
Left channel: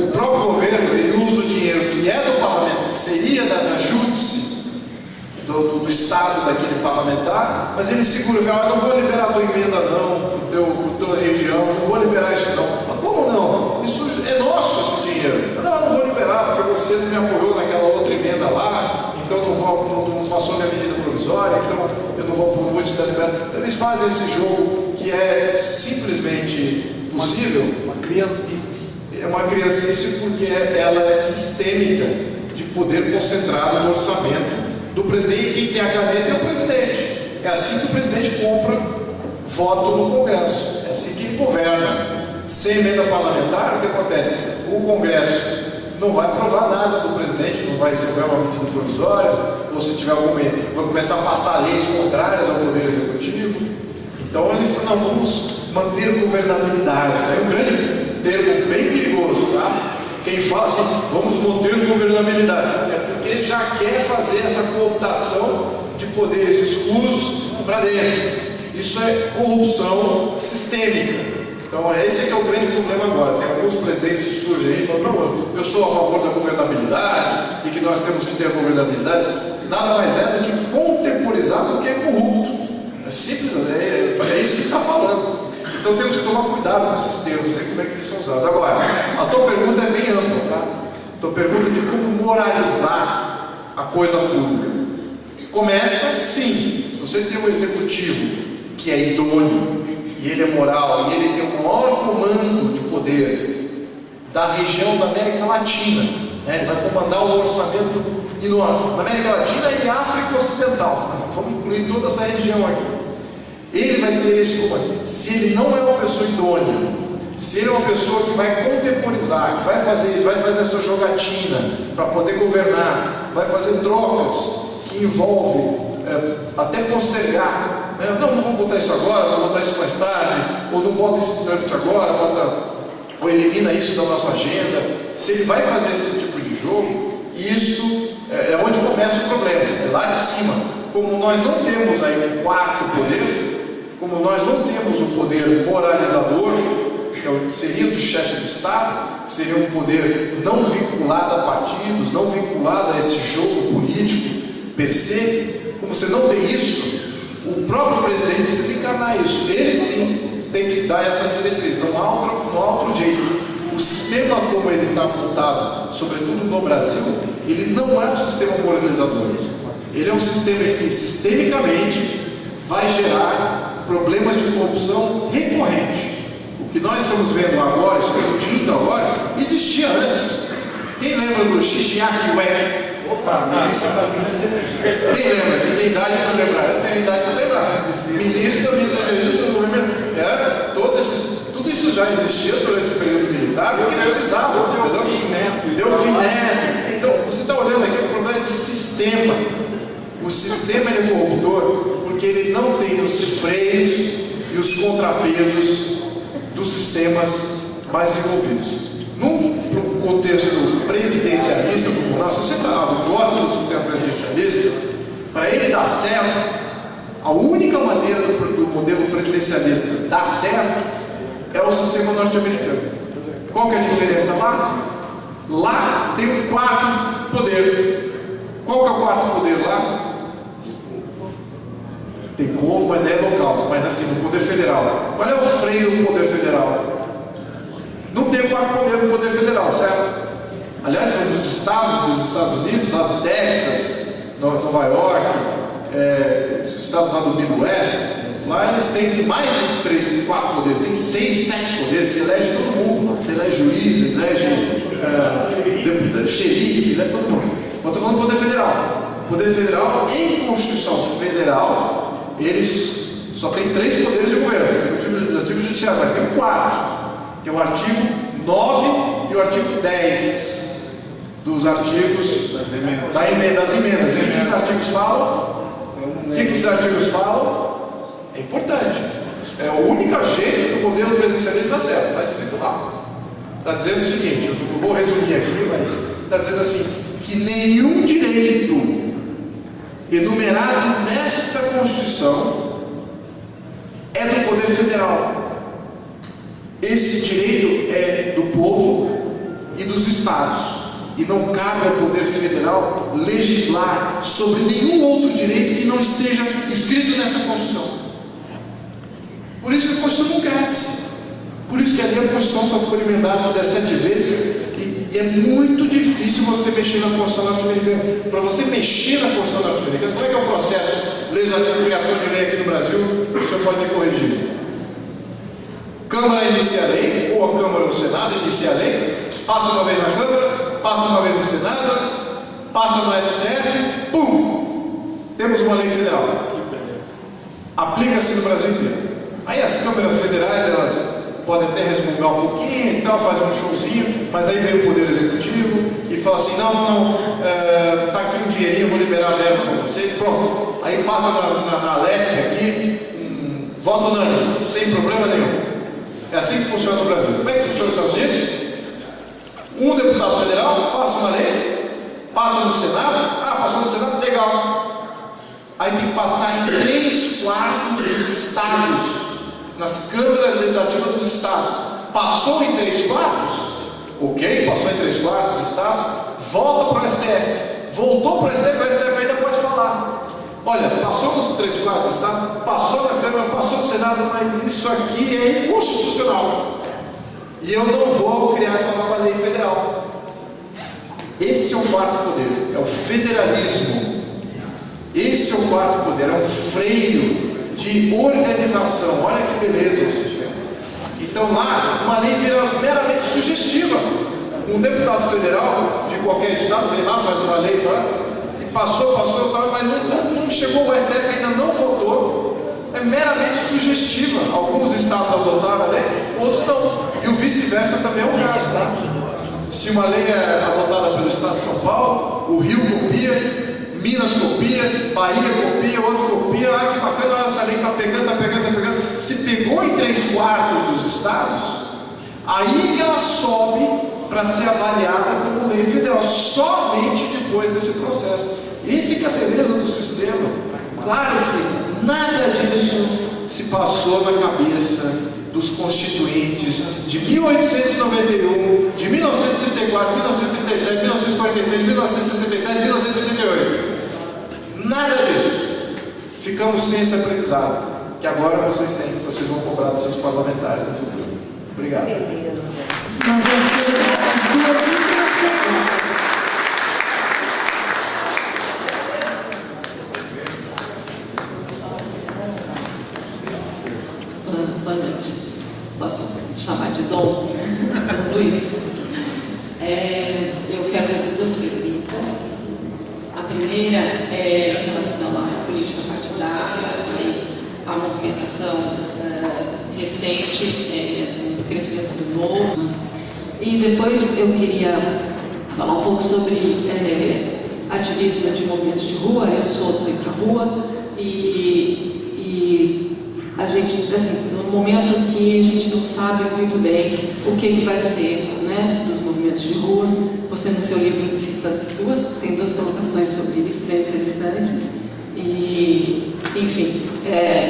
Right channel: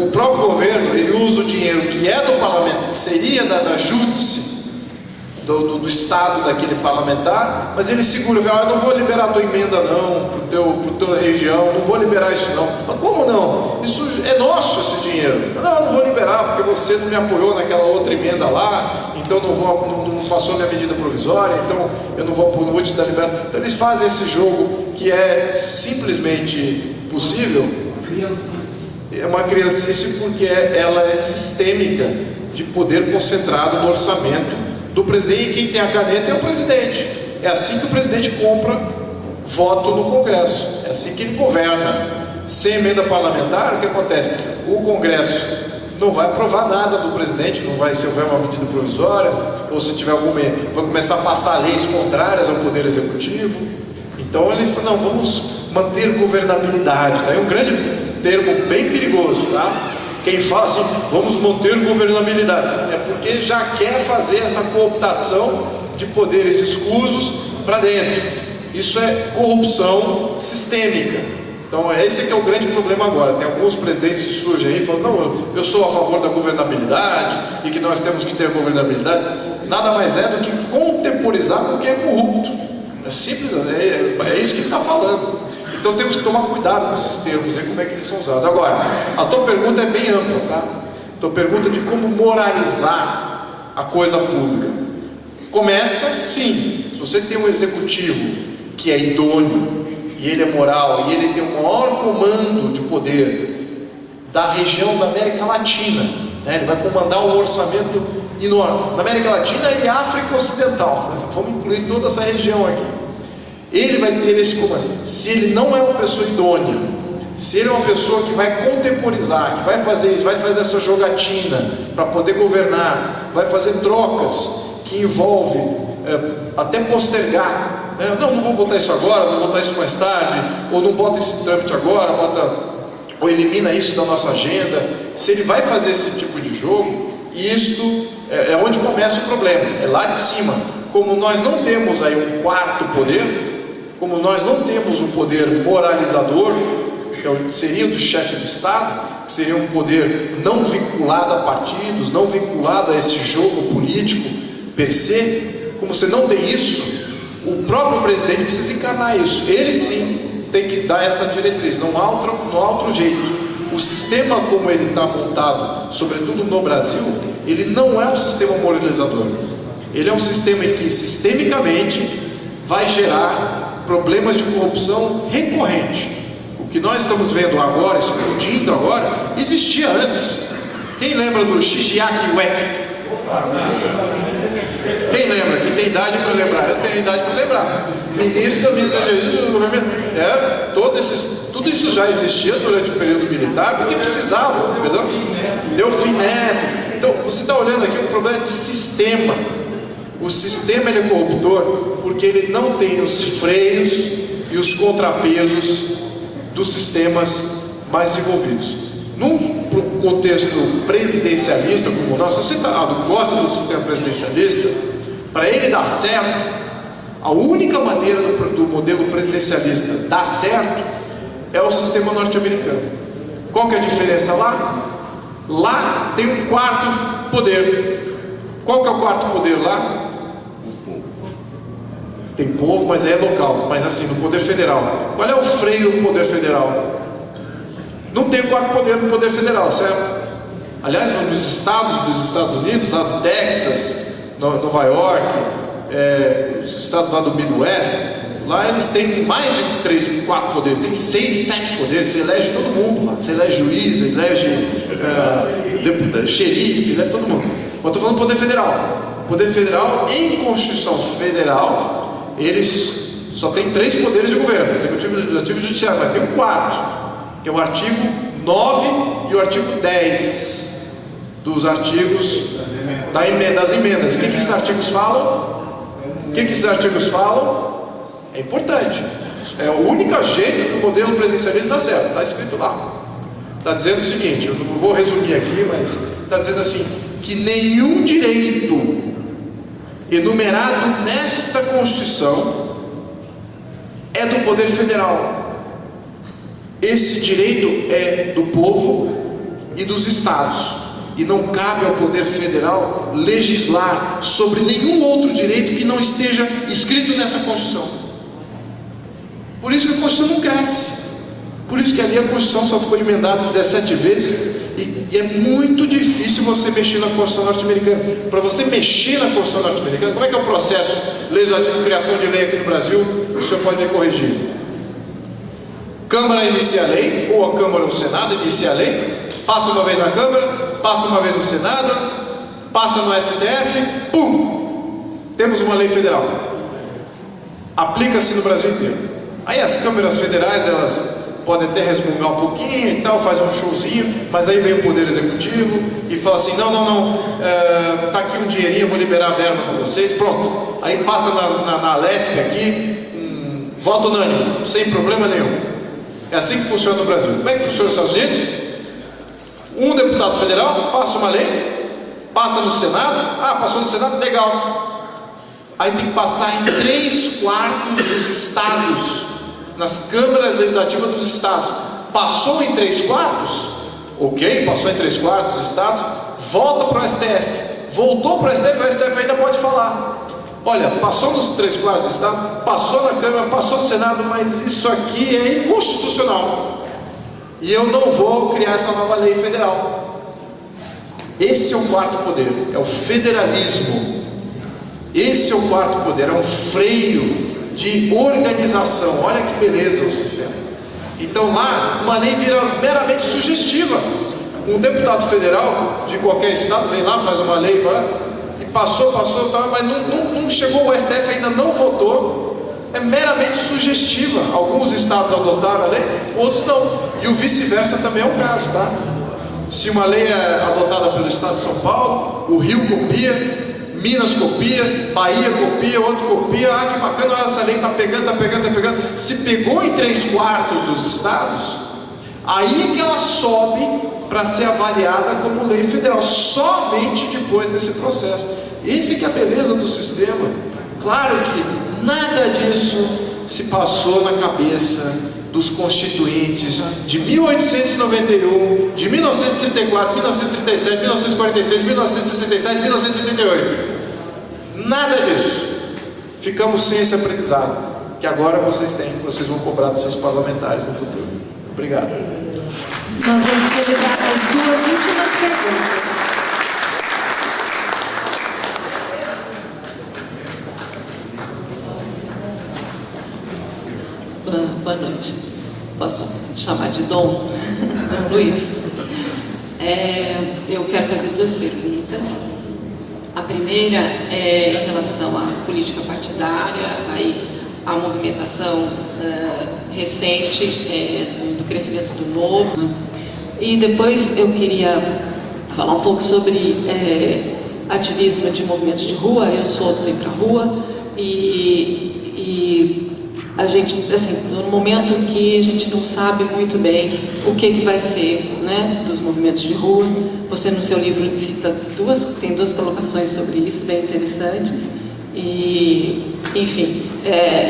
o próprio governo, ele usa o dinheiro que é do parlamento, que seria da júdice, do estado daquele parlamentar, mas ele segura, eu não vou liberar a tua emenda não, para tua região, não vou liberar isso não. Mas como não? Isso é nosso, esse dinheiro. Não vou liberar porque você não me apoiou naquela outra emenda lá, então não passou minha medida provisória, então eu não vou te dar liberação. Então eles fazem esse jogo que é simplesmente possível. É uma criancice porque ela é sistêmica de poder concentrado no orçamento do presidente, e quem tem a caneta é o presidente. É assim que o presidente compra voto no Congresso, é assim que ele governa. Sem emenda parlamentar, o que acontece? O Congresso não vai aprovar nada do presidente, não vai, se houver uma medida provisória, ou se tiver alguma, vai começar a passar leis contrárias ao Poder Executivo. Então ele fala, não, vamos manter governabilidade, tá? É um grande termo bem perigoso, tá? Quem fala assim, vamos manter governabilidade, é porque já quer fazer essa cooptação de poderes escusos para dentro. Isso é corrupção sistêmica. Então esse que é o grande problema agora. Tem alguns presidentes que surgem aí e falam, não, eu sou a favor da governabilidade e que nós temos que ter a governabilidade. Nada mais é do que contemporizar porque é corrupto. É simples, é isso que ele está falando. Então temos que tomar cuidado com esses termos e como é que eles são usados. Agora, a tua pergunta é bem ampla, tá? A tua pergunta de como moralizar a coisa pública. Começa, sim, se você tem um executivo que é idôneo, e ele é moral, e ele tem o maior comando de poder da região da América Latina, né? Ele vai comandar um orçamento enorme, na América Latina e África Ocidental, vamos incluir toda essa região aqui. Ele vai ter esse comando. Se ele não é uma pessoa idônea, se ele é uma pessoa que vai contemporizar, que vai fazer isso, vai fazer essa jogatina para poder governar, vai fazer trocas que envolvem até postergar, né? Não vou votar isso agora, vou votar isso mais tarde, ou não bota esse trâmite agora, ou elimina isso da nossa agenda. Se ele vai fazer esse tipo de jogo, isto é onde começa o problema, é lá de cima. Como nós não temos aí um quarto poder, como nós não temos o poder moralizador, que seria do chefe de Estado, que seria um poder não vinculado a partidos, não vinculado a esse jogo político per se, como você não tem isso, o próprio presidente precisa encarnar isso. Ele sim tem que dar essa diretriz, não há outro jeito. O sistema como ele está montado, sobretudo no Brasil, ele não é um sistema moralizador. Ele é um sistema que sistemicamente vai gerar problemas de corrupção recorrente. O que nós estamos vendo agora, explodindo agora, existia antes. Quem lembra do Xixiaki Wek? Quem lembra? Quem tem idade para lembrar? Eu tenho idade para lembrar. Ministro da Ministério do Governo. Tudo isso já existia durante o período militar, porque precisava. Delfim Neto. Então, você está olhando aqui um problema de sistema. O sistema ele é corruptor porque ele não tem os freios e os contrapesos dos sistemas mais desenvolvidos. Num contexto presidencialista como o nosso, se você gosta do sistema presidencialista, para ele dar certo, a única maneira do modelo presidencialista dar certo é o sistema norte-americano. Qual que é a diferença lá? Lá tem um quarto poder. Qual que é o quarto poder lá? Tem povo, mas é local, mas assim, no poder federal. Qual é o freio do poder federal? Não tem quarto poder no poder federal, certo? Aliás, nos estados dos Estados Unidos, lá do Texas, Nova York, os estados lá do Midwest, lá eles têm mais de 3, 4 poderes, tem 6, 7 poderes, você elege todo mundo lá, você elege juiz, elege xerife, elege todo mundo. Mas estou falando do poder federal. O poder federal, em Constituição Federal, eles só tem 3 poderes de governo, executivo, legislativo e judiciário, mas tem um quarto, que é o artigo 9 e o artigo 10 dos artigos das emendas. O que esses artigos falam? O que esses artigos falam? É importante. É o único jeito do modelo presidencialista dar certo. Está escrito lá. Está dizendo o seguinte, eu não vou resumir aqui, mas está dizendo assim, que nenhum direito enumerado nesta Constituição é do poder federal. Esse direito é do povo e dos estados. E não cabe ao poder federal legislar sobre nenhum outro direito que não esteja escrito nessa Constituição. Por isso que a Constituição não cresce. Por isso que ali a Constituição só foi emendada 17 vezes. E é muito difícil você mexer na Constituição norte-americana. Para você mexer na Constituição norte-americana, como é que é o processo legislativo de criação de lei aqui no Brasil? O senhor pode me corrigir. Câmara inicia a lei, ou a Câmara ou o Senado inicia a lei, passa uma vez na Câmara, passa uma vez no Senado, passa no STF, pum! Temos uma lei federal. Aplica-se no Brasil inteiro. Aí as câmaras federais, elas podem até resmungar um pouquinho e tal, faz um showzinho, mas aí vem o Poder Executivo e fala assim, não, tá aqui um dinheirinho, eu vou liberar a verba para vocês, pronto. Aí passa na LESP aqui, voto unânime, sem problema nenhum. É assim que funciona no Brasil. Como é que funciona nos Estados Unidos? Um deputado federal passa uma lei, passa no Senado, passou no Senado, legal. Aí tem que passar em 3/4 dos estados, nas câmaras legislativas dos estados. Passou em 3/4, ok, passou em 3/4 dos estados, volta para o STF. Voltou para o STF ainda pode falar. Olha, passou nos 3/4 dos estados, passou na Câmara, passou no Senado, mas isso aqui é inconstitucional. E eu não vou criar essa nova lei federal. Esse é o quarto poder, é o federalismo. Esse é o quarto poder, é um freio de organização. Olha que beleza o sistema. Então lá, uma lei vira meramente sugestiva. Um deputado federal de qualquer estado vem lá, faz uma lei e passou, mas não chegou, o STF ainda não votou. É meramente sugestiva. Alguns estados adotaram a lei, outros não. E o vice-versa também é um caso, tá? Se uma lei é adotada pelo estado de São Paulo, o Rio copia, Minas copia, Bahia copia, outro copia. Que bacana, olha, essa lei está pegando. Se pegou em 3/4 dos estados, aí que ela sobe para ser avaliada como lei federal, somente depois desse processo. Esse que é a beleza do sistema. Claro que nada disso se passou na cabeça dos constituintes de 1891, de 1934, 1937, 1946, 1967, 1938. Nada disso. Ficamos sem esse aprendizado, que agora vocês vão cobrar dos seus parlamentares no futuro. Obrigado. Nós vamos ter as duas últimas perguntas. Boa noite. Posso chamar de Dom Luiz? Eu quero fazer duas perguntas. A primeira é em relação à política partidária, à movimentação recente do crescimento do Novo. E depois eu queria falar um pouco sobre ativismo de movimentos de rua. Eu sou do Ir Pra Rua e a gente, assim, no momento que a gente não sabe muito bem o que vai ser, né, dos movimentos de rua. Você no seu livro cita tem duas colocações sobre isso bem interessantes. E, enfim,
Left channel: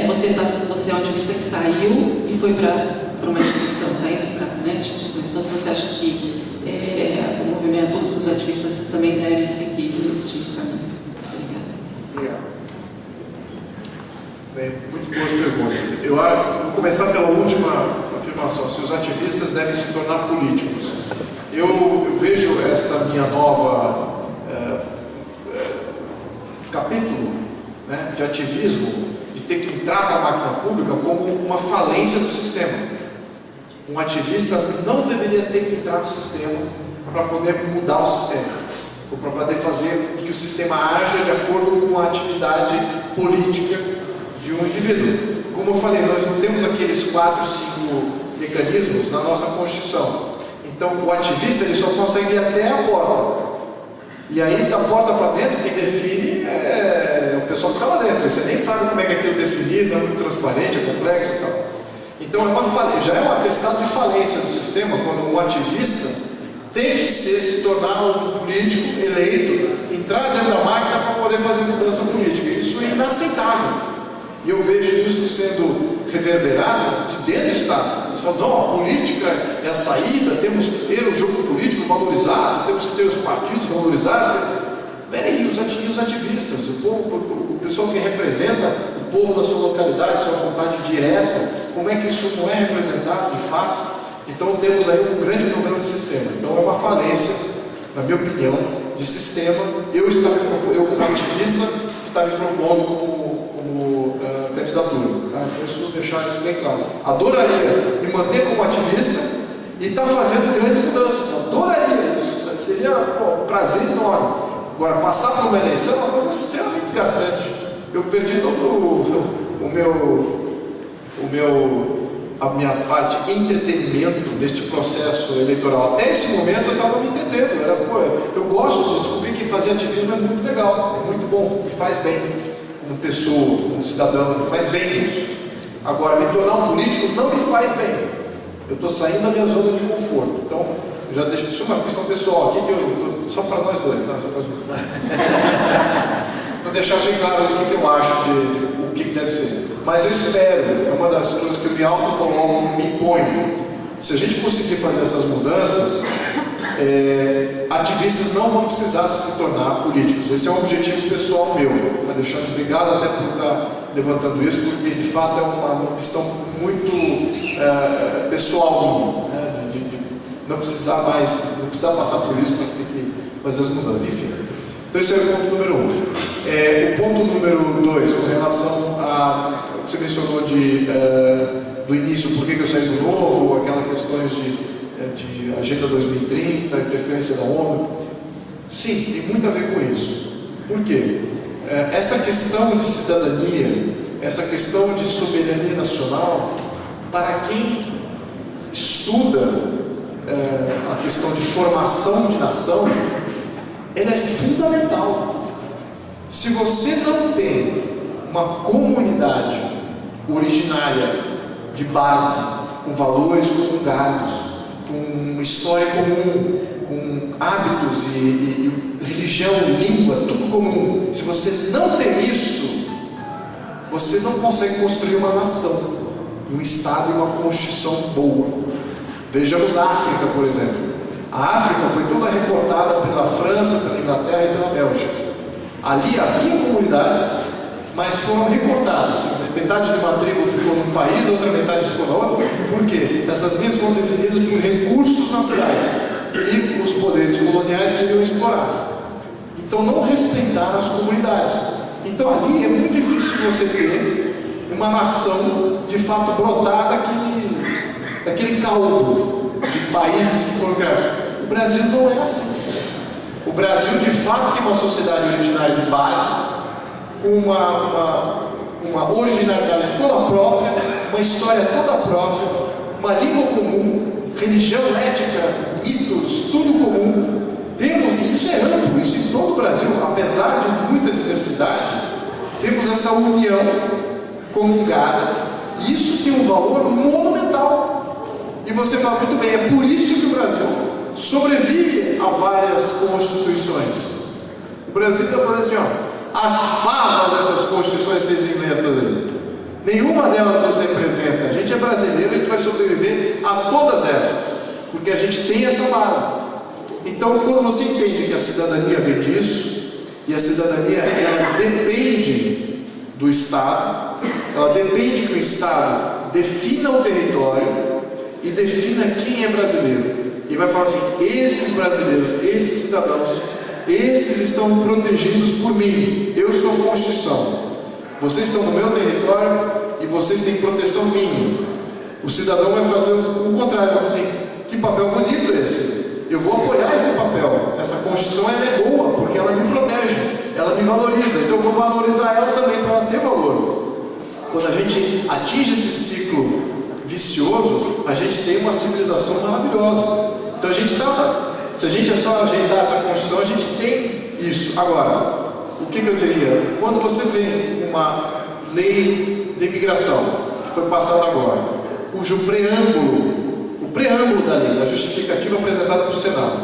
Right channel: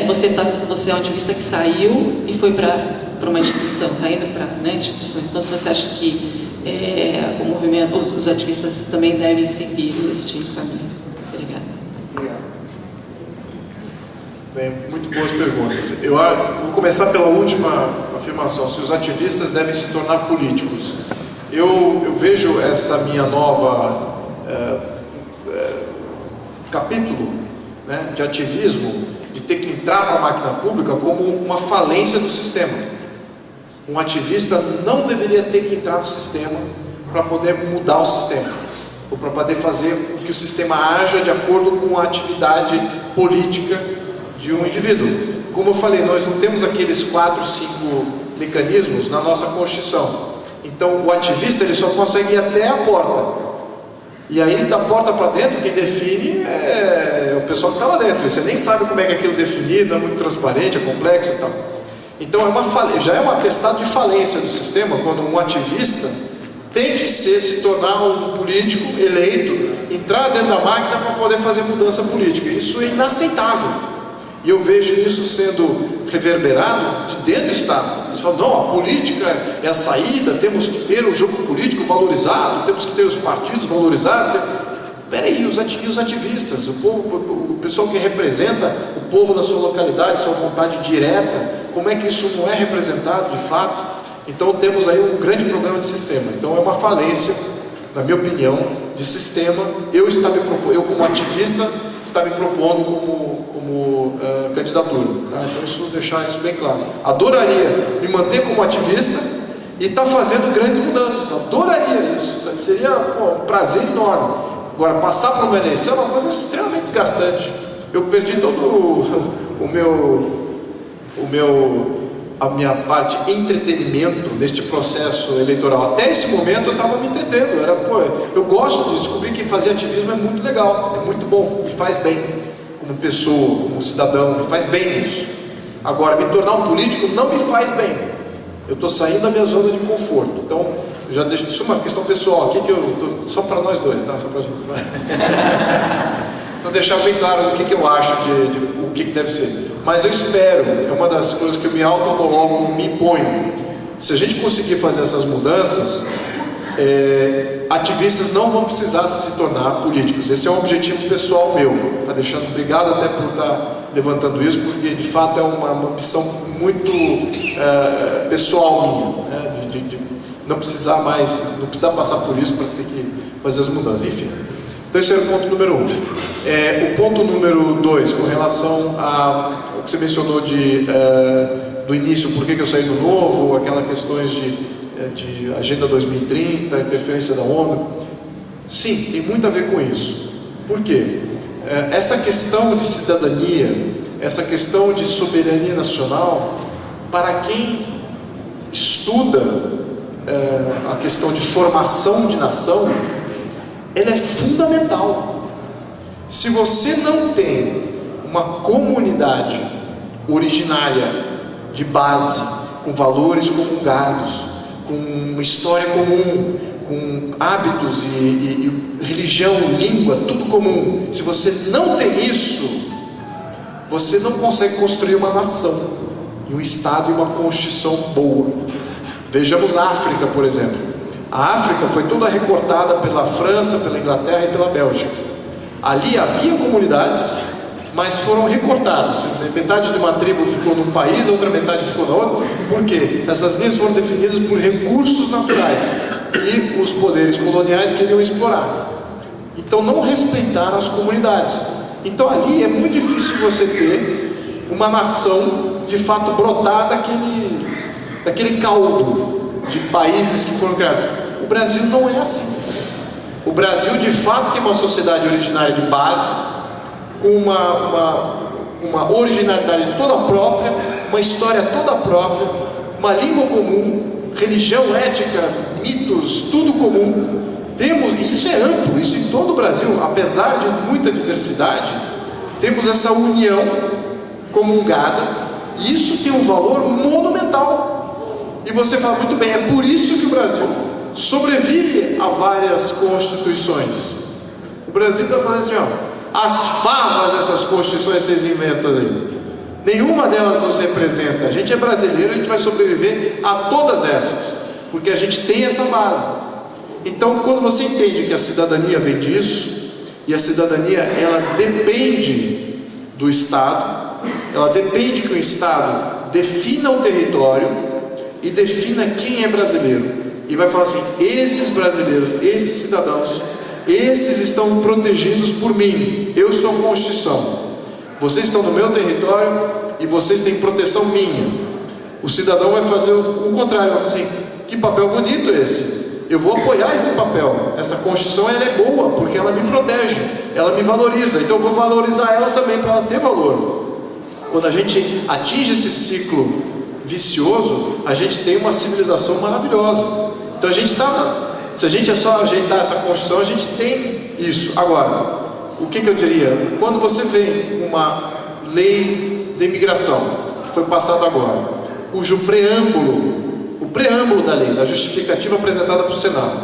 você é um ativista que saiu e foi para uma instituição, está indo para instituições. Então, se você acha que o movimento, os ativistas também devem seguir este caminho. Obrigada. Bem, muito boas perguntas. Eu vou começar pela última afirmação, se os ativistas devem se tornar políticos. Eu vejo essa minha nova capítulo, né, de ativismo, de ter que entrar para a máquina pública como uma falência do sistema. Um ativista não deveria ter que entrar no sistema para poder mudar o sistema, ou para poder fazer com que o sistema haja de acordo com a atividade política de um indivíduo. Como eu falei, nós não temos aqueles 4, 5 mecanismos na nossa Constituição. Então o ativista ele só consegue ir até a porta. E aí, da porta para dentro, quem define é o pessoal que está lá dentro. Você nem sabe como é que é aquilo definido, é muito transparente, é complexo e tal. Então, já é um atestado de falência do sistema, quando um ativista tem que se tornar um político eleito, entrar dentro da máquina para poder fazer mudança política. Isso é inaceitável. E eu vejo isso sendo reverberado de dentro do Estado. Eles falam, não, a política é a saída, temos que ter o jogo político valorizado, temos que ter os partidos valorizados. Peraí, os ativistas, o pessoal que representa o povo da sua localidade, sua vontade direta, como é que isso não é representado de fato? Então temos aí um grande problema de sistema. Então é uma falência, na minha opinião, de sistema. Eu como ativista, está me propondo como candidatura. Tá? Então isso, deixar isso bem claro. Adoraria me manter como ativista e estar fazendo grandes mudanças. Adoraria isso. Seria um prazer enorme. Agora, passar por uma eleição é uma coisa extremamente desgastante. Eu perdi todo a minha parte entretenimento neste processo eleitoral. Até esse momento eu estava me entretendo. Eu gosto de descobrir que fazer ativismo é muito legal, é muito bom, me faz bem como pessoa, como cidadão, me faz bem isso. Agora, me tornar um político não me faz bem. Eu estou saindo da minha zona de conforto. Então, eu já deixo isso uma questão pessoal aqui, só para nós dois, tá? Só para então, deixar bem claro o que eu acho o que deve ser. Mas eu espero, é uma das coisas que eu me autocoloco, me imponho. Se a gente conseguir fazer essas mudanças, ativistas não vão precisar se tornar políticos. Esse é um objetivo pessoal meu. Tá deixando, obrigado até por estar levantando isso, porque de fato é uma opção muito pessoal minha, né? de não precisar passar por isso para ter que fazer as mudanças. Enfim. Então esse é o ponto número 1. O ponto número 2, com relação ao que você mencionou do início, por que eu saí do Novo, aquelas questões de Agenda 2030, interferência da ONU. Sim, tem muito a ver com isso. Por quê? Essa questão de cidadania, essa questão de soberania nacional, para quem estuda a questão de formação de nação, ela é fundamental. Se você não tem uma comunidade originária de base, com valores comungados, com uma história comum, com hábitos e religião, língua, tudo comum, se você não tem isso, você não consegue construir uma nação, um Estado e uma Constituição boa. Vejamos a África, por exemplo. A África foi toda recortada pela França, pela Inglaterra e pela Bélgica. Ali havia comunidades, mas foram recortadas. Metade de uma tribo ficou num país, a outra metade ficou na outra. Por quê? Essas linhas foram definidas por recursos naturais e os poderes coloniais queriam explorar. Então não respeitaram as comunidades. Então ali é muito difícil você ter uma nação de fato brotar daquele caldo de países que foram criados. O Brasil não é assim. O Brasil de fato tem uma sociedade originária de base, com uma originalidade toda própria, uma história toda própria, uma língua comum, religião, ética, mitos, tudo comum. E isso é amplo, isso em todo o Brasil, apesar de muita diversidade, temos essa união comungada, e isso tem um valor monumental. E você fala, muito bem, é por isso que o Brasil sobrevive a várias constituições. O Brasil está falando assim, as favas dessas constituições vocês inventam aí. Nenhuma delas nos representa. A gente é brasileiro, a gente vai sobreviver a todas essas, porque a gente tem essa base. Então, quando você entende que a cidadania vem disso, e a cidadania, ela depende do Estado, ela depende que o Estado defina o território e defina quem é brasileiro. E vai falar assim, esses brasileiros, esses cidadãos, esses estão protegidos por mim. Eu sou a Constituição. Vocês estão no meu território e vocês têm proteção minha. O cidadão vai fazer o contrário, vai falar assim, que papel bonito esse. Eu vou apoiar esse papel. Essa Constituição ela é boa, porque ela me protege, ela me valoriza. Então eu vou valorizar ela também para ela ter valor. Quando a gente atinge esse ciclo vicioso, a gente tem uma civilização maravilhosa. Então se a gente é só ajeitar essa Constituição, a gente tem isso. Agora, o que eu diria? Quando você vem uma lei de imigração, que foi passada agora, cujo o preâmbulo da lei, da justificativa apresentada para o Senado,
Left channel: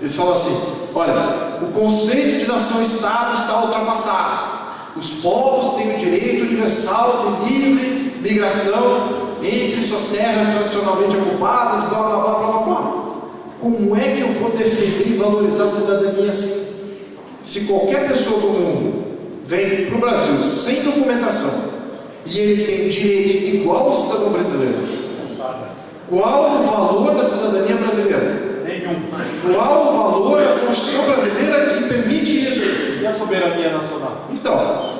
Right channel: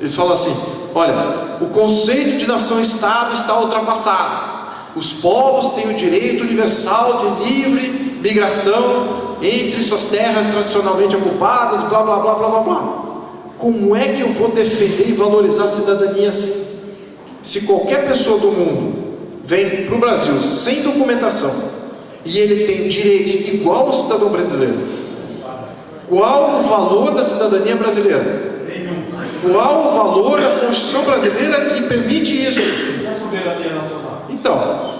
eles falam assim: olha, o conceito de nação-estado está ultrapassado. Os povos têm o direito universal de livre migração entre suas terras tradicionalmente ocupadas, blá blá blá blá blá blá. Como é que eu vou defender e valorizar a cidadania assim? Se qualquer pessoa do mundo vem para o Brasil sem documentação e ele tem direitos igual ao cidadão brasileiro, qual o valor da cidadania brasileira? Qual o valor da Constituição brasileira que permite isso? E a soberania nacional? Então,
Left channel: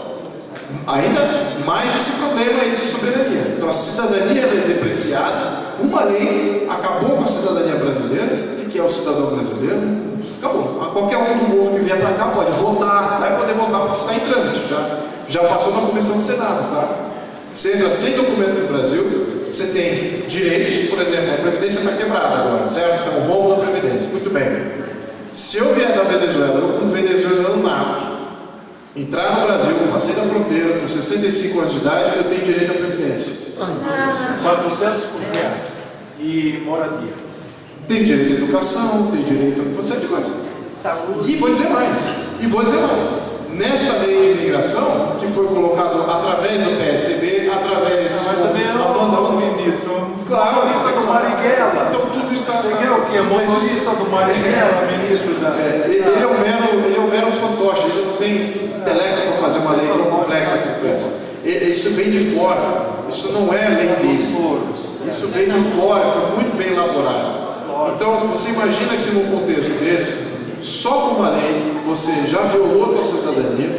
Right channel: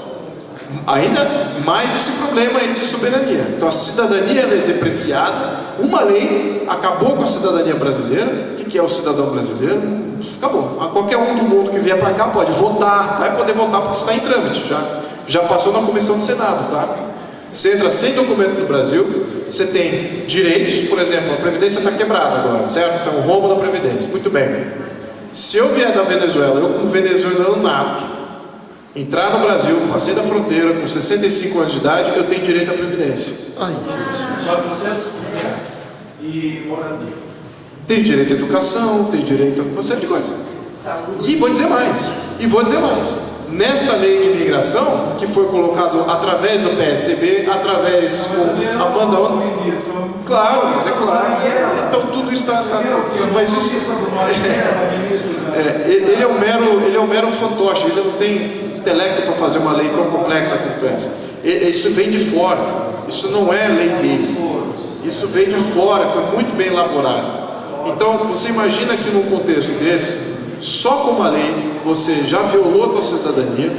ainda mais esse problema aí de soberania. Então a cidadania é depreciada. Uma lei acabou com a cidadania brasileira. O que é o cidadão brasileiro? Acabou. Qualquer um do mundo que vier para cá pode votar, vai poder votar porque está em trâmite, já passou na comissão do Senado, tá? Você entra sem documento no Brasil, você tem direitos, por exemplo, a Previdência está quebrada agora, certo? Então, o rombo da Previdência. Muito bem. Se eu vier da Venezuela, eu como venezuelano nato, entrar no Brasil, passei da fronteira, com 65 anos de idade, eu tenho direito à Previdência. 400 reais e moradia. Tem direito à educação, tem direito a uma série de coisas. E vou dizer mais. Nesta lei de imigração, que foi colocado através do PSDB, através do abandão. Claro, mas é claro. Então tudo está. Mas isso, ele é um mero fantoche, ele não tem intelecto para fazer uma lei tão complexa como essa. Isso vem de fora, isso não é lei dele. Isso veio de fora, foi muito bem elaborado. Então, você imagina que num contexto desse, só com uma lei, você já violou a sua cidadania,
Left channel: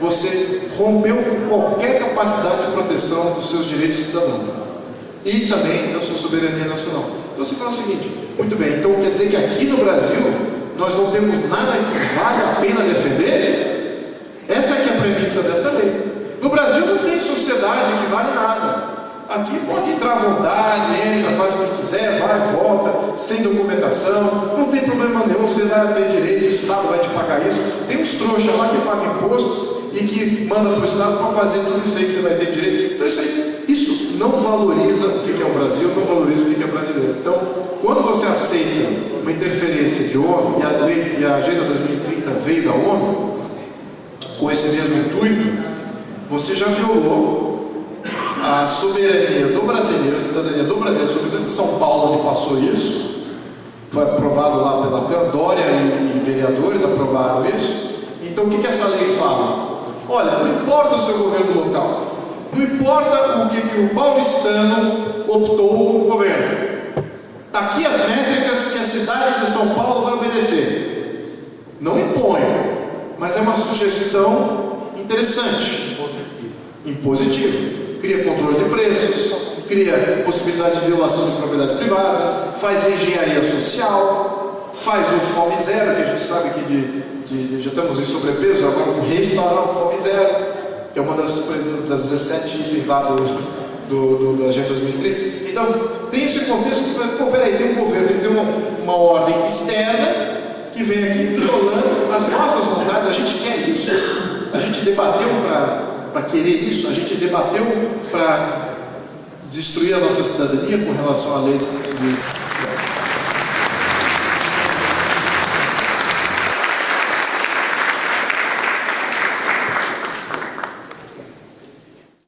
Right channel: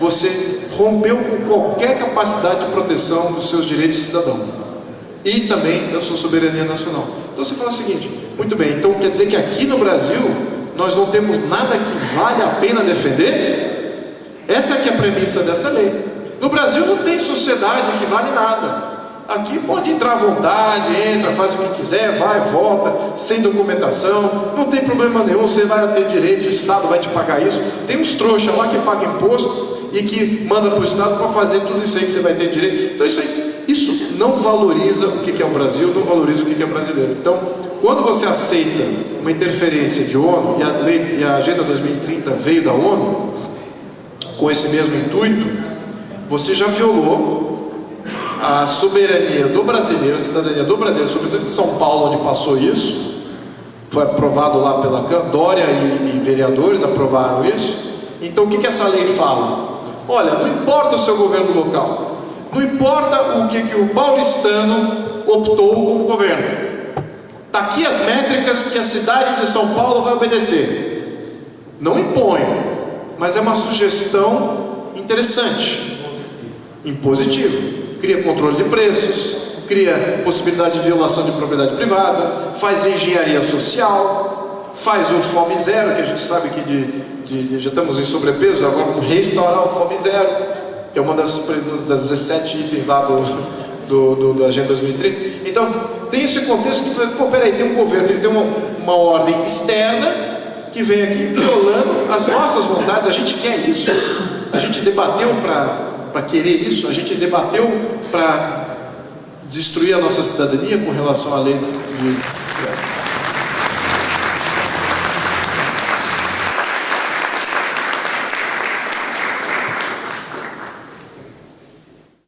você rompeu com qualquer capacidade de proteção dos seus direitos de cidadão e também da sua soberania nacional. Então você fala o seguinte: muito bem, então quer dizer que aqui no Brasil nós não temos nada que vale a pena defender? Essa é que é a premissa dessa lei. No Brasil não tem sociedade que vale nada. Aqui pode entrar à vontade, entra, faz o que quiser, vai, volta, sem documentação, não tem problema nenhum, você vai ter direito, o Estado vai te pagar isso. Tem uns trouxas lá que pagam imposto e que manda para o Estado para fazer tudo isso aí que você vai ter direito. Então isso não valoriza o que é o Brasil, não valoriza o que é brasileiro. Então, quando você aceita uma interferência de ONU, e a Agenda 2030 veio da ONU, com esse mesmo intuito, você já violou a soberania do brasileiro, a cidadania do brasileiro, sobretudo de São Paulo, onde passou isso. Foi aprovado lá pela Dória e vereadores aprovaram isso. Então o que essa lei fala? Olha, não importa o seu governo local, não importa o que o paulistano optou como governo, está aqui as métricas que a cidade de São Paulo vai obedecer. Não impõe, mas é uma sugestão interessante, impositiva. Cria controle de preços, cria possibilidade de violação de propriedade privada, faz engenharia social, faz o Fome Zero, que a gente sabe que já estamos em sobrepeso, agora vamos restaurar o Fome Zero, que é uma das 17 itens lá da Agenda 2030. Então, tem esse contexto que, pô, peraí, tem um governo, ele tem uma ordem externa que vem aqui violando as nossas vontades. A gente quer isso, a gente debateu para querer isso, a gente debateu para destruir a nossa cidadania com relação à lei de